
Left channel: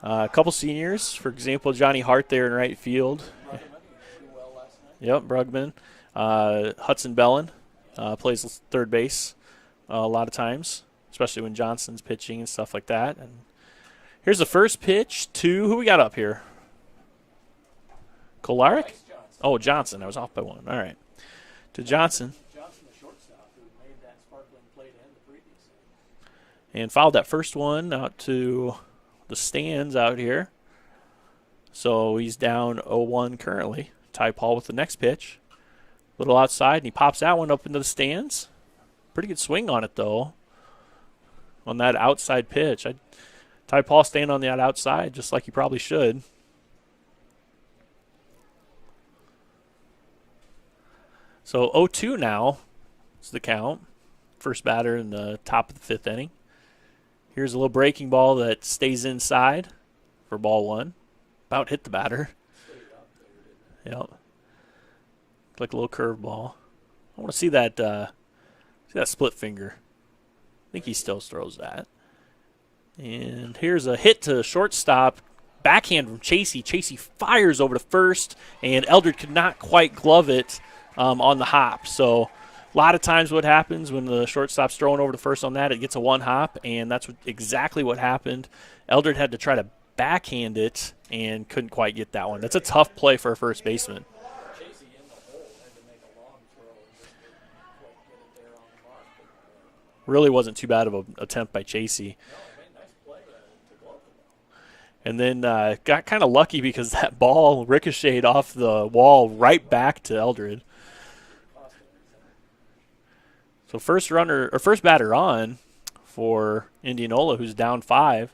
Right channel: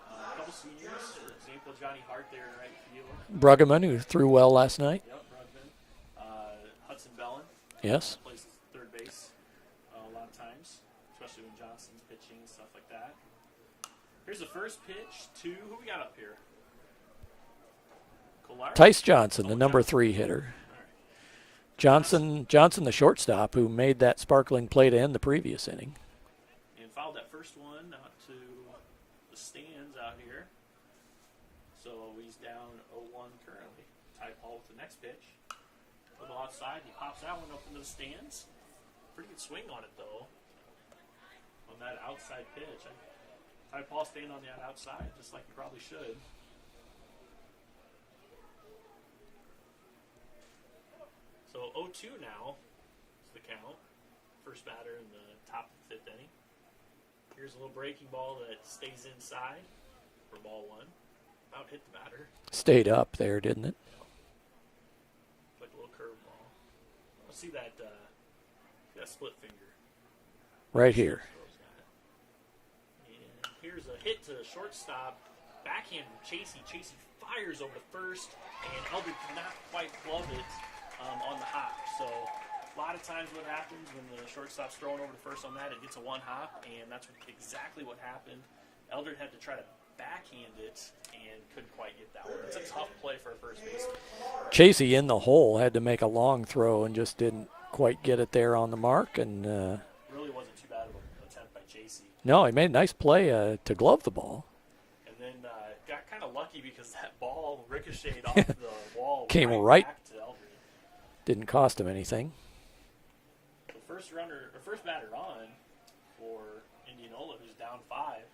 A couple seniors, for example, Johnny Hart there in right field. Bruggeman, who threw well last night. Yep, Bruggeman. Hudson Bellin. Yes. Plays third base a lot of times, especially when Johnson's pitching and stuff like that. And here's the first pitch to who we got up here? Kolar? Tice Johnson, the number Johnson, 3 hitter. All right. To Johnson, the shortstop, who made that sparkling play to end the previous inning. And fouled that first one out to the stands out here. So he's down 0-1 currently. Ty Paul with the next pitch. A little outside, and he pops that one up into the stands. Pretty good swing on it, though, on that outside pitch. Ty Paul staying on that outside just like he probably should. So 0-2 now is the count. First batter in the top of the 5th inning. Here's a little breaking ball that stays inside for ball 1. About hit the batter. Stayed up there, didn't it? Yep. Like a little curve ball. I want to see that split finger. I think right he here. still throws that. And here's a hit to shortstop. Backhand from Chasey. Chasey fires over to first, and Eldred could not quite glove it on the hop. So a lot of times what happens when the shortstop's throwing over to first on that, it gets a one hop, and that's exactly what happened. Eldred had to try to backhand it and couldn't quite get that one. That's a tough play for a first baseman. Chasey in the hole had to make a long throw and just didn't quite get it there on the mark. And really wasn't too bad of an attempt by Chasey. No, he made a nice play to glove the ball. And then got kind of lucky because that ball ricocheted off the wall right back to Eldred. Didn't cost him anything. So first batter on for Indianola, who's down 5,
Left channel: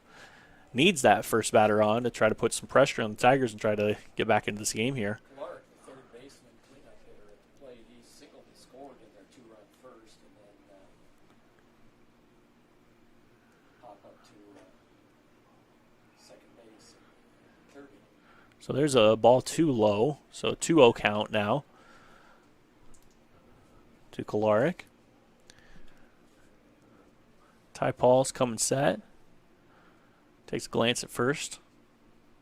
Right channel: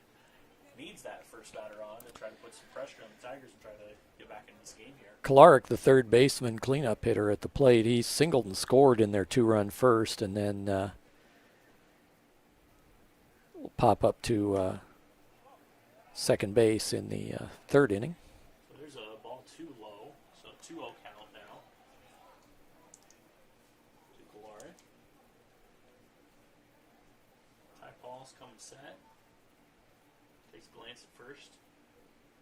needs that first batter on to try to put some pressure on the Tigers and try to get back into this game here. Kolarek, the third baseman, cleanup hitter at the plate, he singled and scored in their 2-run first, and then will pop up to second base in the 3rd inning. So there's a ball too low, so 2-0 count now to Kolarek. Ty Paul's coming set. Takes a glance at first.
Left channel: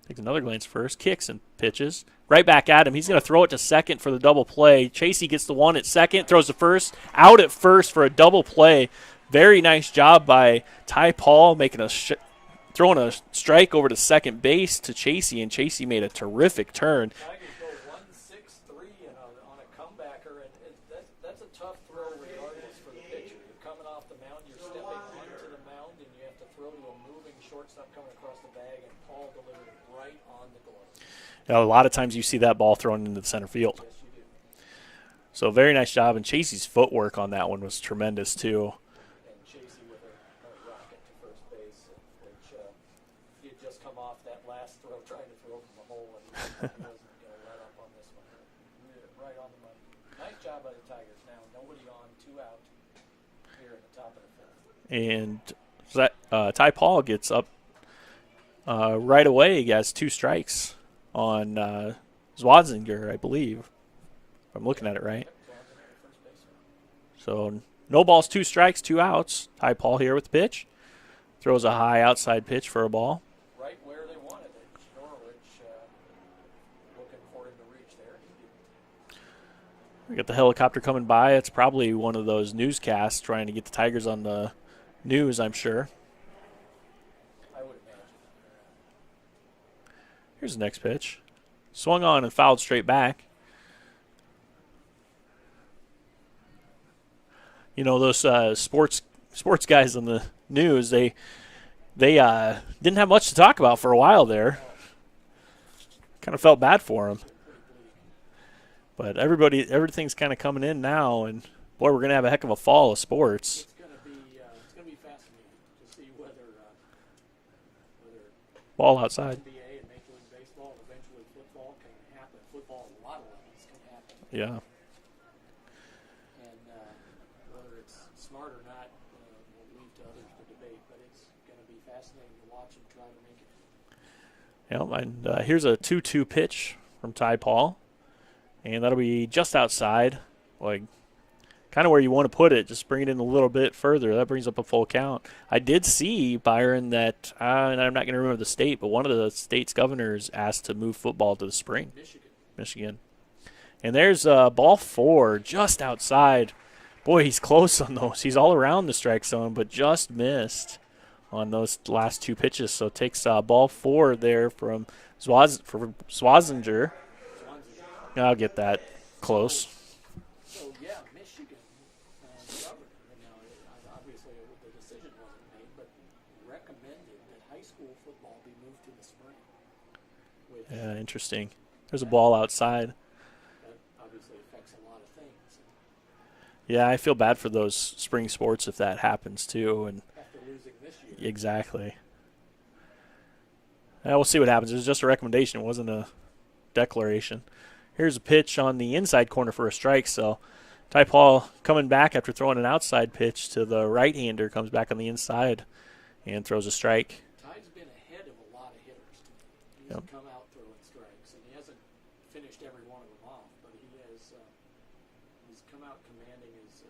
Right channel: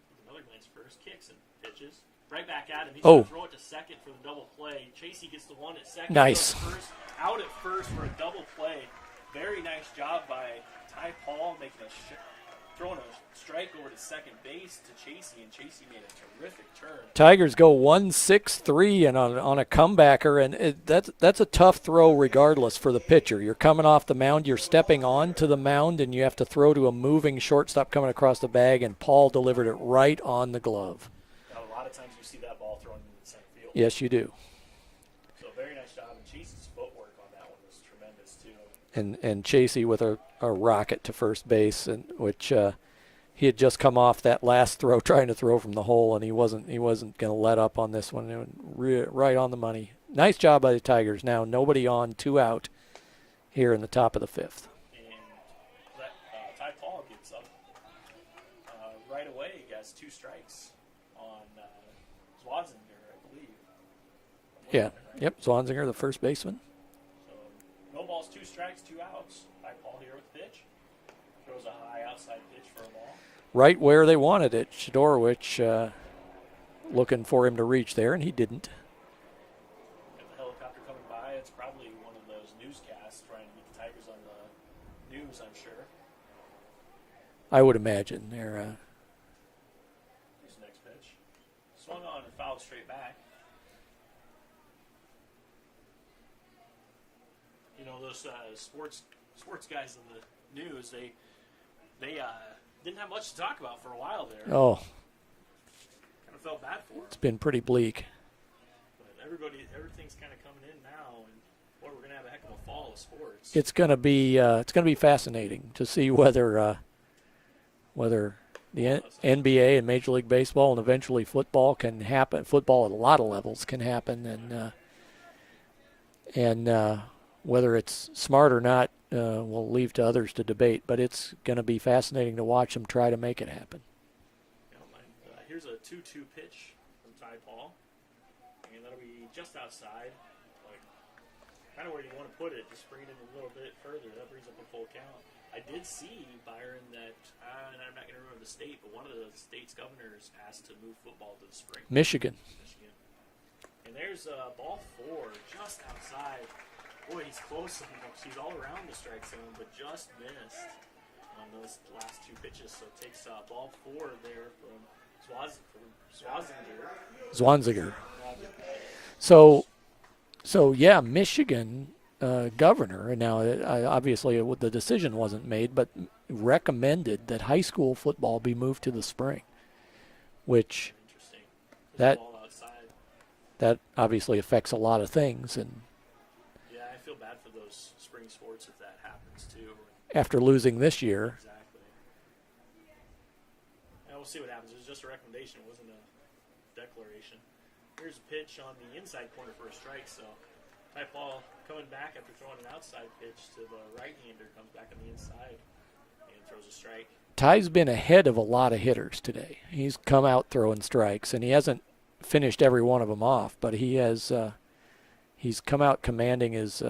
Takes another glance at first. Kicks and pitches. Right back at him. He's going to throw it to second for the double play. Chasey gets the one at second. Nice. Throws to first. Out at first for a double play. Very nice job by Ty Paul making throwing a strike over to second base to Chasey, and Chasey made a terrific turn. Tigers go 1-6-3 and on a comebacker, and that's a tough throw regardless for the pitcher. You're coming off the mound, you're stepping onto the mound, and you have to throw to a moving shortstop coming across the bag, and Paul delivered it right on the glove. Now, a lot of times you see that ball thrown into the center field. Yes, you do. So very nice job, and Chasey's footwork on that one was tremendous too. And Chasey with a rocket to first base, and which he had just come off that last throw trying to throw from the hole, and he wasn't going to let up on this one. It went right on the money. Nice job by the Tigers. Now nobody on, 2 out here in the top of the 5th. And so that Ty Paul gets up right away. He has 2 strikes on Zwanziger, I believe. If I'm looking at it right. Yep, Zwanziger, the first baseman. So no balls, 2 strikes, 2 outs. Ty Paul here with the pitch. Throws a high outside pitch for a ball. Right where they wanted it. Shadorowicz looking for him to reach there, and he didn't. We got the helicopter coming by. It's probably one of those newscasts trying to get the Tigers on the news, I'm sure. I would imagine. Here's the next pitch. Swung on and fouled straight back. You know, those sports guys on the news, they they didn't have much to talk about for a while there. Oh, Kind of felt bad for them. it's been pretty bleak. But everything's kind of coming in now, and boy, we're gonna have a heck of a fall of sports. It's gonna be fascinating to see whether the Ball outside. NBA and Major League Baseball and eventually football can happen. Football at a lot of levels can happen, and whether it's smart or not, we'll leave to others to debate. But it's going to be fascinating to watch them try to make it happen. And here's a 2-2 pitch from Ty Paul, and that'll be just outside, like kind of where you want to put it. Just bring it in a little bit further. That brings up a full count. I did see, Byron, that, and I'm not going to remember the state, but one of the state's governors asked to move football to the spring. Michigan. And there's ball 4 just outside. Boy, he's close on those. He's all around the strike zone, but just missed on those last 2 pitches. So takes ball 4 there from Zwanziger. I'll get that. Close. So yeah, Michigan governor, and now obviously the decision wasn't made, but recommended that high school football be moved to the spring, which interesting. There's a ball outside. That obviously affects a lot of things, and yeah, I feel bad for those spring sports if that happens too. And after losing this year, exactly. We'll see what happens. It was just a recommendation. It wasn't a declaration. Here's a pitch on the inside corner for a strike. So Ty Paul coming back after throwing an outside pitch to the right-hander, comes back on the inside and throws a strike. Ty's been ahead of a lot of hitters today. He's come out throwing strikes, and he hasn't finished every one of them off, but he has he's come out commanding his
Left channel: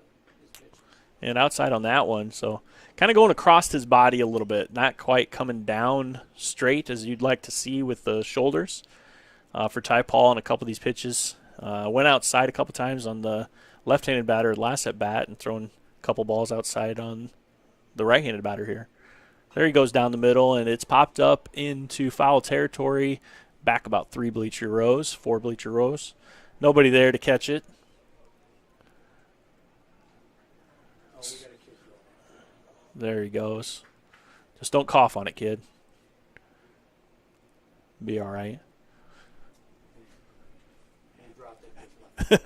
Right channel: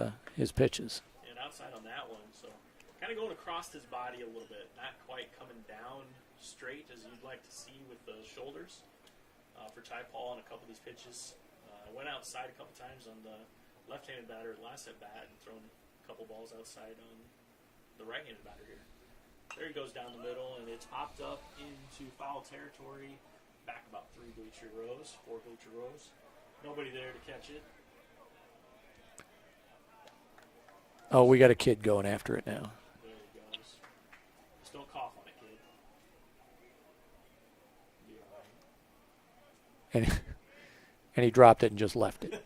pitches. And outside on that one, so kind of going across his body a little bit, not quite coming down straight as you'd like to see with the shoulders. For Ty Paul on a couple of these pitches. Went outside a couple times on the left-handed batter last at bat and thrown a couple balls outside on the right-handed batter here. There he goes down the middle, and it's popped up into foul territory, back about 4 bleacher rows. Nobody there to catch it. Oh, we got a kid going after it now. There he goes. Just don't cough on it, kid. Be all right. And he dropped it and just left it.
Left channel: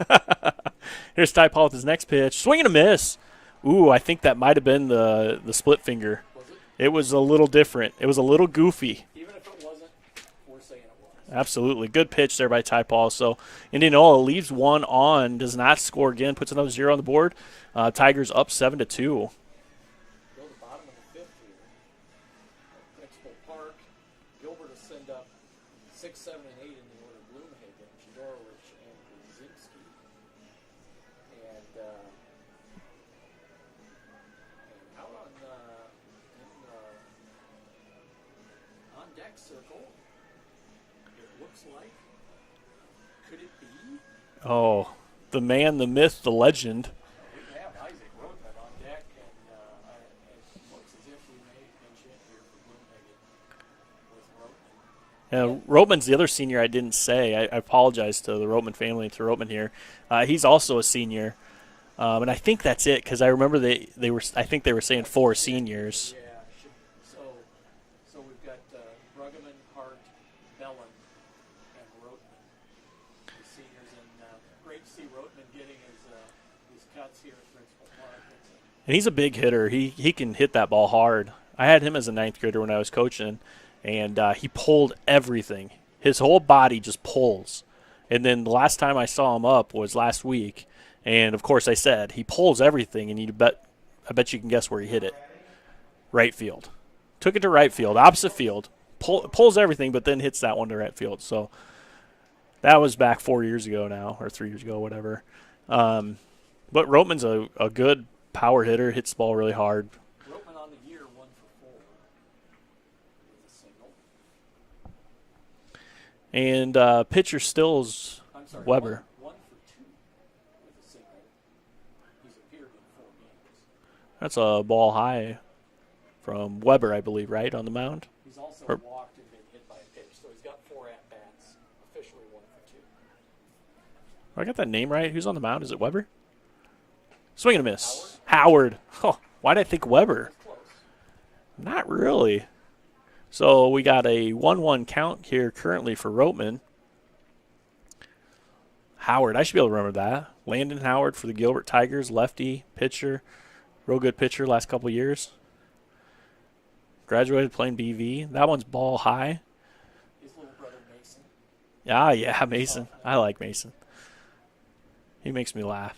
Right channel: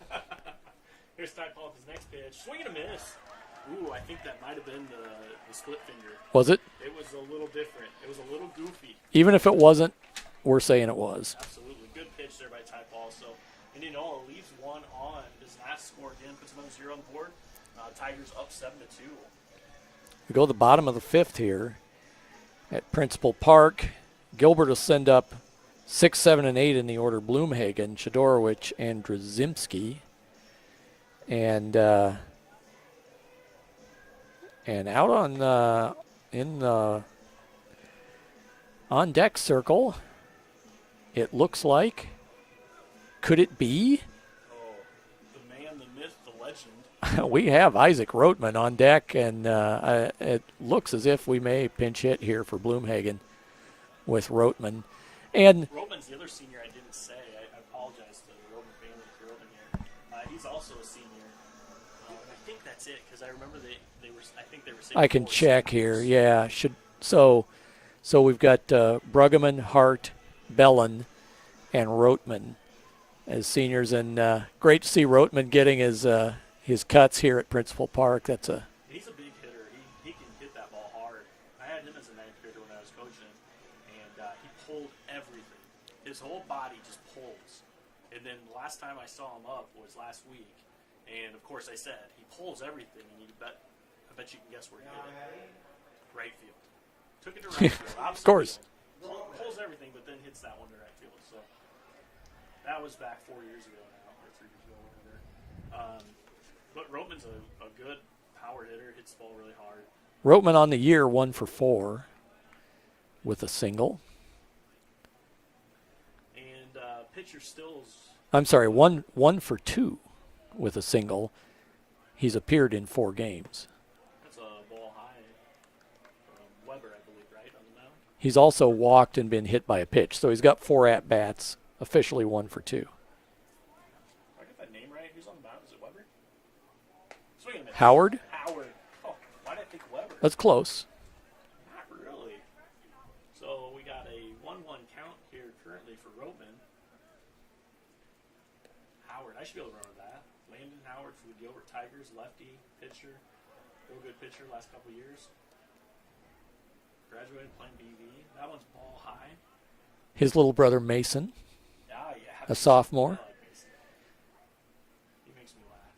Here's Ty Paul with his next pitch. Swing and a miss. Ooh, I think that might have been the split finger. Was it? It was a little different. It was a little goofy. Even if it wasn't, we're saying it was. Absolutely. Good pitch there by Ty Paul. So Indianola leaves 1 on, does not score again, puts another 0 on the board. Tigers up 7-2. We go to the bottom of the 5th here at Principal Park. Gilbert will send up 6, 7, and 8 in the order. Bloomhagen, Shadorowicz, and Drzymski. And out on deck circle, it looks like, could it be? Oh, the man, the myth, the legend. We have Isaac Roteman on deck, and it looks as if we may pinch hit here for Bloomhagen with Roteman. And Roteman's the other senior I didn't say. I apologize to the Roteman family and to Roteman here. He's also a senior. And I think that's it, because I remember they were saying 4 seniors. Here. Yeah. So we've got Bruggeman, Hart, Bellin, and Roteman as seniors, and great to see Roteman getting his cuts here at Principal Park. And he's a big hitter. He can hit that ball hard. I had him as a 9th grader when I was coaching, and he pulled everything. His whole body just pulls. And then the last time I saw him up was last week, and of course I said he pulls everything, and I bet you can guess where he hit it. Right field. Took it to right field, opposite field. Pulls everything, but then hits that one to right field. So that was back 4 years ago now, or 3 years ago, whatever. But Roteman's a good power hitter, hits the ball really hard. Roteman on the year 1 for 4 with a single. And pitcher Stills. I'm sorry, one for 2 with a single. He's appeared in 4 games. That's a ball high from Weber, I believe, right, on the mound? He's also walked and been hit by a pitch. So he's got 4 at-bats, officially 1 for 2. I got that name right? Who's on the mound? Is it Weber? Swing and a miss. Howard. Oh, why did I think Weber? That's close. Not really. So we got a 1-1 count here currently for Roteman. Howard, I should be able to remember that. Landon Howard for the Gilbert Tigers, lefty pitcher, real good pitcher last couple years. Graduated playing BV. That one's ball high. His little brother Mason. Yeah, Mason. Sophomore. I like Mason. He makes me laugh.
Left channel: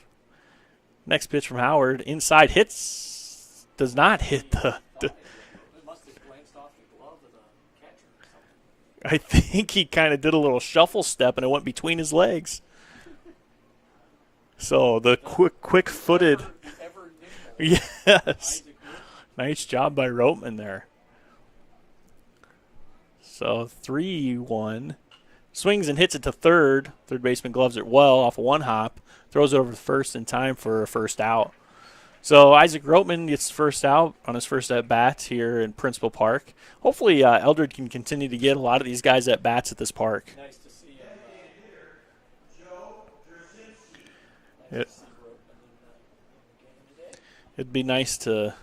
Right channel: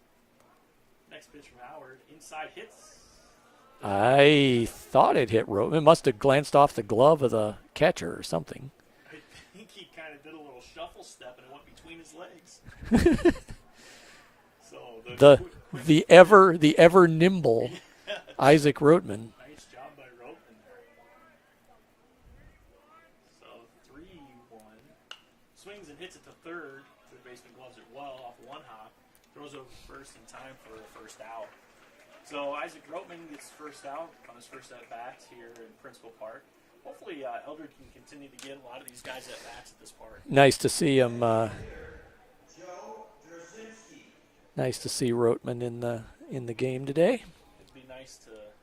Next pitch from Howard. Inside hits. Does not hit. I thought it hit Roteman. It must have glanced off the glove of the catcher or something. I think he kind of did a little shuffle step and it went between his legs. So the quick the ever nimble yes. Isaac Roteman. Nice job by Roteman there. So 3-1. Swings and hits it to third. Third baseman gloves it well off of one hop. Throws it over to first in time for a first out. So Isaac Roteman gets first out on his first at-bat here in Principal Park. Hopefully Eldred can continue to get a lot of these guys at-bats at this park. Nice to see him. Nice to see Roteman in the game today. It'd be nice to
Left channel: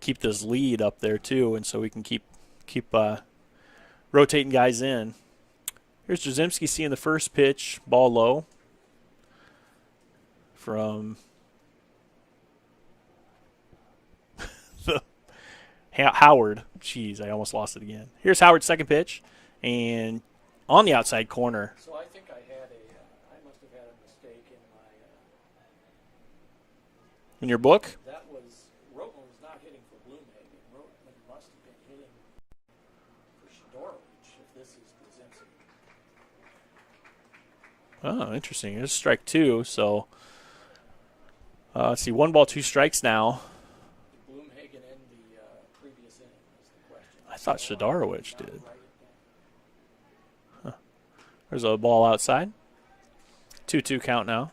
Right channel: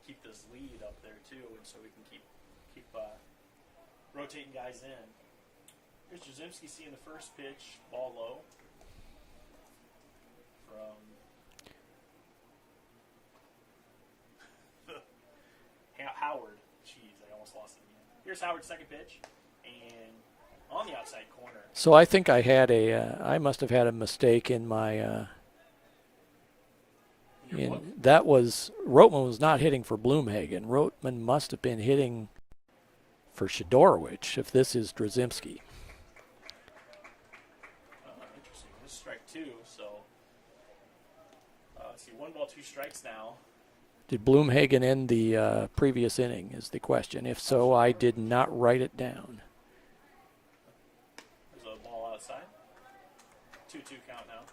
keep this lead up there too, and so we can keep rotating guys in. Here's Drzymski seeing the first pitch, ball low from Howard. Jeez, I almost lost it again. Here's Howard's second pitch, and on the outside corner. So I think I had I must have had a mistake in my. In your book? Roteman was not hitting for Bloomhagen. Roteman must have been hitting for Shadorowicz if this is Drzymski. Oh, interesting. It's strike two, so let's see, 1 ball, 2 strikes now. Did Bloomhagen end the previous inning is the question. If so, I did not write it down. Huh. There's a ball outside. 2-2 count now.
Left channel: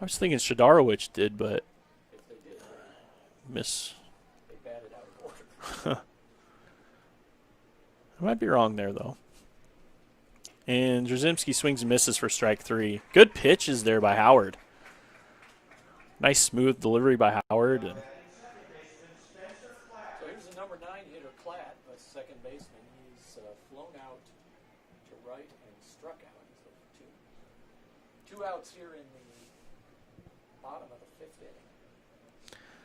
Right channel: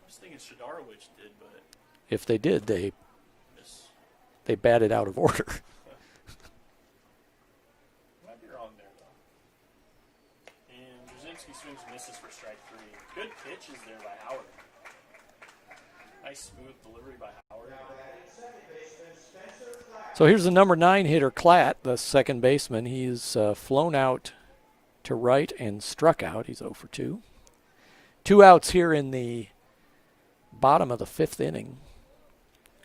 I was thinking Shadorowicz did, but if they did, they miss. They batted out of order. I might be wrong there, though. And Drzymski swings and misses for strike 3. Good pitches there by Howard. Nice smooth delivery by Howard. So here's the number 9 hitter, Klatt, the second baseman. He's flown out to right and struck out. He's 0 for 2. 2 outs here in the bottom of the 5th inning.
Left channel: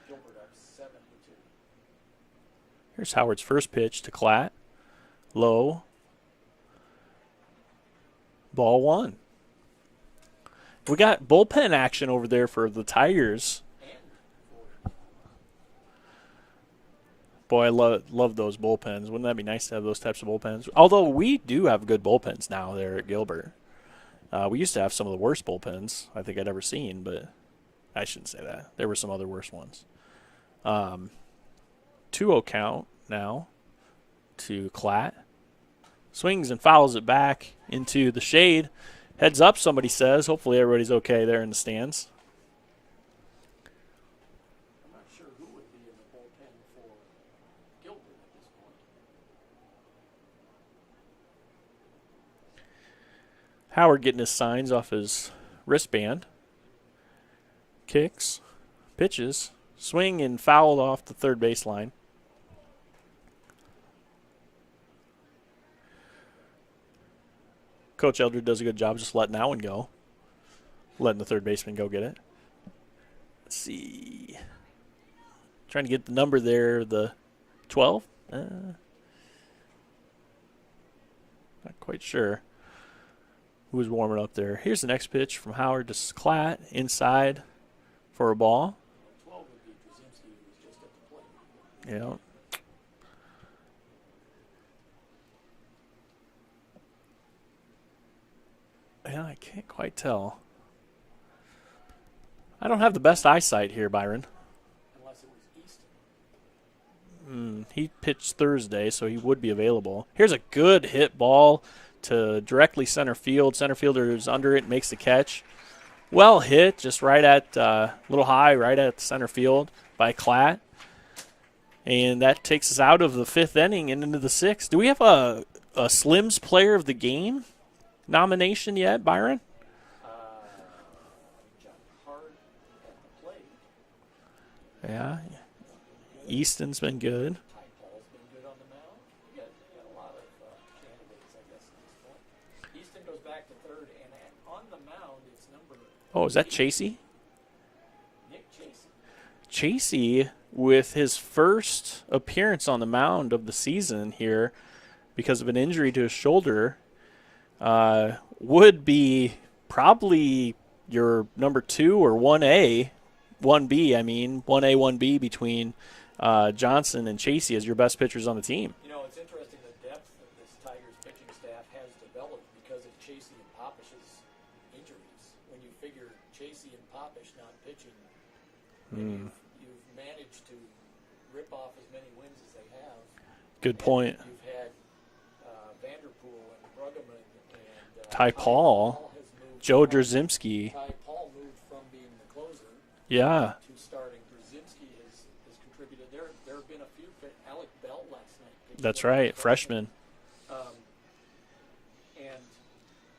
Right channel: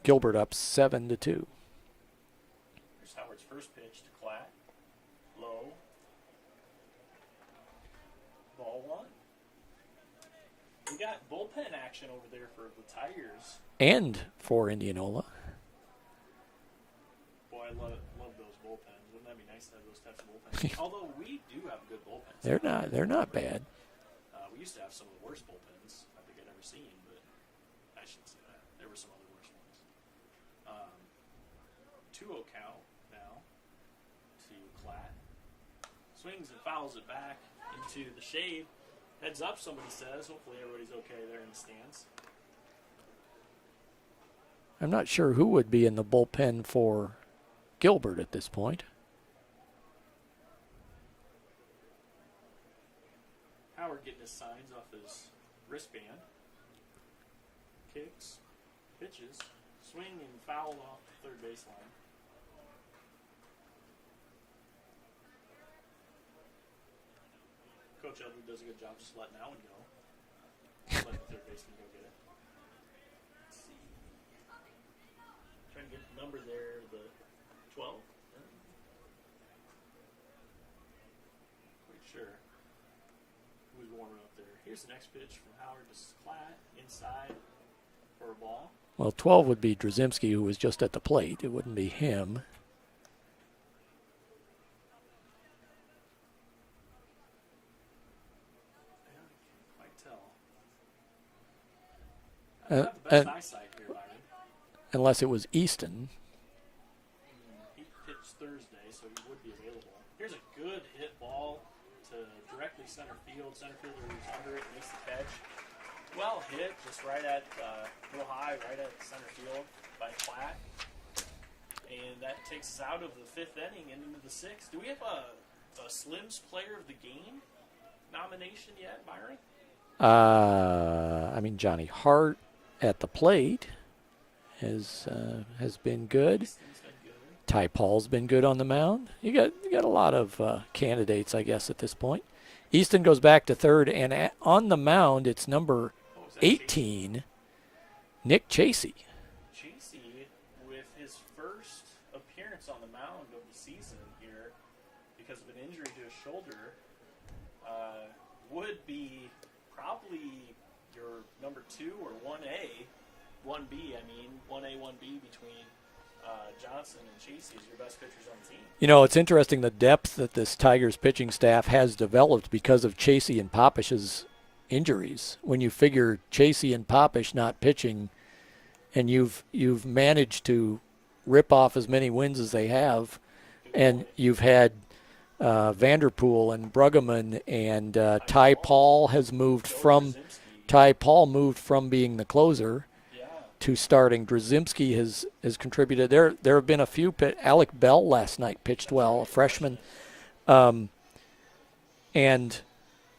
Gilbert up 7-2. Here's Howard's first pitch to Klatt. Low. Ball 1. We got bullpen action over there for the Tigers. And for Indianola. Boy, I love those bullpens. Wouldn't that be nice to have those types of bullpens? Although we do have good bullpens down there. They're not bad. We used to have some of the worst bullpens I think I'd ever seen, but I shouldn't say that. There were some other worse ones. 2-0 count now to Klatt. Swings and fouls it back into the shade. Heads up, somebody says. Hopefully everybody's okay there in the stands. I'm not sure who would be in the bullpen for Gilbert at this point. Howard getting his signs off his wristband. Kicks, pitches, swing and fouled off the third baseline. Coach Eldred does a good job just letting that one go. Letting the third baseman go get it. Let's see. Trying to get the number there, the 12? Not quite sure who was warming up there. Here's the next pitch from Howard to Klatt, inside for a ball. Well, 12 would be Drzymski, who was just at the plate. It wouldn't be him. Yeah, I can't quite tell. I don't have the best eyesight here, Byron. Unless it was Easton. He pitched Thursday, so he would be available. Here's a good hit ball to directly center field. Center fielder is under it, makes the catch. Well hit, just right at a little high, right at center field by Klatt. And that takes us out of the 5th inning and into the 6th. Do we have a Slims Player of the Game nomination yet, Byron? Johnny Hart at the plate. has been good. Easton's been good. Ty Paul's been good on the mound. You got a lot of candidates, I guess, at this point. Easton goes back to third, and on the mound, it's number is that 18, Chasey? Nick Chasey. Chasey, with his first appearance on the mound of the season here because of an injury to his shoulder, would be probably your number 2 or 1A, 1B, 1A, 1B between Johnson and Chasey as your best pitchers on the team. You know, it's interesting the depth that this Tigers pitching staff has developed because of Chasey and Popish's injuries. When you figure Chasey and Popish not pitching, and you've managed to rip off as many wins as they have. Good and point. You've had Vanderpool and Bruggeman and Ty Paul has moved Joe from Drzymski. Ty Paul moved from being the closer to starting. Drzymski has contributed. There have been a few. Alec Bell last night pitched That's well. right, freshman. And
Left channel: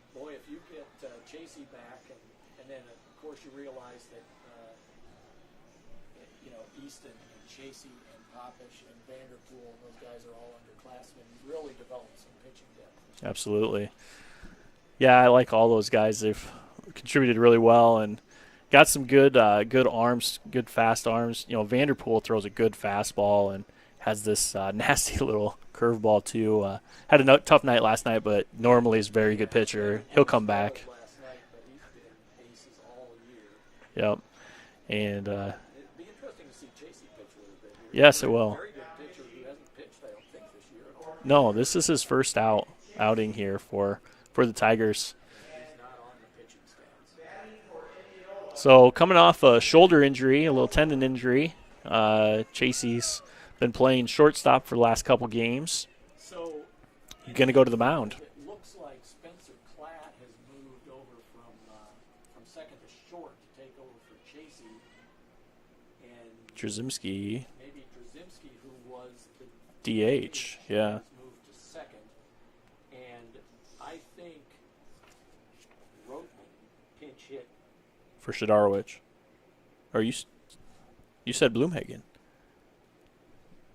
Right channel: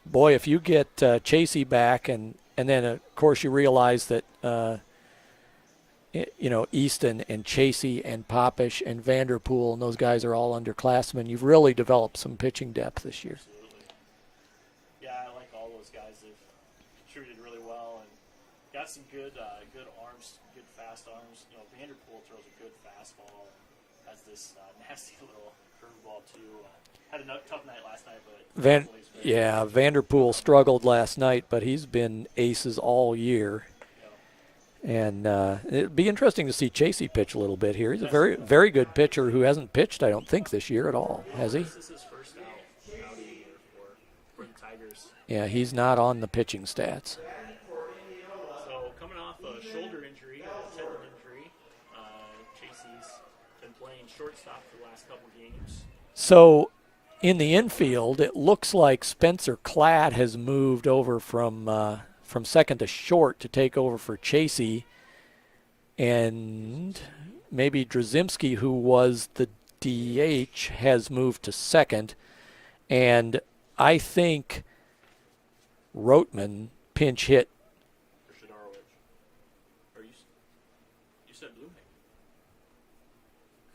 boy, if you get Chasey back, and then of course you realize that Easton and Chasey and Popish and Vanderpool and those guys are all underclassmen. You've really developed some pitching depth this year. Absolutely. Yeah, I like all those guys. They've contributed really well and got some good arms, good fast arms. Vanderpool throws a good fastball and has this nasty little curveball too. Had a tough night last night, but normally is very good pitcher. Vanderpool struggled last night, but he's been aces all year. Yep. And it'd be interesting to see Chasey pitch a little bit here. Yes, He's it will. very good pitcher who hasn't pitched, I don't think, this year at all. No, this is his first outing here for the Tigers. Yeah, he's not on the pitching stats. So coming off a shoulder injury, a little tendon injury, Chasey's been playing shortstop for the last couple games. So in the Go to infield, it looks like Spencer Klatt has moved over from second to short to take over for Chasey, and maybe Drzymski, who was the DH, has moved to second, and I think Rotman pinch hit for Shidarowicz. Or you said Bloomhagen.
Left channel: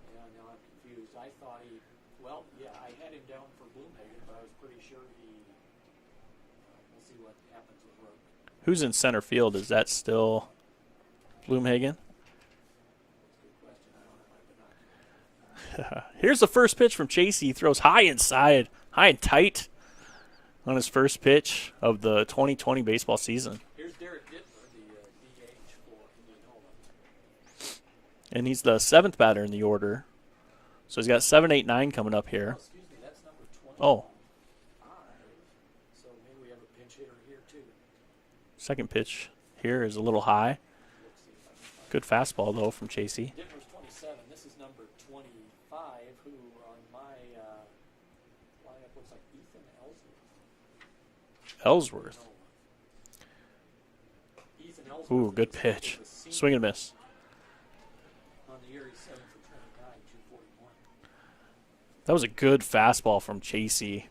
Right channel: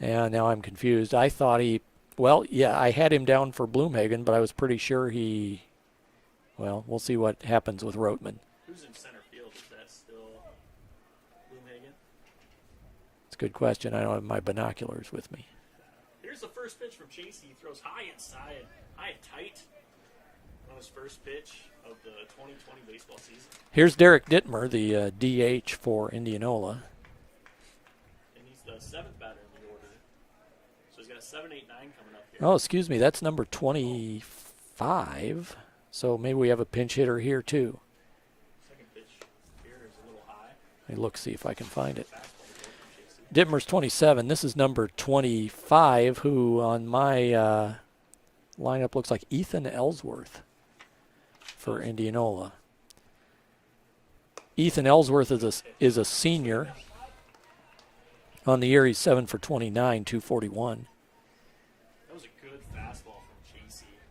Yeah, now I'm confused. I thought I had him down for Bloomhagen, but I was pretty sure we'll see what happens with Rotman. Who's in center field? Is that still Bloomhagen? It's a good question. I don't have my binoculars with me. Here's the first pitch from Chasey. He throws high inside, high and tight on his first pitch of the 2020 baseball season. Here's Derek Dittmer, the DH for Indianola. And he's the 7th batter in the order. So he's got 7, 8, 9 coming up here. Oh, excuse me. That's number 25. So maybe we have a pinch hitter here, too. Second pitch here is a little high. Let me look, see if I can find Good it. Good fastball, though, from Chasey. Dittmer's 27. This is number 25, who on my lineup looks like Ethan Ellsworth for Indianola. Ethan Ellsworth is a senior. Swing and miss. On the year, he's 7 for 29, 241. That was a good fastball from Chasey.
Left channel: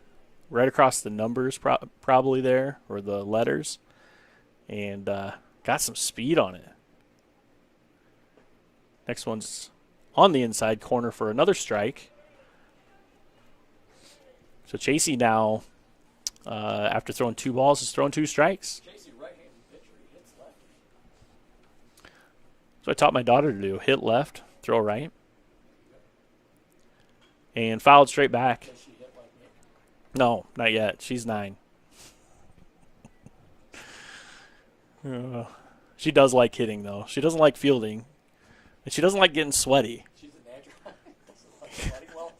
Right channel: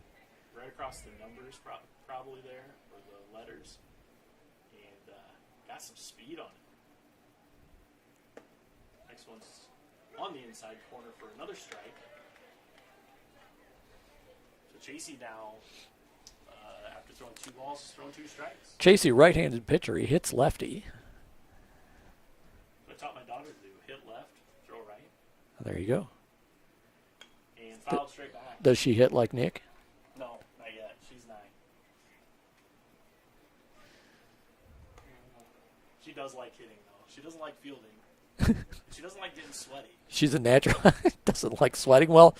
Right across the numbers probably there, or the letters. And got some speed on it. Next one's on the inside corner for another strike. So Chasey now, after throwing 2 balls, is throwing 2 strikes. Chasey, right-handed pitcher. He hits lefty. So I taught my daughter to do. Hit left, throw right. There you go. And fouled straight back. Does she hit like Nick? No, not yet. She's 9. She does like hitting, though. She doesn't like fielding. And she doesn't like getting sweaty. She's a natural. Doesn't like sweating. Well,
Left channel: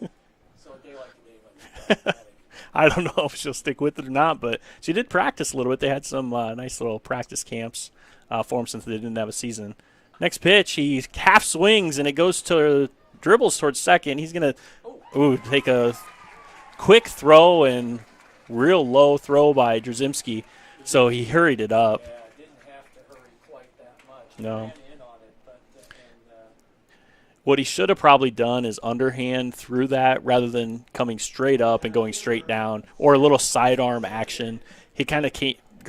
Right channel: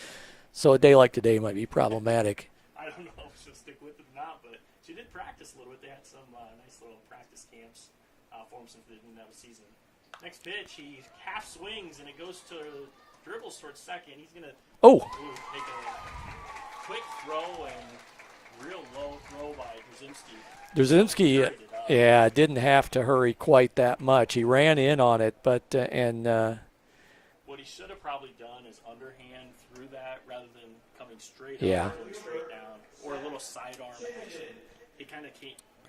so a day like today might be problematic. I don't know if she'll stick with it or not, but she did practice a little bit. They had some nice little practice camps for them since they didn't have a season. Next pitch, he half swings, and it goes to dribbles towards second. He's going to take a quick throw and real low throw by Drzymski. So he hurried it up. Yeah, didn't have to hurry quite that much. He ran in on it, but what he should have probably done is underhand through that rather than coming straight up and going straight down, or a little sidearm action. He kind of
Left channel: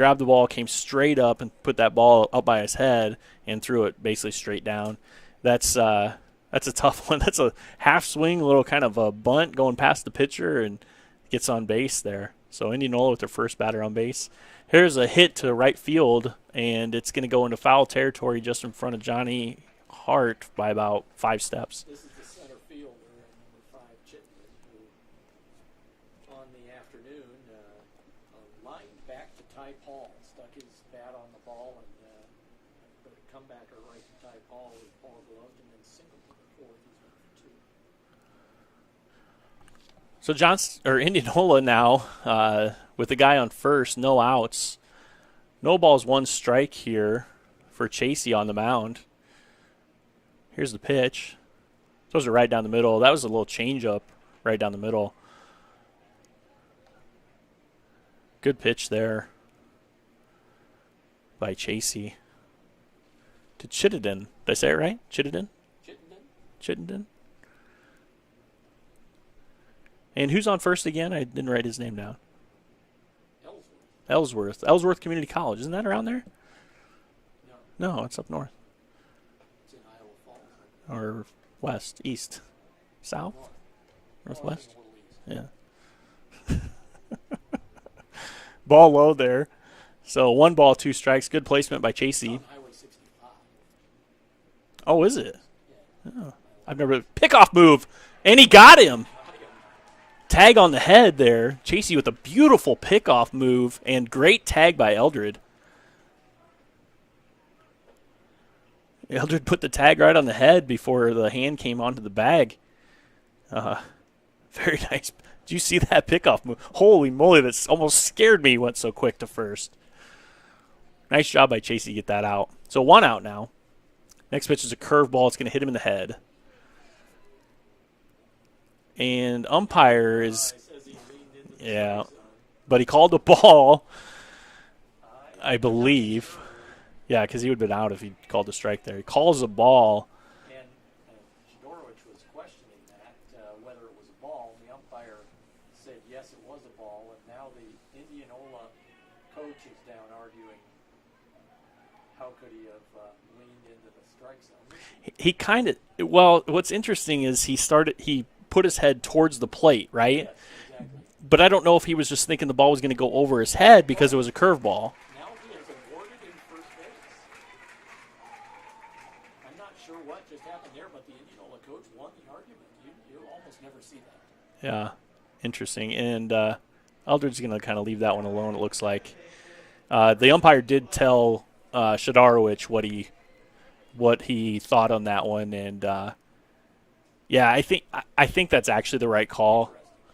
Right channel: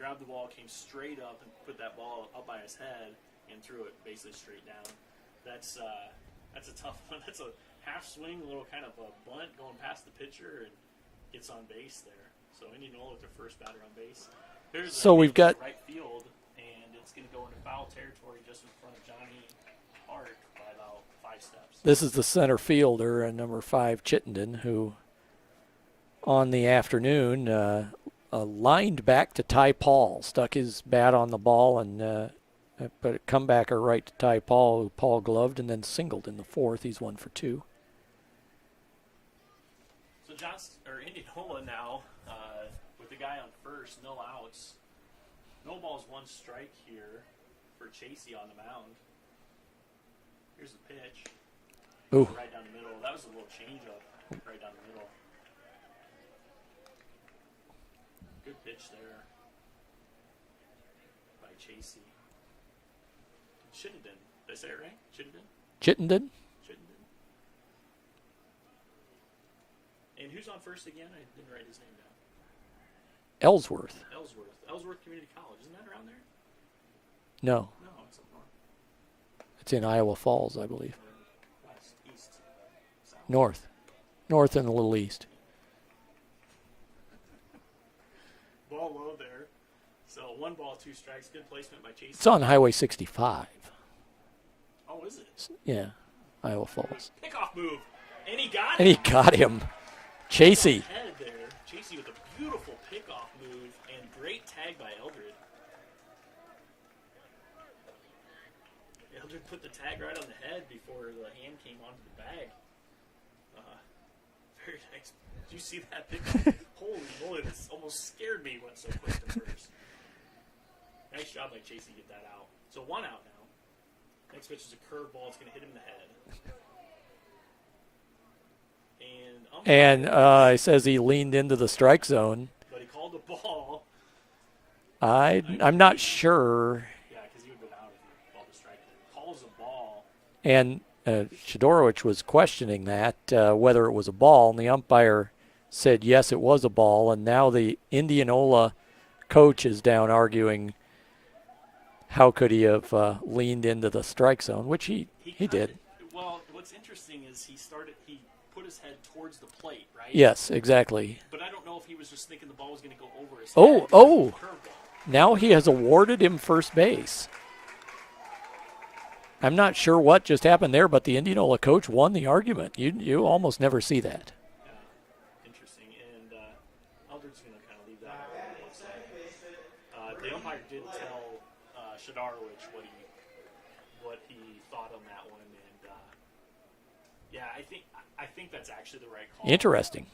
grabbed the ball, came straight up, and put that ball up by his head and threw it basically straight down. That's a tough one. That's a half swing, little kind of a bunt going past the pitcher and gets on base there. So Indianola with their first batter on base. Here's a hit to right field, and it's going to go into foul territory just in front of Johnny Hart by about 5 steps. This is the center fielder, number 5, Chittenden, who on the afternoon lined back to Ty Paul, stuck his bat on the ball and put a comebacker right to Ty Paul, who Paul gloved and then singled in the 4th. He's 1 for 2. So Indianola now with the guy on first, no outs. No balls, 1 strike here for Chasey on the mound. Here's the pitch. Those are right down the middle. That was a little changeup right down the middle. Good pitch there by Chasey. To Chittenden. Did I say it right? Chittenden? Chittenden. And who's on first again? I didn't write his name down. Ellsworth. Ellsworth Community College. Isn't that around there? No, it's up north. it's in Iowa Falls, I believe. Or west, east, south? North and a little east. Yeah. Ball low there. So 1 ball, 2 strikes. Good placement by Chasey. It's on Highway 65. Oh, is it? Yeah. Oh. Iowa I've Falls. never pickoff move, and he got him. Tag Chasey. on the head there. Chasey with a beautiful pickoff move and great tag by Eldred. Eldred put the tag right on the head before the hand came onto the bag. Very nice. Did you see that pickoff move? Holy moly, that almost scared me. He went so quick to first. Nice job by Chasey to get that out. So 1 out now. Next pitch is a curveball. It's going to hit him in the head. And umpire he says he leaned into the strike zone. But he called the ball. I'm not sure. Yeah, because he would have been out if he called the strike there. He calls the ball. And Shadorowicz was questioning that, whether it was a ball, and the umpire said yes, it was a ball. And now the Indianola coach is down arguing how could he have leaned into the strike zone, which he kind of – well, what's interesting is he put his head towards the plate, right? Yes, exactly. But I don't know if he was just thinking the ball was going to go over his head because it was a curveball. Now he has awarded him first base. I'm not sure what just happened there, but the Indianola coach won the argument. You almost never see that. Yeah, interesting. And Eldred's going to kind of leave that one alone, it looks like. The umpire did tell Shadorowicz what he thought on that one, and yeah, I think that's actually the right call. Interesting.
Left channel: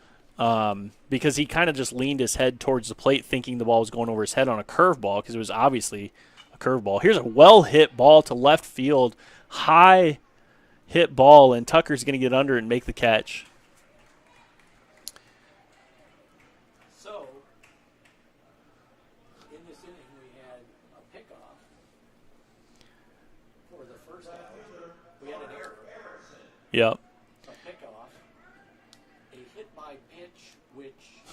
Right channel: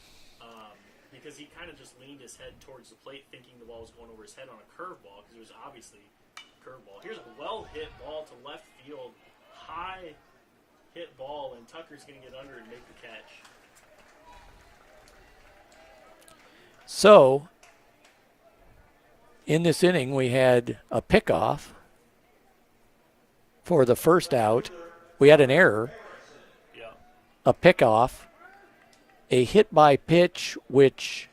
Because he kind of just leaned his head towards the plate thinking the ball was going over his head on a curveball because it was obviously a curveball. Here's a well-hit ball to left field. High hit ball, and Tucker's going to get under and make the catch. So, in this inning, we had a pickoff for the first out. We had an error. Yep. A pickoff, a hit by pitch, which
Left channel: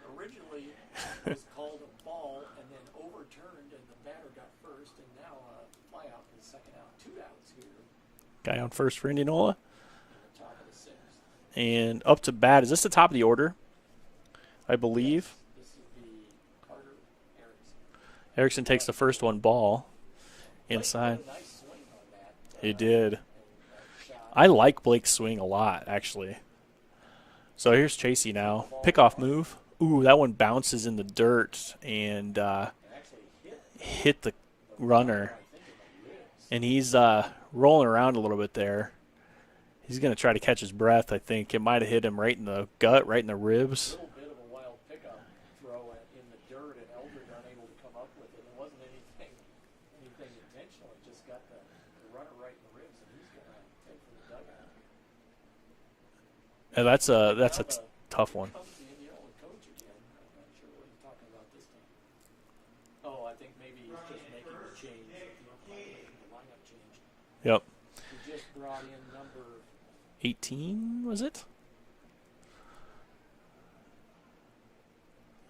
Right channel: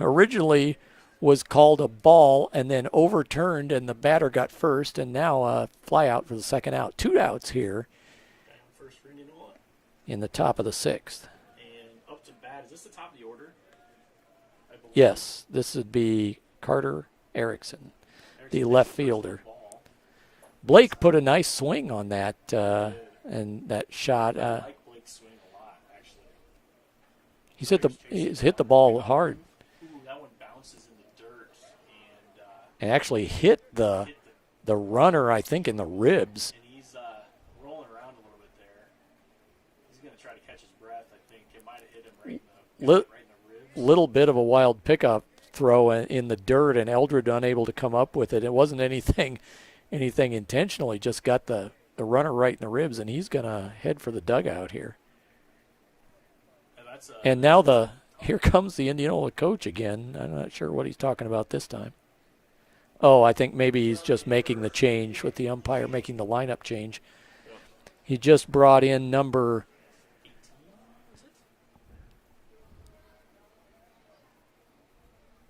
originally was called a ball and then overturned, and the batter got first, and now a fly out for the second out. 2 outs here. Guy on first for Indianola. In the top of the 6th. And up to bat. Is this the top of the order? I believe. Yes, this would be Carter Erickson. Erickson takes the first one ball. Blake put a nice swing on that. He did. And that shot. I like Blake's swing a lot, actually. So here's Chasey now. Hit the ball Pickoff hard. Move. Ooh, that one bounces in the dirt and actually hit the runner, I think, in the ribs. And he's rolling around a little bit there. He's going to try to catch his breath, I think. It might have hit him right in the gut, right in the ribs. Little bit of a wild pickup throw in the dirt, and Eldred unable to come up with it. It wasn't anything intentional. He just got the runner right in the ribs, and he's going to head for the dugout here. And here comes the Indianola coach again. I'm not sure what he's talking about this time. Oh, I think maybe he's just making the change with the umpire, making the lineup change. Yep. He just brought in number 18, was it?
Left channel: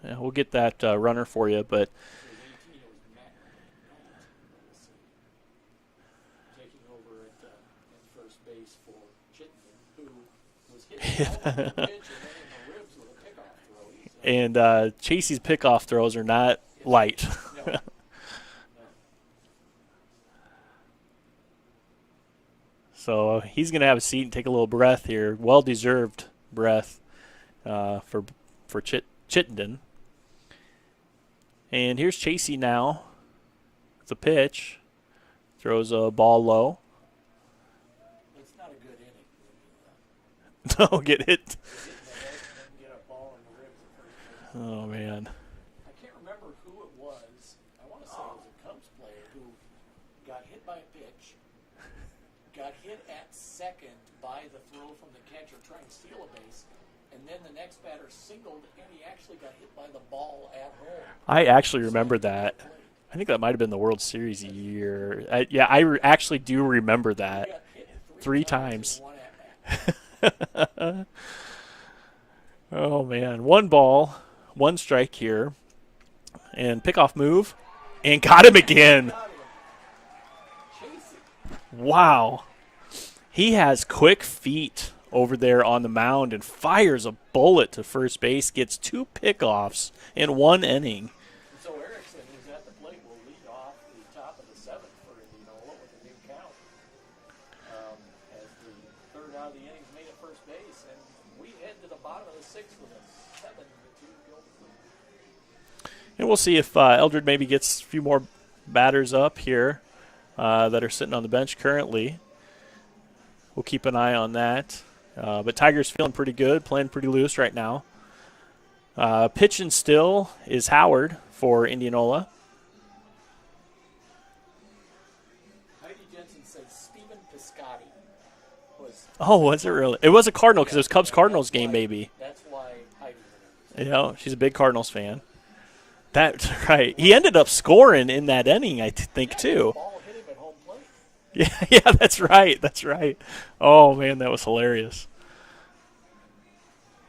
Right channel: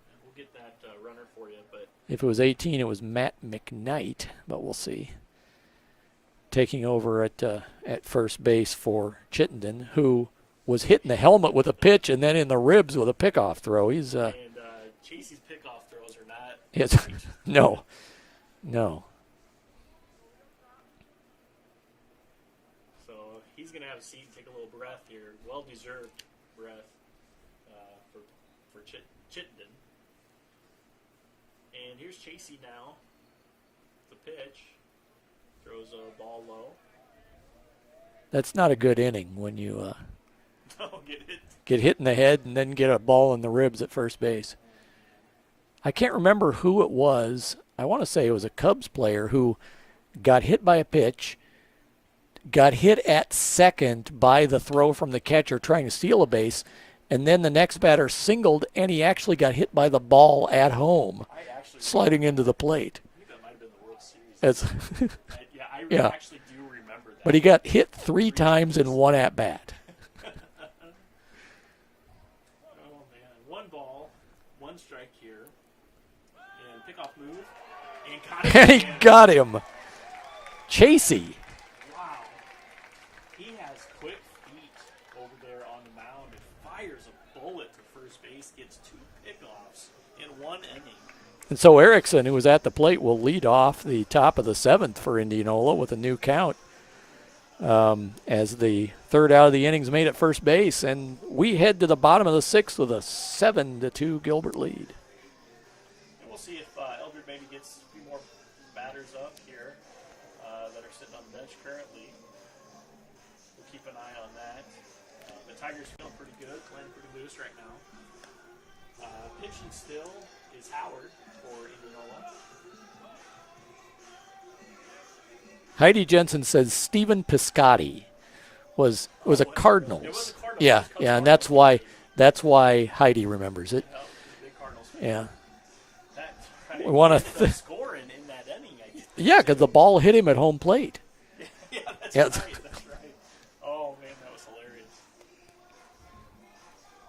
Yeah, we'll get that runner for you, but If it was 18, it was Matt McKnight, but we'll see. Taking over at first base for Chittenden, who was hitting the helmet with a pitch and then in the ribs with a pickoff throw. He's and Chasey's pickoff throws are not light. No, no. So he's going to have a seat and take a little breath here. Well-deserved breath for Chittenden. And here's Chasey now. The pitch. Throws a ball low. That's not a good inning when you Get hit. get hit in the head and then get a ball in the ribs at first base. Oh, man. I can't remember who it was. I want to say it was a Cubs player who got hit by a pitch, got hit at second by the throw from the catcher trying to steal a base, and then the next batter singled, and he actually got hit by the ball at home. I actually remember sliding that. into the plate. I think that might have been the World Series That's- year. I actually do remember that. But he got hit three times in times. one at-bat. Oh, man. 1 ball, 1 strike here. And pickoff move. And got him again. He got him. Chasey. Wow. He has quick feet over there on the mound and fires a bullet to first base, gets 2 pickoffs in 1 inning. And so Erickson, who was at the plate, will lead off the top of the 7th for Indianola with a new count as the third out of the innings made at first base. And we head to the bottom of the 6th with a 7-2 Gilbert lead. And we'll see if Eldred maybe gets a few more batters up here that are sitting on the bench currently. We'll keep an eye on that. But Tiger's feeling pretty good, playing pretty loose right now. Pitching still is Howard for Indianola. Heidi Jensen says Stephen Piscotti was a was it Cardinal. really? It was a Cardinals. Yeah, It was Cubs yeah, Cardinals that's game, why, maybe. That's why Heidi remembers it. Yeah, she's a big Cardinals fan. Yeah. That's right. One He of ended up scoring in that inning, I think, Yeah, too. because the ball hit him at home plate. Yeah, that's right. That's right. Oh, man, that was hilarious.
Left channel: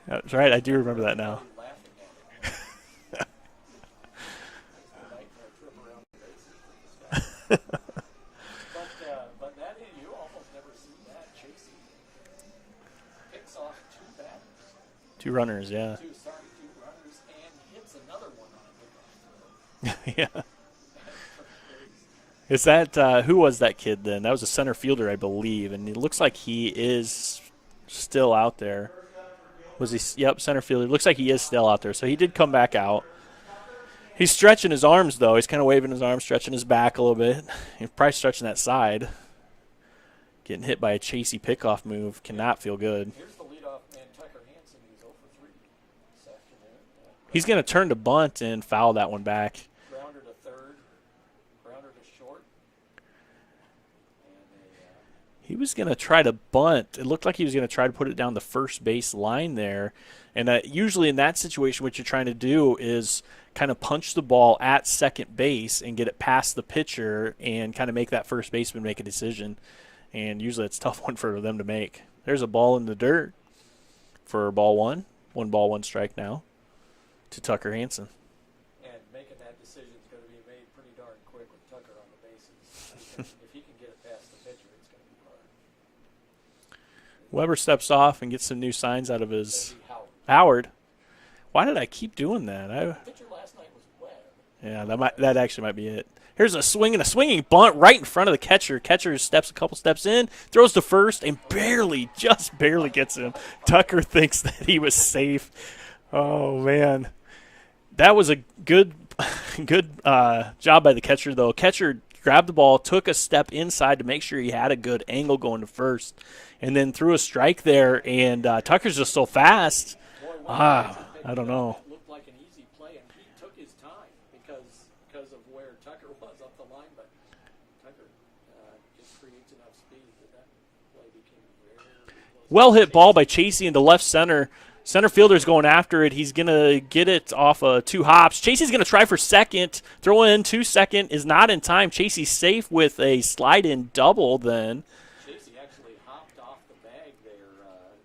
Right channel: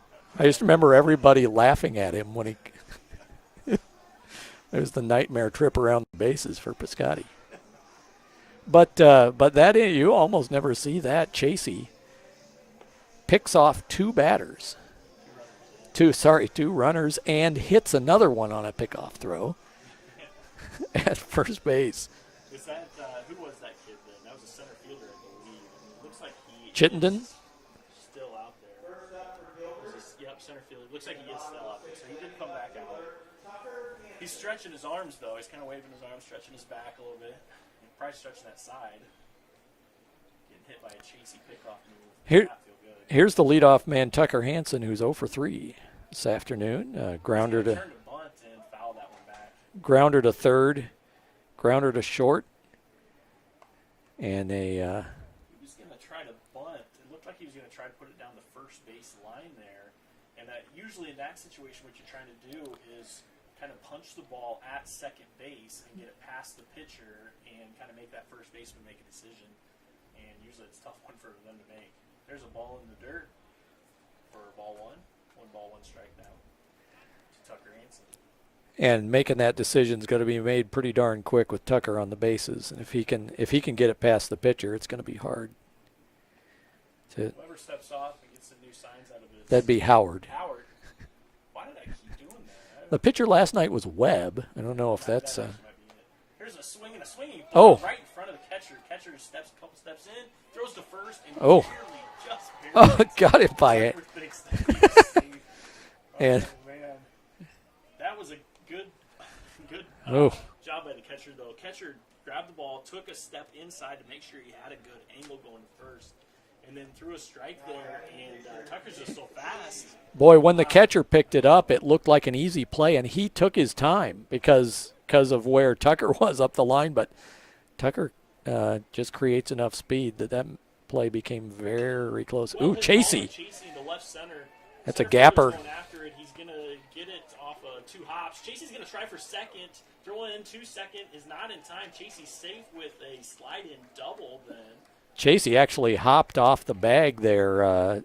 That's right. I just remember that everybody now. laughing at him when he. It was the nightmare trip around the bases for Piscotti. but that you almost never see that. Chasey picks off 2 batters. 2 runners, yeah. 2 runners and hits another one on a pickoff throw Yeah. at first base. Is that who was that kid then? That was a center fielder, I believe, and it looks like he Chittenden? is still out there. Was he? Yep, center fielder. Looks like he is still out there. So he did come back out. He's stretching his arms though. He's kind of waving his arms, stretching his back a little bit. He's probably stretching that side. Getting hit by a Chasey pickoff move cannot feel good. Here's the leadoff man, Tucker Hansen, who's 0 for 3 this afternoon. He's going to turn to bunt and foul that one back. Grounder to third, grounder to short, and a He was going to try to bunt. It looked like he was going to try to put it down the first base line there. And usually in that situation, what you're trying to do is kind of punch the ball at second base and get it past the pitcher and kind of make that first baseman make a decision. And usually it's a tough one for them to make. There's a ball in the dirt for ball 1. 1 ball, 1 strike now to Tucker Hansen. And making that decision is going to be made pretty darn quick with Tucker on the bases. And if he can get it past the pitcher, it's going to be hard. Weber steps off and gets some new signs out of his. That'd be Howard. Howard. Why did I keep doing that? The pitcher last night was Webb. I don't know if that actually might be it. Here's a swinging bunt right in front of the catcher. Catcher steps a couple steps in, throws to first, and just barely gets got it by Tucker it. thinks that he was safe. Oh, man. That was a good job by the catcher, though. Catcher grabbed the ball, took a step inside to make sure he had a good angle going to first, and then threw a strike there, and Tucker's just so fast. Boy, when the catcher picked I it don't up, know. it looked like an easy play, and he took his time because of where Tucker was up the line. But Tucker just creates enough speed that play became very close. Well hit ball Chasey. by Chasey into left center. That's Center a fielder's gapper. going after it. He's going to get it off 2 hops. Chasey's going to try for second. Throw in to second is not in time. Chasey's safe with a slide-in double then. Chasey actually hopped off the bag there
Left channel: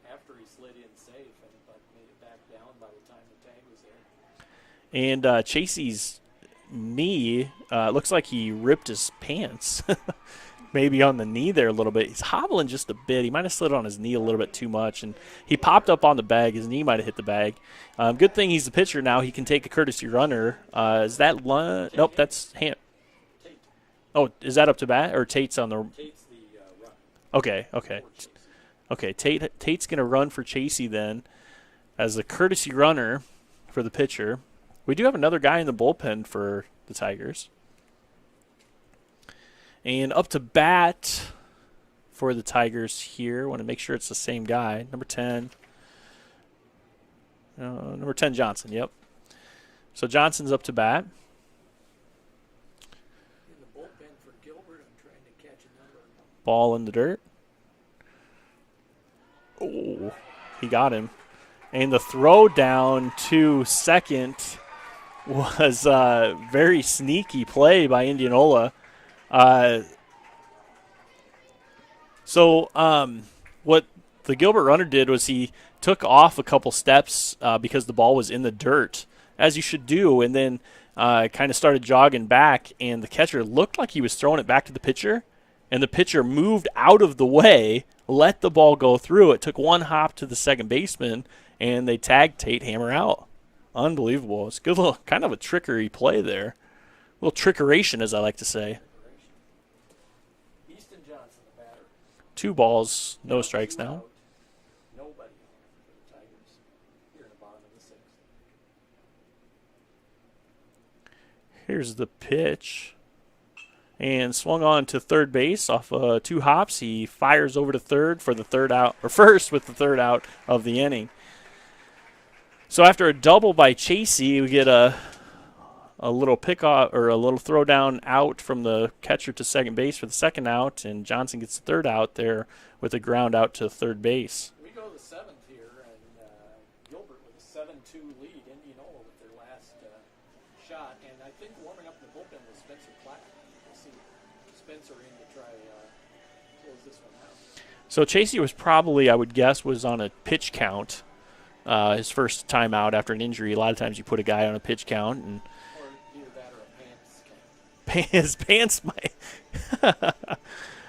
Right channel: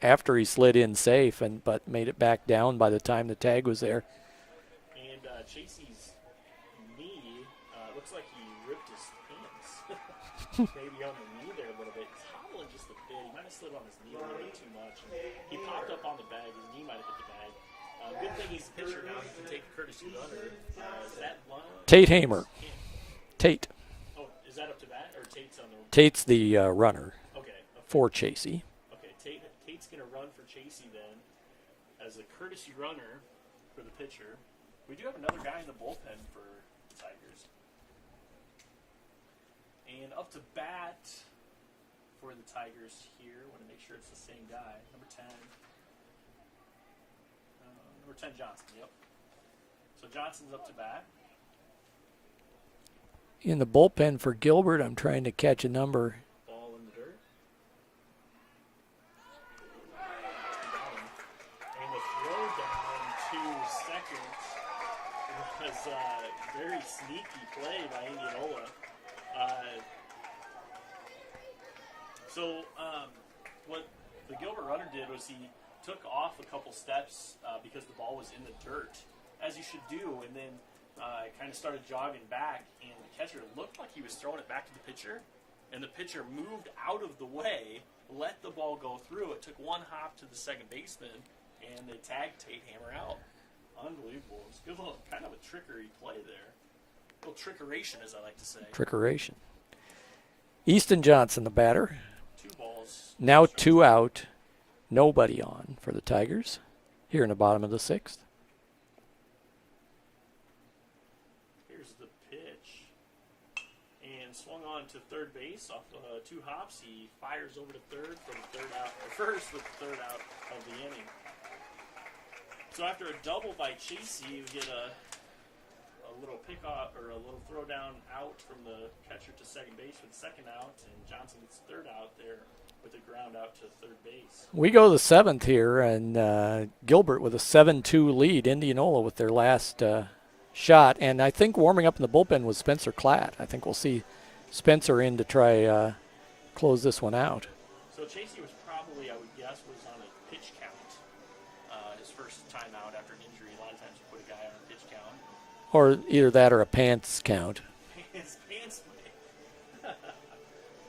after he slid in safe, but made it back down by the time the tag was there. And Chasey's knee, looks like he ripped his pants. Maybe on the knee there a little bit. He's hobbling just a bit. He might have slid on his knee a little bit too much, and he popped up on the bag. His knee might have hit the bag. Good thing he's the pitcher now. He can take a courtesy runner. Is that Tate nope, Hamer. Tate. Oh, is that up to bat, or Tate's on the? Tate's the runner. Okay. For Chasey. Okay, Tate's going to run for Chasey then as a courtesy runner for the pitcher. We do have another guy in the bullpen for the Tigers. And up to bat for the Tigers here. Want to make sure it's the same guy. Number 10. Number 10, Johnson, yep. So Johnson's up to bat. In the bullpen for Gilbert, I'm trying to catch a number. Ball in the dirt. Oh, he got him. And the throw down to second was a very sneaky play by Indianola. What the Gilbert runner did was he took off a couple steps because the ball was in the dirt, as you should do, and then kind of started jogging back, and the catcher looked like he was throwing it back to the pitcher, and the pitcher moved out of the way, let the ball go through. It took one hop to the second baseman, and they tagged Tate Hamer out. Unbelievable. It's a good little kind of a trickery play there. A little trickeration, as I like to say. Trickeration. Easton Johnson, the batter. 2 balls. Now no strikes 2 now. out. Nobody on for the Tigers here in the bottom of the 6th. Here's the pitch. And swung on to third base off 2 hops. He fires over to third for the third out, or first with the third out of the inning. So after a double by Chasey, we get a little pickoff or a little throw down out from the catcher to second base for the second out, and Johnson gets the third out there with a ground out to third base. We go to the 7th here, and Gilbert with a 7-2 lead. Indianola with their last shot, and I think warming up in the bullpen was Spencer Klatt. I think we'll see Spencer in to try close this one out. So Chasey was probably, I would guess, was on a pitch count. His first time out after an injury. A lot of times you put a guy on a pitch count, and or either that or a pants count. His pants might.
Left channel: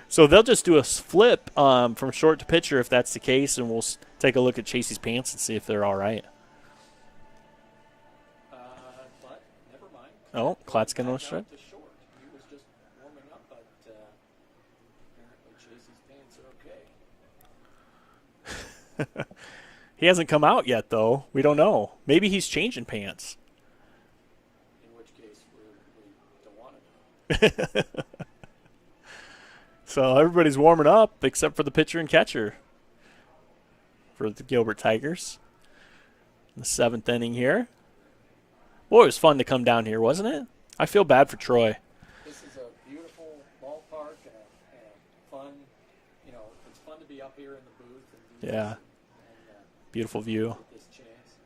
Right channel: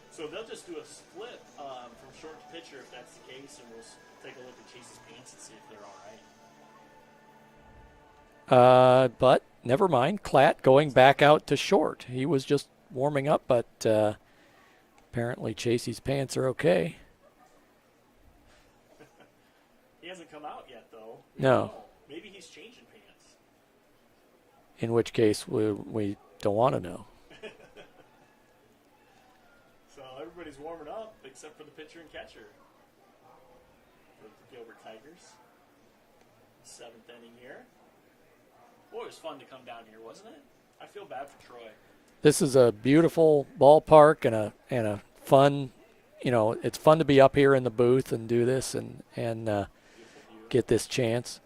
So they'll just do a flip from short to pitcher if that's the case, and we'll take a look at Chasey's pants and see if they're all right. But never mind. Klatt going Klatt's back gonna out to short. He was just warming up, but apparently Chasey's pants are okay. He hasn't come out yet, though. We don't No. know. Maybe he's changing pants. In which case, we don't want to know. So everybody's warming up except for the pitcher and catcher for the Gilbert Tigers. The 7th inning here. Boy, it was fun to come down here, wasn't it? I feel bad for Troy. This is a beautiful ballpark and a fun, it's fun to be up here in the booth and do this and Beautiful view. get this chance.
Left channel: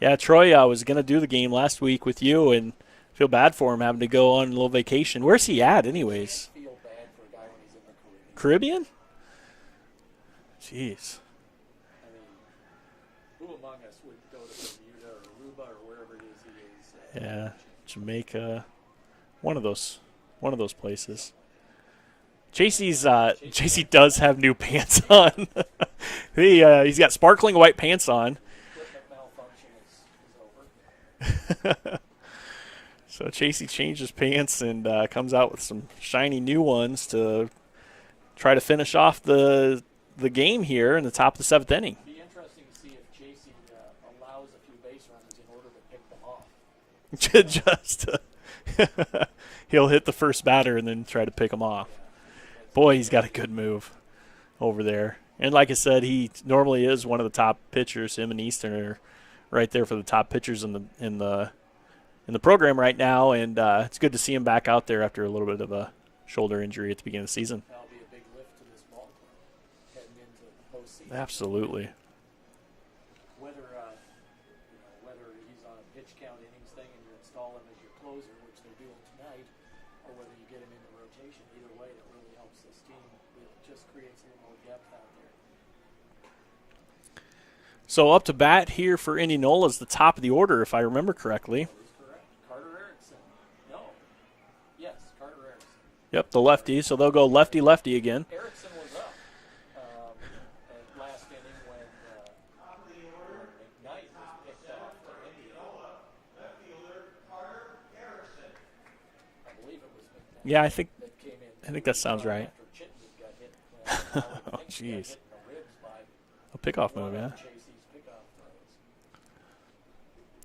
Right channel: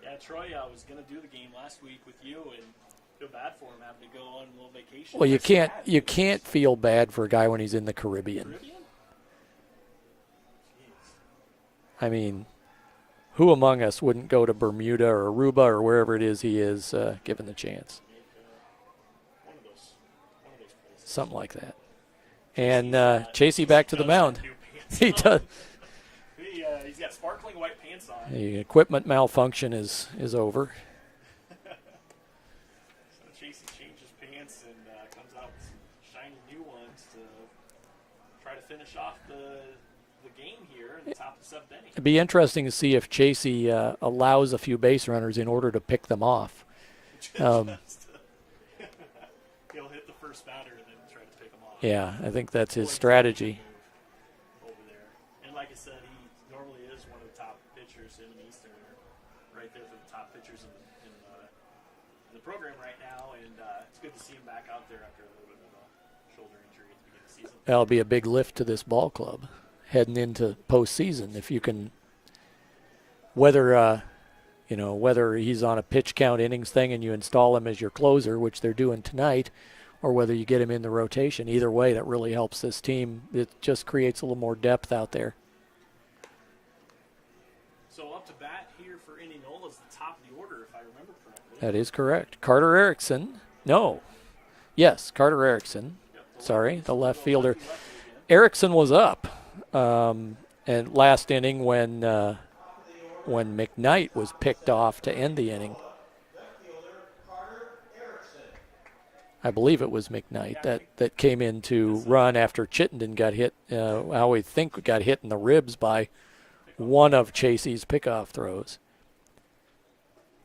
Yeah, Troy was going to do the game last week with you, and feel bad for him having to go on a little vacation. Well, Where's he at anyways? You can't feel bad for a guy when he's in the Caribbean. Caribbean? Jeez. I mean, who among us wouldn't go to Bermuda or Aruba or wherever it is he is given a chance? Jamaica, one of those places. Something like that. Chasey back to the does mound. have new pants He on. He's got sparkling white pants on. The equipment malfunction is over. So Chasey changes pants and comes out with some shiny new ones to try to finish off the game here in the top of the 7th inning. It'd be interesting to see if Chasey allows a few base runners in order to pick them off. He'll hit the first batter and then try to pick him off. Yeah, I think that's Boy, his strategy. he's got a good move over there. And like I said, he normally is one of the top pitchers. Him and Easton are right there for the top pitchers in the program right now, and it's good to see him back out there after a little bit of a shoulder injury at the beginning of the season. That'll be a big lift to this ball club heading into postseason. Absolutely. If you can, whether he's on a pitch count innings thing and you install him as your closer, which they're doing tonight, or whether you get him in the rotation. Either way, that really helps this team. It just creates a little more depth out there. So up to bat here for Indianola is the top of the order, if I remember correctly. That is correct. Carter Erickson. No. Yes, Carter Erickson. Yep, the Sorry, lefty. the So they'll go left fielder. lefty-lefty again. Erickson was up, and last inning when McKnight was picked off to end the inning. I believe it was McKnight Yeah, I think that came in to that sounds run right. after Chittenden got hit. I would think got hit in the ribs by Pickoff one run, of Chasey's pickoff throws.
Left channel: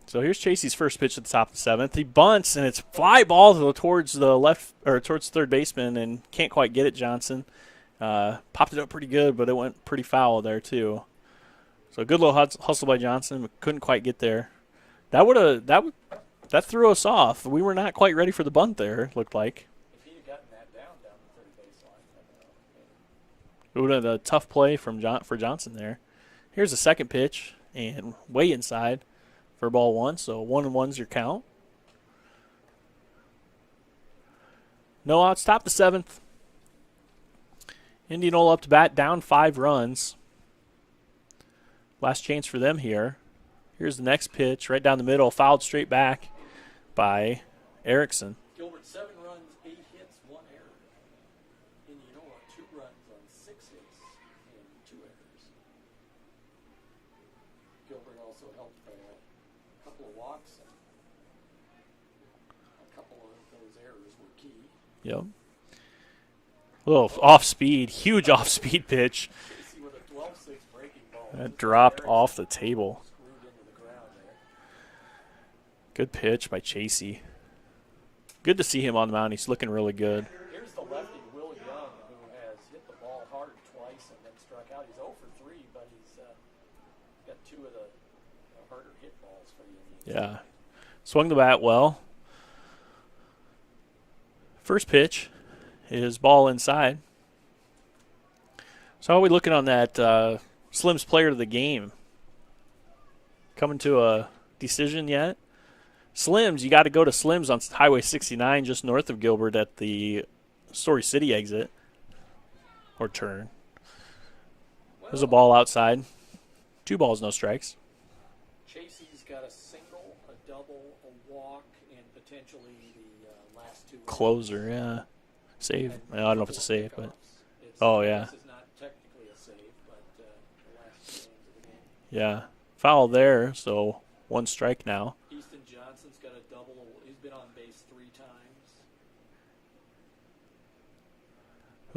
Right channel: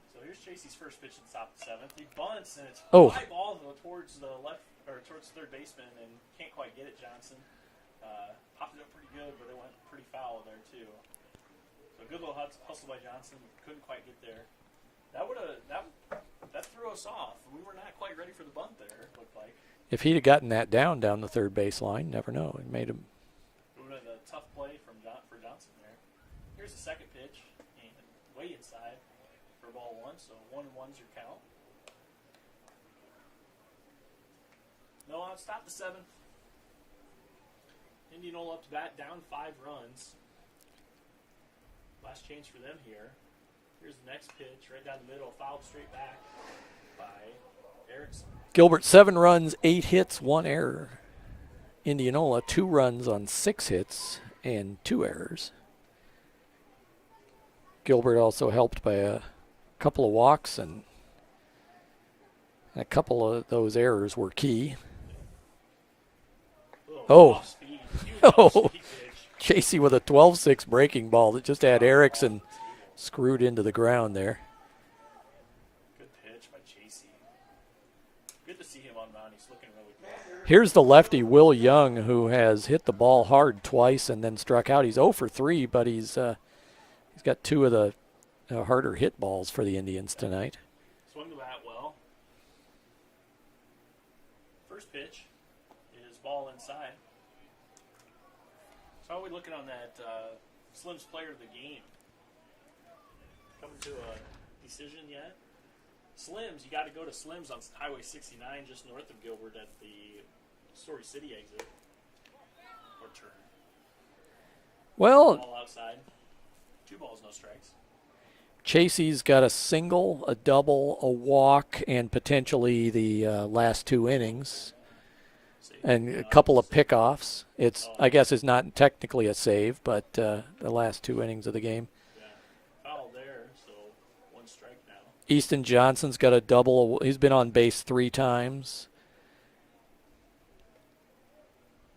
So here's Chasey's first pitch at the top of the seventh. He bunts, and it's fly ball towards the left or towards third baseman, and can't quite get it. Johnson popped it up pretty good, but it went pretty foul there too. So a good little hustle by Johnson, but couldn't quite get there. That threw us off. We were not quite ready for the bunt there. It looked like If he'd have gotten that down the third base line, never know. It made him. it would have been a tough play for Johnson there. Here's the second pitch, and way inside for ball one. So 1-1's your count. No outs, top the seventh. Indianola up to bat, down 5 runs. Last chance for them here. Here's the next pitch, right down the middle, fouled straight back by Erickson. Gilbert, 7 runs, 8 hits, 1 error. Indianola, 2 runs on 6 hits and 2 errors. Gilbert also helped by a couple of walks, and a couple of those errors were key. Yep. A little off-speed, huge off-speed pitch. Chasey with a 12-6 breaking ball that just had dropped Erickson off the table. screwed into the ground there. Good pitch by Chasey. Good to see him on the mound. He's looking really good. Here's the lefty, Will Young, who has hit the ball hard twice and then struck out. He's 0 for 3, but he's got 2 of the harder hit balls for the Indians tonight. Swung the bat well. First pitch is ball inside. So how are we looking on that Slim's player of the game? Coming to a decision yet? Slim's, you got to go to Slim's on Highway 69 just north of Gilbert at the Story City exit. Or turn. There's a ball outside. 2 balls, no strikes. Chasey's got a single, a double, a walk, and potentially the last 2 innings. Closer, yeah. Save. And No, a couple of save. pickoffs. I guess it's not technically a save, but the last 2 innings of the game. Yeah. Foul there, so 1 strike now. Easton Johnson's got a double. He's been on base 3 times.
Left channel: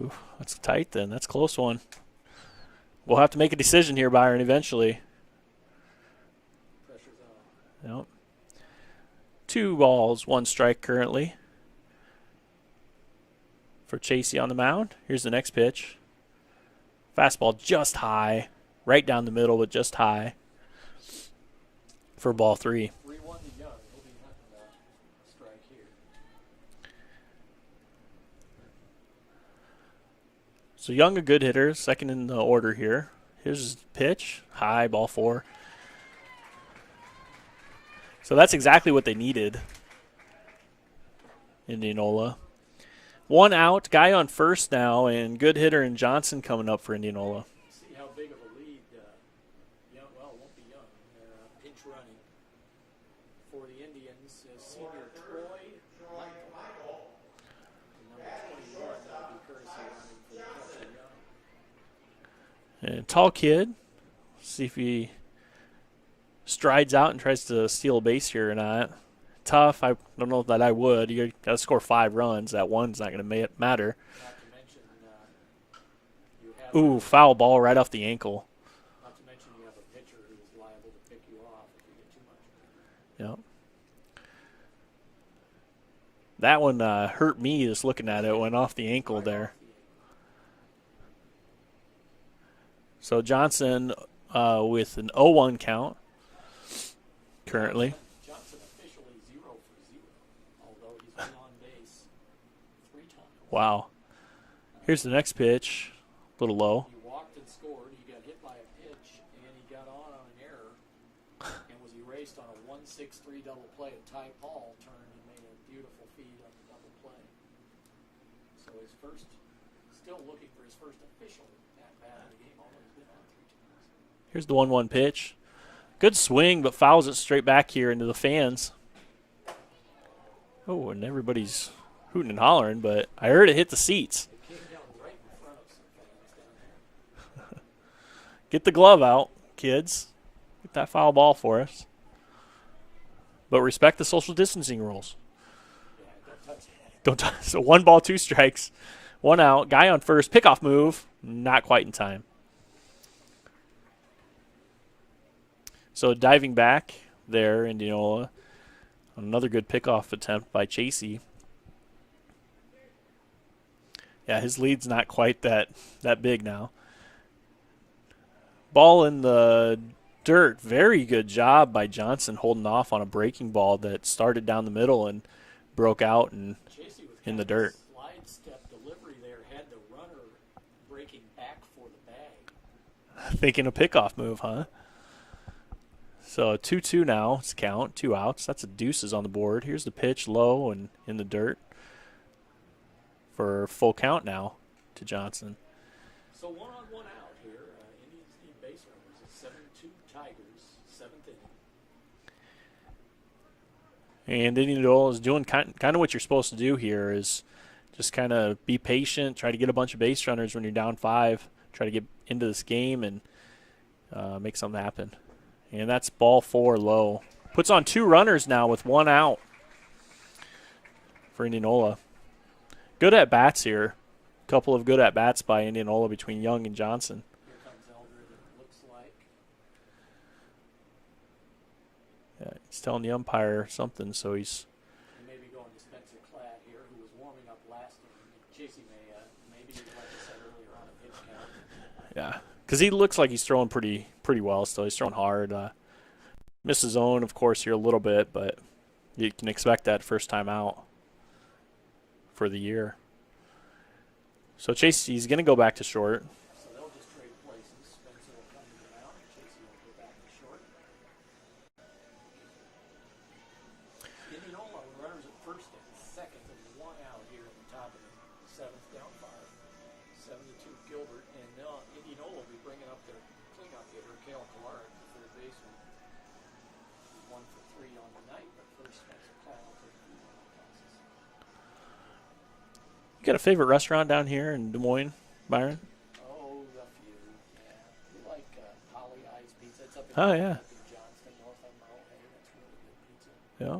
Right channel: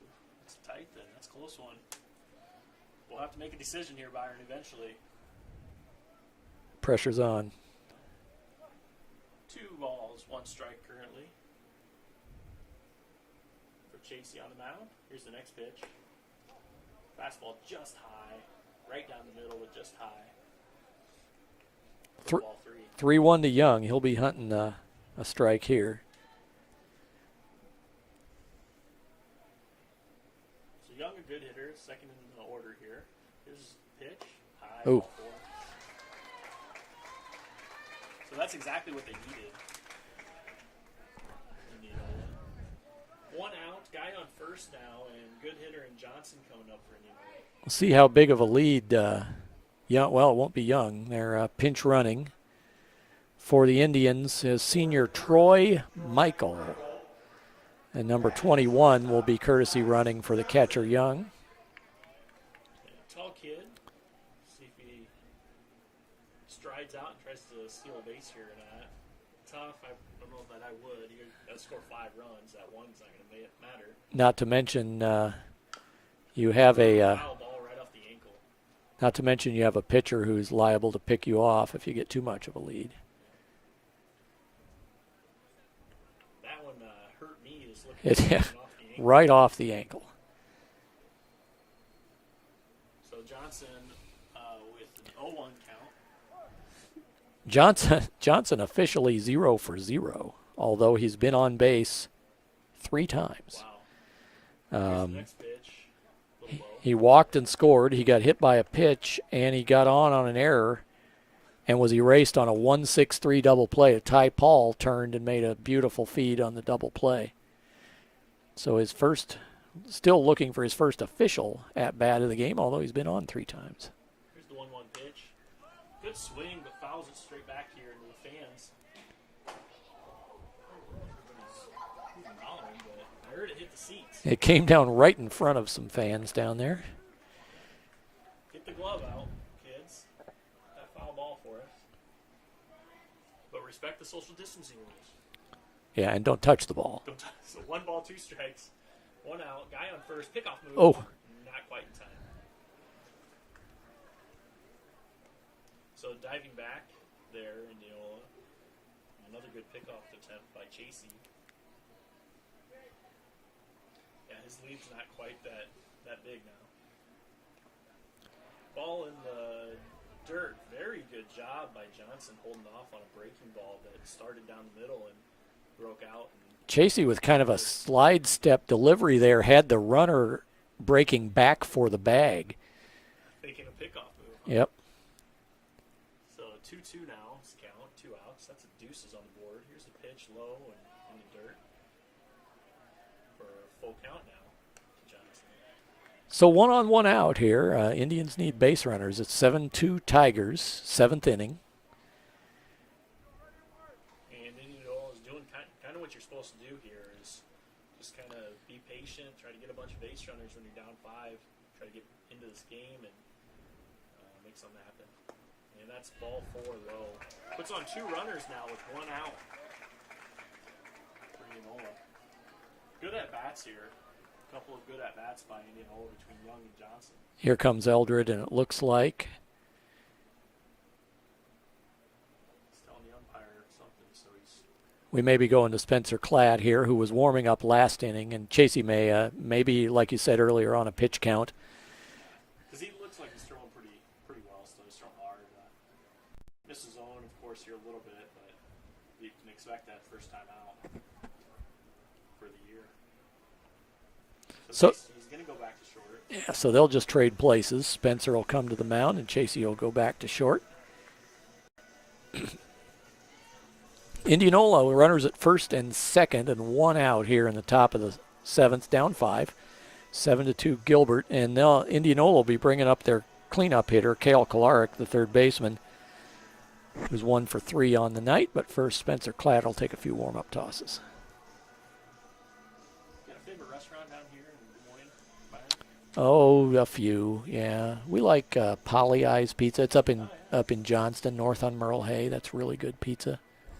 Ooh, that's tight then. That's a close one. We'll have to make a decision here, Byron, eventually. Pressure's on. Yep. 2 balls, 1 strike currently for Chasey on the mound. Here's the next pitch. Fastball just high, right down the middle, but just high for ball 3. 3-1 to Young. He'll be hunting a strike here. So Young, a good hitter, second in the order here. Here's his pitch, high, ball 4. So that's exactly what they needed, Indianola. 1 out, guy on first now, and good hitter in Johnson coming up for Indianola. We'll see how big of a lead Young. Well, it won't be Young. They're pinch running for the Indians is senior Troy Michael. And number 21 will be courtesy running for the catcher Young. And tall kid. See if he strides out and tries to steal a base here or not. Tough. I don't know that I would. You got to score 5 runs. That one's not going to matter. Not to mention you have foul ball right off the ankle. Not to mention you have a pitcher who's liable to pick you off if you get too much of a lead. Yep. That one hurt me just looking at it. It went off the ankle. Right there. off the ankle. So Johnson with an 0-1 count. Johnson officially 0 for 0, although he's been on base 3 times. Wow. Here's the next pitch. A little low. He walked and scored. He got hit by a pitch, and he got on an error and was erased on a 1-6-3 double play. Ty Paul turned and made a beautiful feed on the double play. So still looking for his first official at-bat of the game, although he's been on 3 times. Here's the 1-1 pitch. Good swing, but fouls it straight back here into the fans. Oh, and everybody's hooting and hollering, but I heard it hit the seats. It came down right in front of some fans down there. Get the glove out, kids. Get that foul ball for us. But respect the social distancing rules. Yeah, and don't touch the ball. Don't so 1 ball, 2 strikes, 1 out. Guy on first, pickoff move. Oh. Not quite in time. So diving back there, Indianola. Another good pickoff attempt by Chasey. Yeah, his lead's not quite that big now. Ball in the dirt. Very good job by Johnson holding off on a breaking ball that started down the middle and broke out. And Chasey with kind of a slide step delivery there had the runner breaking back for the bag. Thinking a pickoff move, huh? Yep. So 2-2 now. It's count. 2 outs. That's a deuces on the board. Here's the pitch low and in the dirt for full count now to Johnson. So 1 on 1 out here. Indians need base runners. It's 7-2 Tigers, 7th inning. And Indianola is doing kind of what you're supposed to do here is just kind of be patient, try to get a bunch of base runners when you're down 5, try to get into this game and make something happen. And that's ball 4 low. Puts on 2 runners now with 1 out for Indianola. Good at-bats here. Couple of good at-bats by Indianola between Young and Johnson. Here comes Eldred, and it looks like. Yeah, he's telling the umpire something, so he's. We may be going to Spencer Klatt here, who was warming up last inning, and Chasey may maybe, like you said earlier, on a pitch count. Yeah, because he looks like he's throwing pretty well still. He's throwing hard. Missed his zone, of course, here a little bit, but you can expect that first time out for the year. So Chasey's going to go back to short. Yeah, so they'll just trade places. Spencer will come to the mound, and Chasey will go back to short. Indianola runners at first and second, and 1 out here in the top of the 7th, down 5. 7-2 Gilbert, and now Indianola will be bringing up their cleanup hitter, Cale Kolarek, the third baseman, who's 1 for 3 on the night. But first, Spencer Klatt will take a few warm-up tosses. You got a favorite restaurant down here in Des Moines, Byron? Oh, a few, yeah. We like Polly Eyes Pizza. It's up in Johnston, north on Merle Hay. That's really good pizza. Yeah.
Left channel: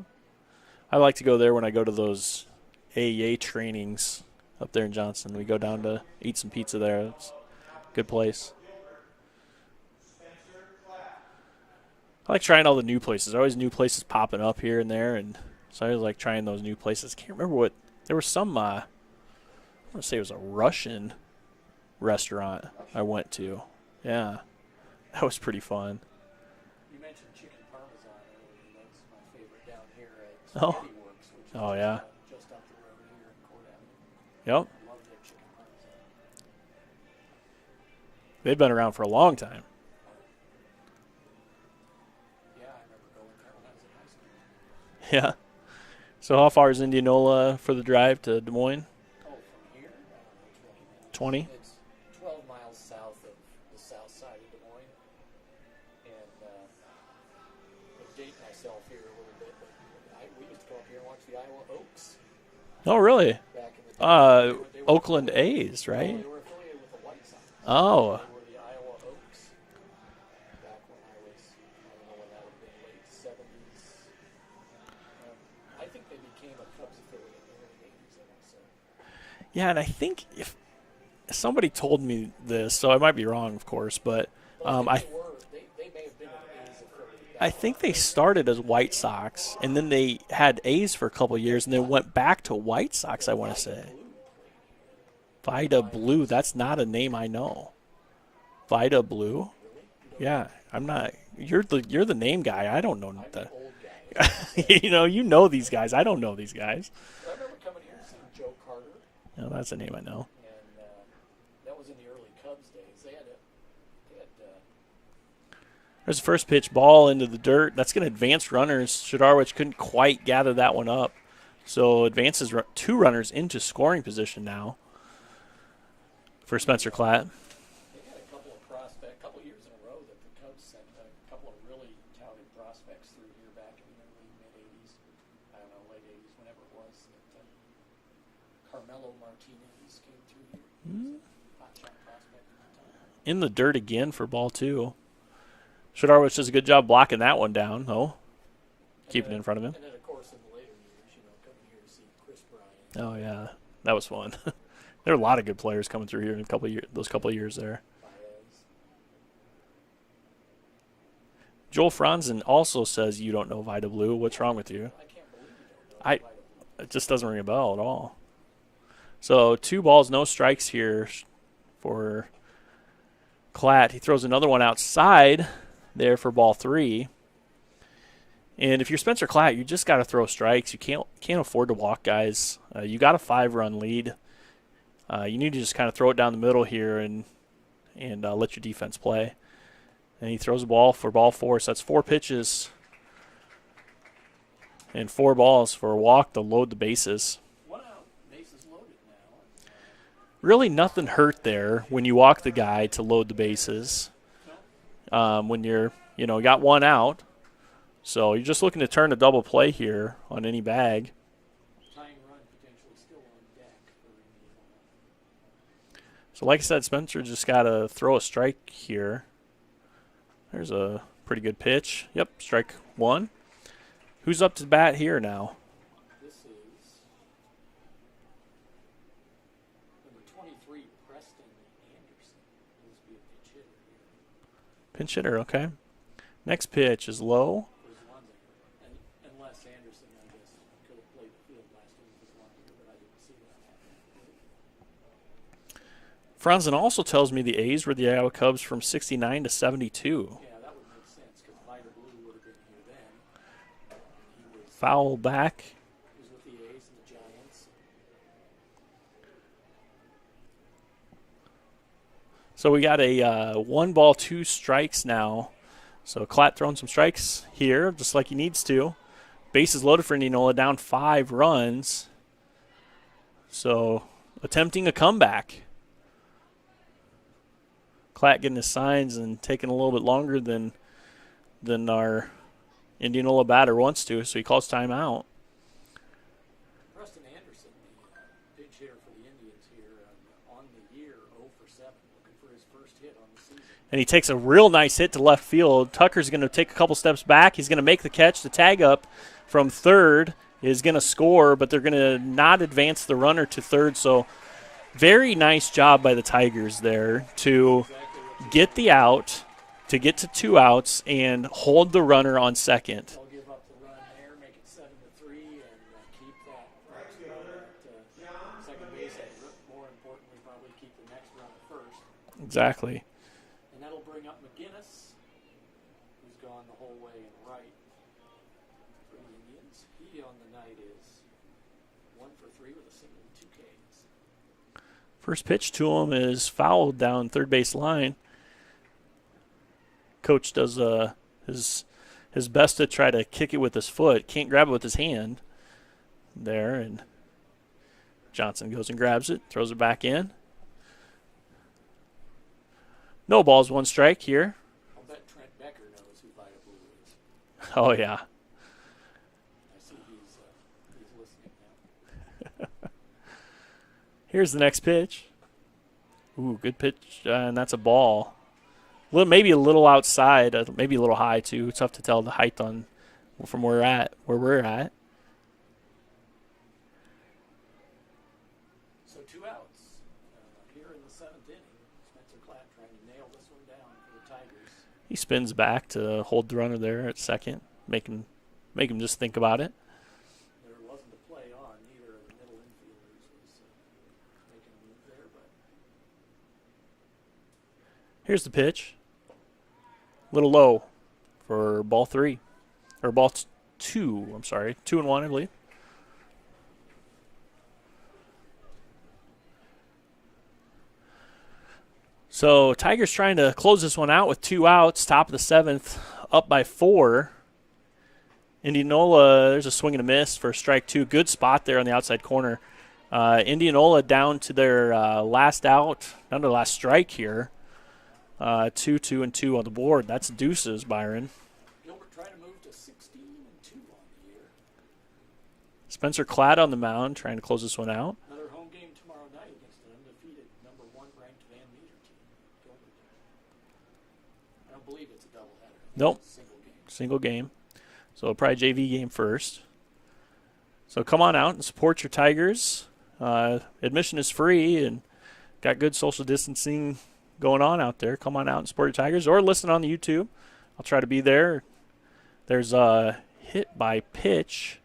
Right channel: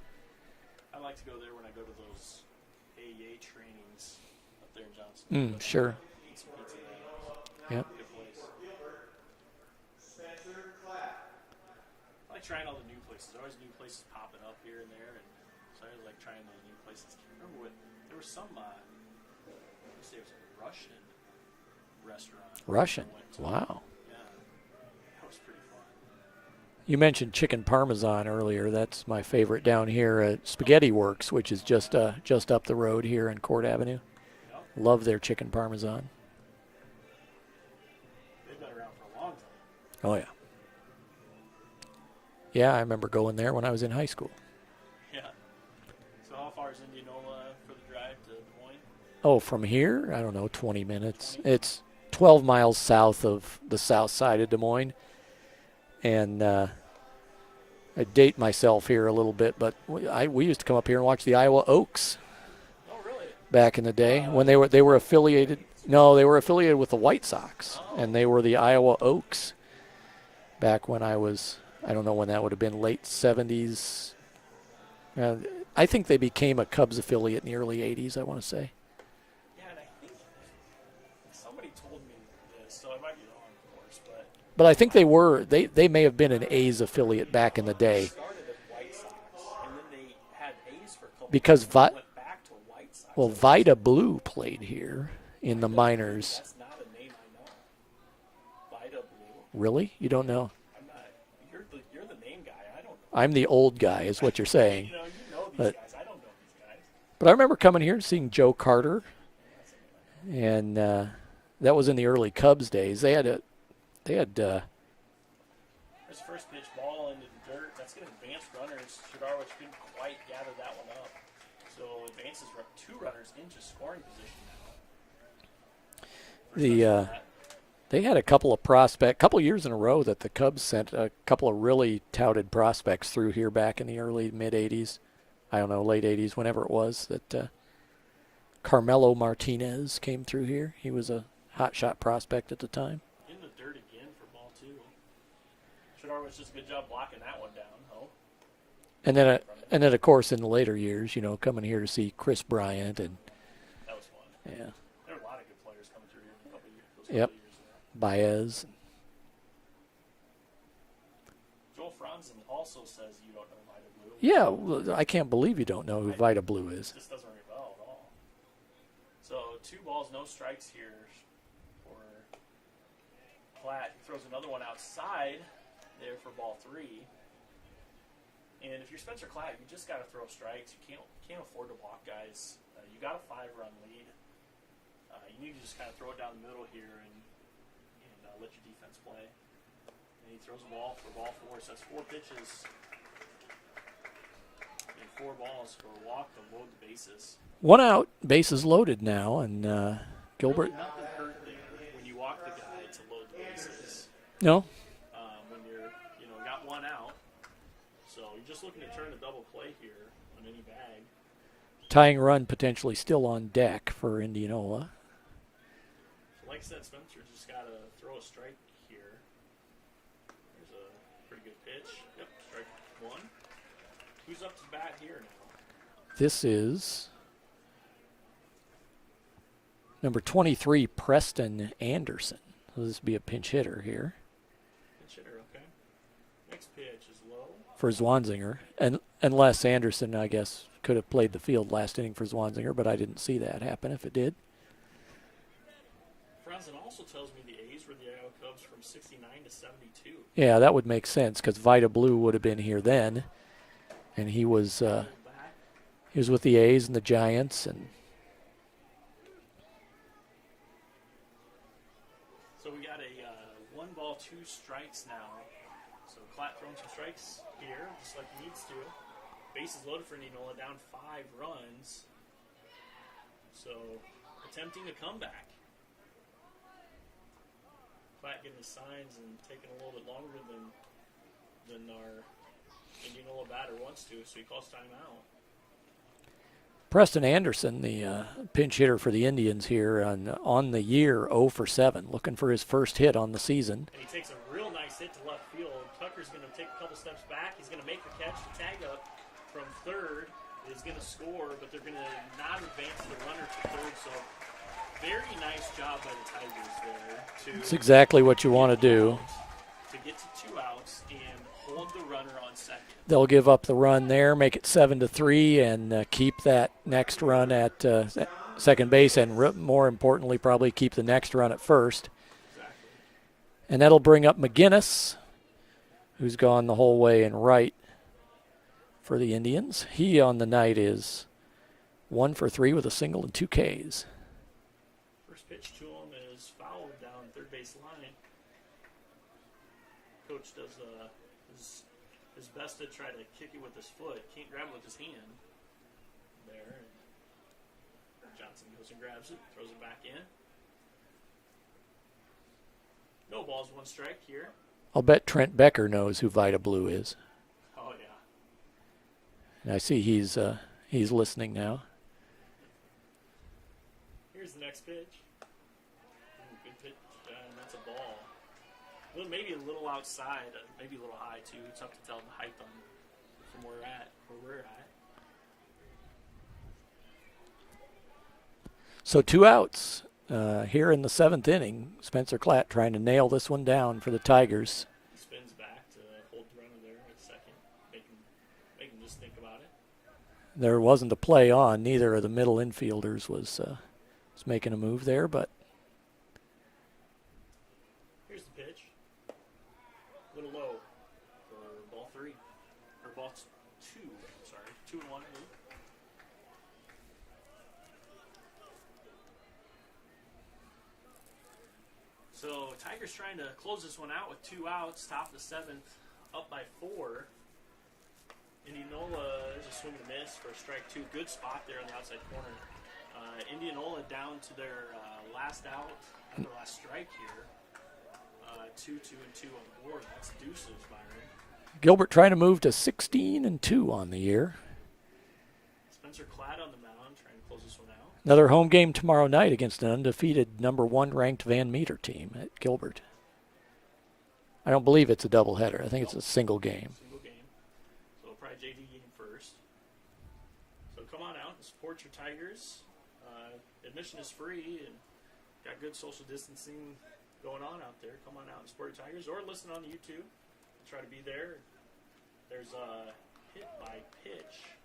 I like to go there when I go to those AEA trainings up there in Johnston and go down to eat some pizza there. It's a good place. I like trying all the new places. There are always new places popping up here and there, and so I always like trying those new places. Can't remember what – there was some I want to say it was a Russian restaurant I went to. Wow. Yeah. That was pretty fun. You mentioned chicken parmesan earlier. That's my favorite down here at Spaghetti Works, which is just up the road here in Court Avenue. Yep. Love their chicken parmesan. They've been around for a long time. Oh, yeah. Yeah, I remember going there when I was in high school. Yeah. So how far is Indianola for the drive to Des Moines? Oh, from here, I don't know, 20 minutes. 20? It's 12 miles south of the south side of Des Moines. And I date myself here a little bit, but we used to come up here and watch the Iowa Oaks. Oh, really? Back in the day, when they were Oakland affiliated. A's, right? No, they were affiliated with the White Sox. Oh, and they were the Iowa Oaks. Back when I don't know when that would have been, late 70s. I think they became a Cubs affiliate in the early 80s. I want to say. Yeah, and I think if somebody told me this, so I might be wrong, of course, but I think they may have been an A's affiliate back in the day. I think they started as White Sox, and then they had A's for a couple of years, and then went back to White Sox. Well, Vida Blue played here in the minors. Blue, that's not a name I know. Vida Blue? Really? You don't know? I'm not. You're the name guy. I don't know. I'm the old guy, is what you're saying. you know these guys. I don't know these guys. But I remember coming here and seeing Joe Carter. No, that's a name I know. And that was in the early Cubs days. They had There's the first pitch, ball into the dirt. That's going to advance runners. Shidarwich couldn't quite gather that one up. So advances 2 runners into scoring position now for Spencer Klatt. They had a couple years in a row that the Cubs sent a couple of really touted prospects through here back in the early mid '80s. I don't know, late '80s, whenever it was that Carmelo Martinez came through here. He was a hot shot prospect at the time. In the dirt again for ball 2. Shidarwich does a good job blocking that one down, though. And Keeping then, it in front of him. And then, of course, in the later years, coming here to see Chris Bryant. Oh, yeah. That was fun. Yeah. There were a lot of good players coming through here in those couple of years there. Baez. Joel Franzen also says you don't know Vida Blue. What's wrong with you? I can't believe you don't know who Vida Blue is. It just doesn't ring a bell at all. So 2 balls, no strikes here for Klatt. He throws another one outside there for ball 3. And if you're Spencer Klatt, you just got to throw strikes. You can't afford to walk guys. You got a 5-run lead. You need to just kind of throw it down the middle here and let your defense play. And he throws a ball for ball 4. So that's 4 pitches and 4 balls for a walk to load the bases. 1 out, bases loaded now, and really nothing hurt there when you walk the guy to load the bases. No. When you're got 1 out. So you're just looking to turn a double play here on any bag. Tying run potentially still on deck for Indianola. So like I said, Spencer just got to throw a strike here. There's a pretty good pitch. Yep, strike 1. Who's up to bat here now? This is number 23, Preston Anderson. So this will be a pinch hitter here. Pinch hitter, okay. Next pitch is low. For Zwanziger. And unless Anderson, I guess, could have played the field last inning for Zwanziger, but I didn't see that happen if it did. Franzen also tells me the A's were the Iowa Cubs from 69 to 72. Yeah, that would make sense because Vida Blue would have been here then. And he was foul back. He was with the A's and the Giants. And so we got a 1 ball, 2 strikes now. So Klatt throwing some strikes here, just like he needs to. Bases loaded for Indianola, down 5 runs. So attempting a comeback. Klatt getting his signs and taking a little bit longer than our Indianola batter wants to, so he calls timeout. Preston Anderson, the pinch hitter for the Indians here on the year, 0 for 7, looking for his first hit on the season. And he takes a real nice hit to left field. Tucker's going to take a couple steps back. He's going to make the catch. The tag up from third is going to score, but they're going to not advance the runner to third. So very nice job by the Tigers there to That's exactly what you want to do. Get the out, to get to 2 outs and hold the runner on second. They'll give up the run there, make it 7-3, and keep that next run at second base, and more importantly, probably keep the next run at first. Exactly. And that'll bring up McGinnis, who's gone the whole way in right for the Indians. He on the night is 1 for 3 with a single and 2 Ks. First pitch to him is fouled down third base line. Coach does his best to try to kick it with his foot. Can't grab it with his hand there, and Johnson goes and grabs it, throws it back in. No balls, 1 strike here. I'll bet Trent Becker knows who Vida Blue is. Oh, yeah. And I see he's listening now. Here's the next pitch. Ooh, good pitch, and that's a ball. Maybe a little outside, maybe a little high too. It's tough to tell the height from where we're at. So 2 outs here in the 7th inning. Spencer Klatt trying to nail this one down for the Tigers. He spins back to hold the runner there at second, make him just think about it. There wasn't a play on. Neither of the middle infielders was making a move there, but here's the pitch. Little low for ball 3. Or ball 2, I'm sorry. 2-1, I believe. So Tigers trying to close this one out with 2 outs. Top of the 7th, up by 4. Indianola, there's a swing and a miss for strike 2. Good spot there on the outside corner. Indianola down to their last out, down to the last strike here. 2, 2, and 2 on the board. That's deuces, Byron. Gilbert trying to move to 16-2 on the year. Spencer Klatt on the mound, trying to close this one out. Another home game tomorrow night against an undefeated number 1 ranked Van Meter team at Gilbert. I don't believe it's a doubleheader. I think Nope. it's a single game. Single game. So probably JV game first. So come on out and support your Tigers. Admission is free and got good social distancing going on out there. Come on out and support your Tigers or listen on the YouTube. I'll try to be there. There's a hit by pitch.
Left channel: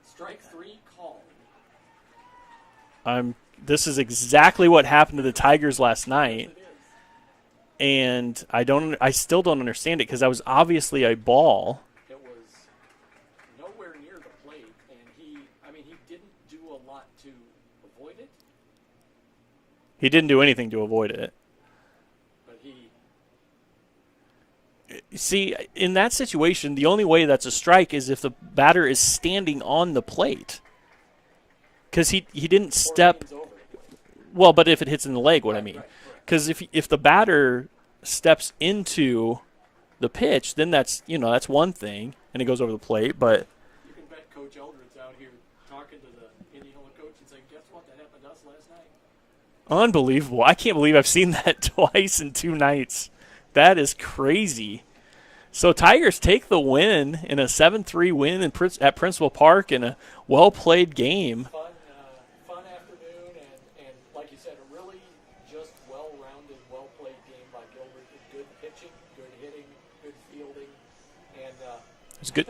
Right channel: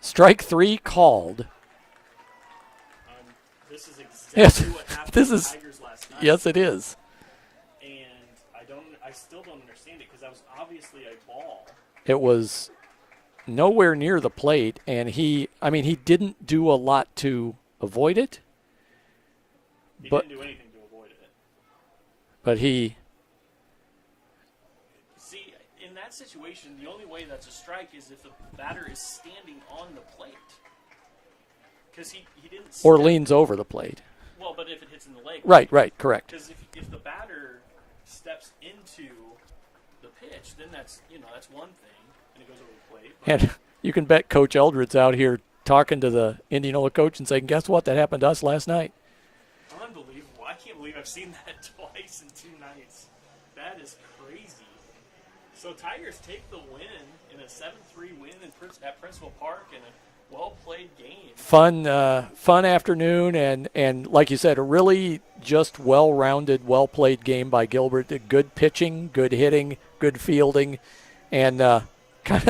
Strike 3 called. This is exactly what happened to the is- Tigers last night. Yes, it is. And I still don't understand it because that was obviously a ball. It was nowhere near the plate, and he didn't do a lot to avoid it, He didn't do anything to avoid it. but he See, in that situation, the only way that's a strike is if the batter is standing on the plate. Because he didn't or step. leans over the plate. Well, but if it hits in the leg, what I mean. Right, correct. Because if the batter steps into the pitch, then that's one thing, and it goes over the plate. But And you can bet Coach Eldred's out here talking to the Indianola coach and saying, guess what? That happened to us last night. unbelievable! I can't believe I've seen that twice in 2 nights. That is crazy. So Tigers take the win in a 7-3 win at Principal Park in a well-played game. Fun afternoon, and like you said, a really just well-rounded, well-played game by Gilbert. Good pitching, good hitting, good fielding, and kind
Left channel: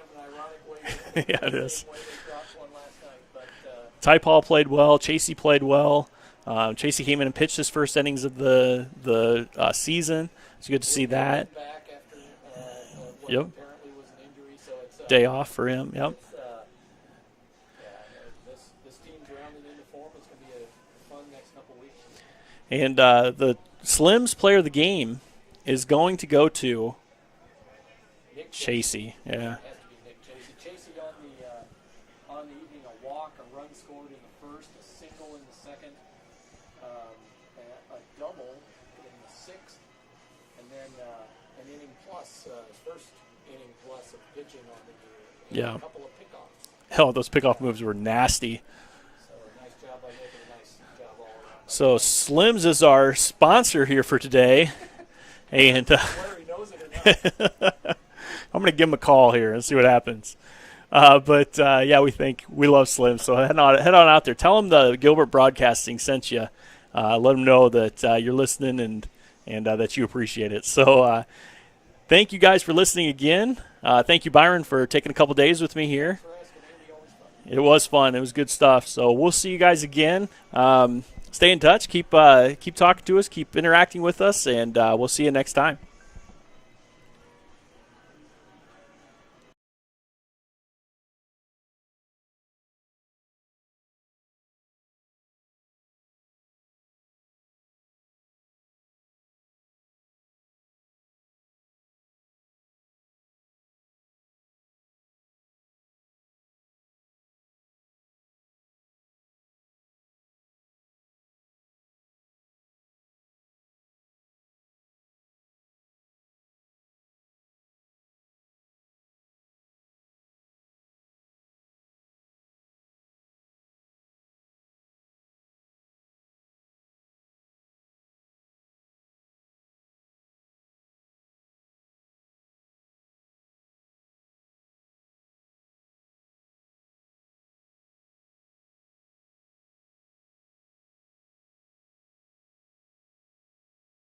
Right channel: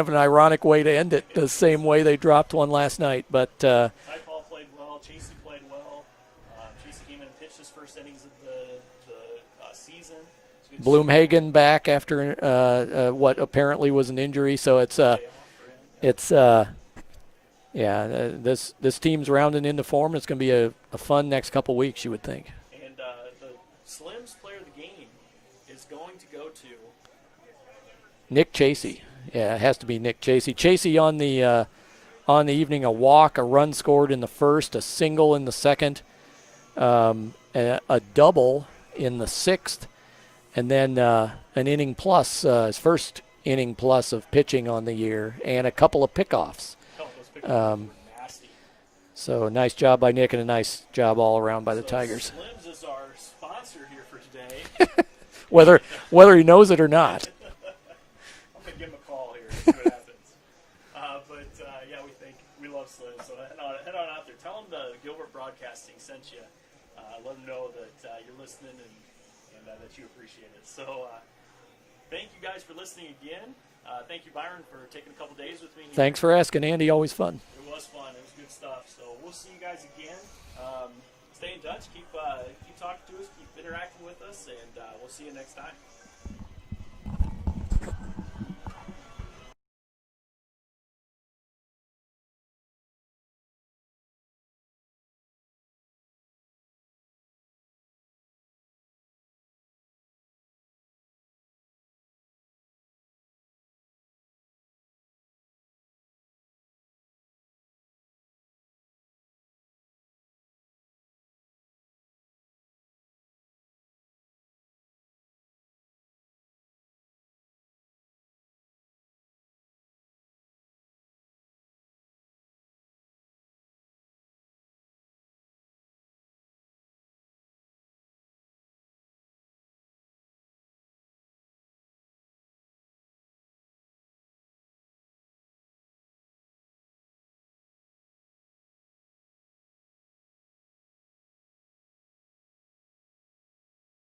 of an ironic way to end it, Yeah, the it same is. way they dropped one last night. But Ty Paul played well. Chasey played well. Chasey came in and pitched his first innings of the season. It's good to see that. Bloomhagen back after what Yep. apparently was an injury, so it's Day off for him. Yep. it's this team's rounding into form. It's going to be a fun next couple weeks, you would think. And the Slims player of the game is going to go to Nick Chasey. Chasey. Yeah. Yeah, it has to be Nick Chasey. Chasey on the evening, a walk, a run scored in the first, a single in the second, a double in the sixth, and then an inning plus, his first inning plus of pitching on the year, and a Yeah. couple of pickoffs. Hell, those pickoff moves were nasty. So nice job by Nick and a nice job all around by the So Tigers. Slims is our sponsor here for today. Whether And, whether he knows it or not. I'm going to give him a call here and see what happens. But we love Slim. So head on out there. Tell him the Gilbert Broadcasting sent you. Let him know that you're listening and that you appreciate it. So thank you guys for listening again. Thank you, Byron, for taking a couple days with me here. Thanks for asking, Andy. Always fun. It was fun. It was good stuff. So we'll see you guys again. Stay in touch. Keep talking to us. Keep interacting with us, and we'll see you next time.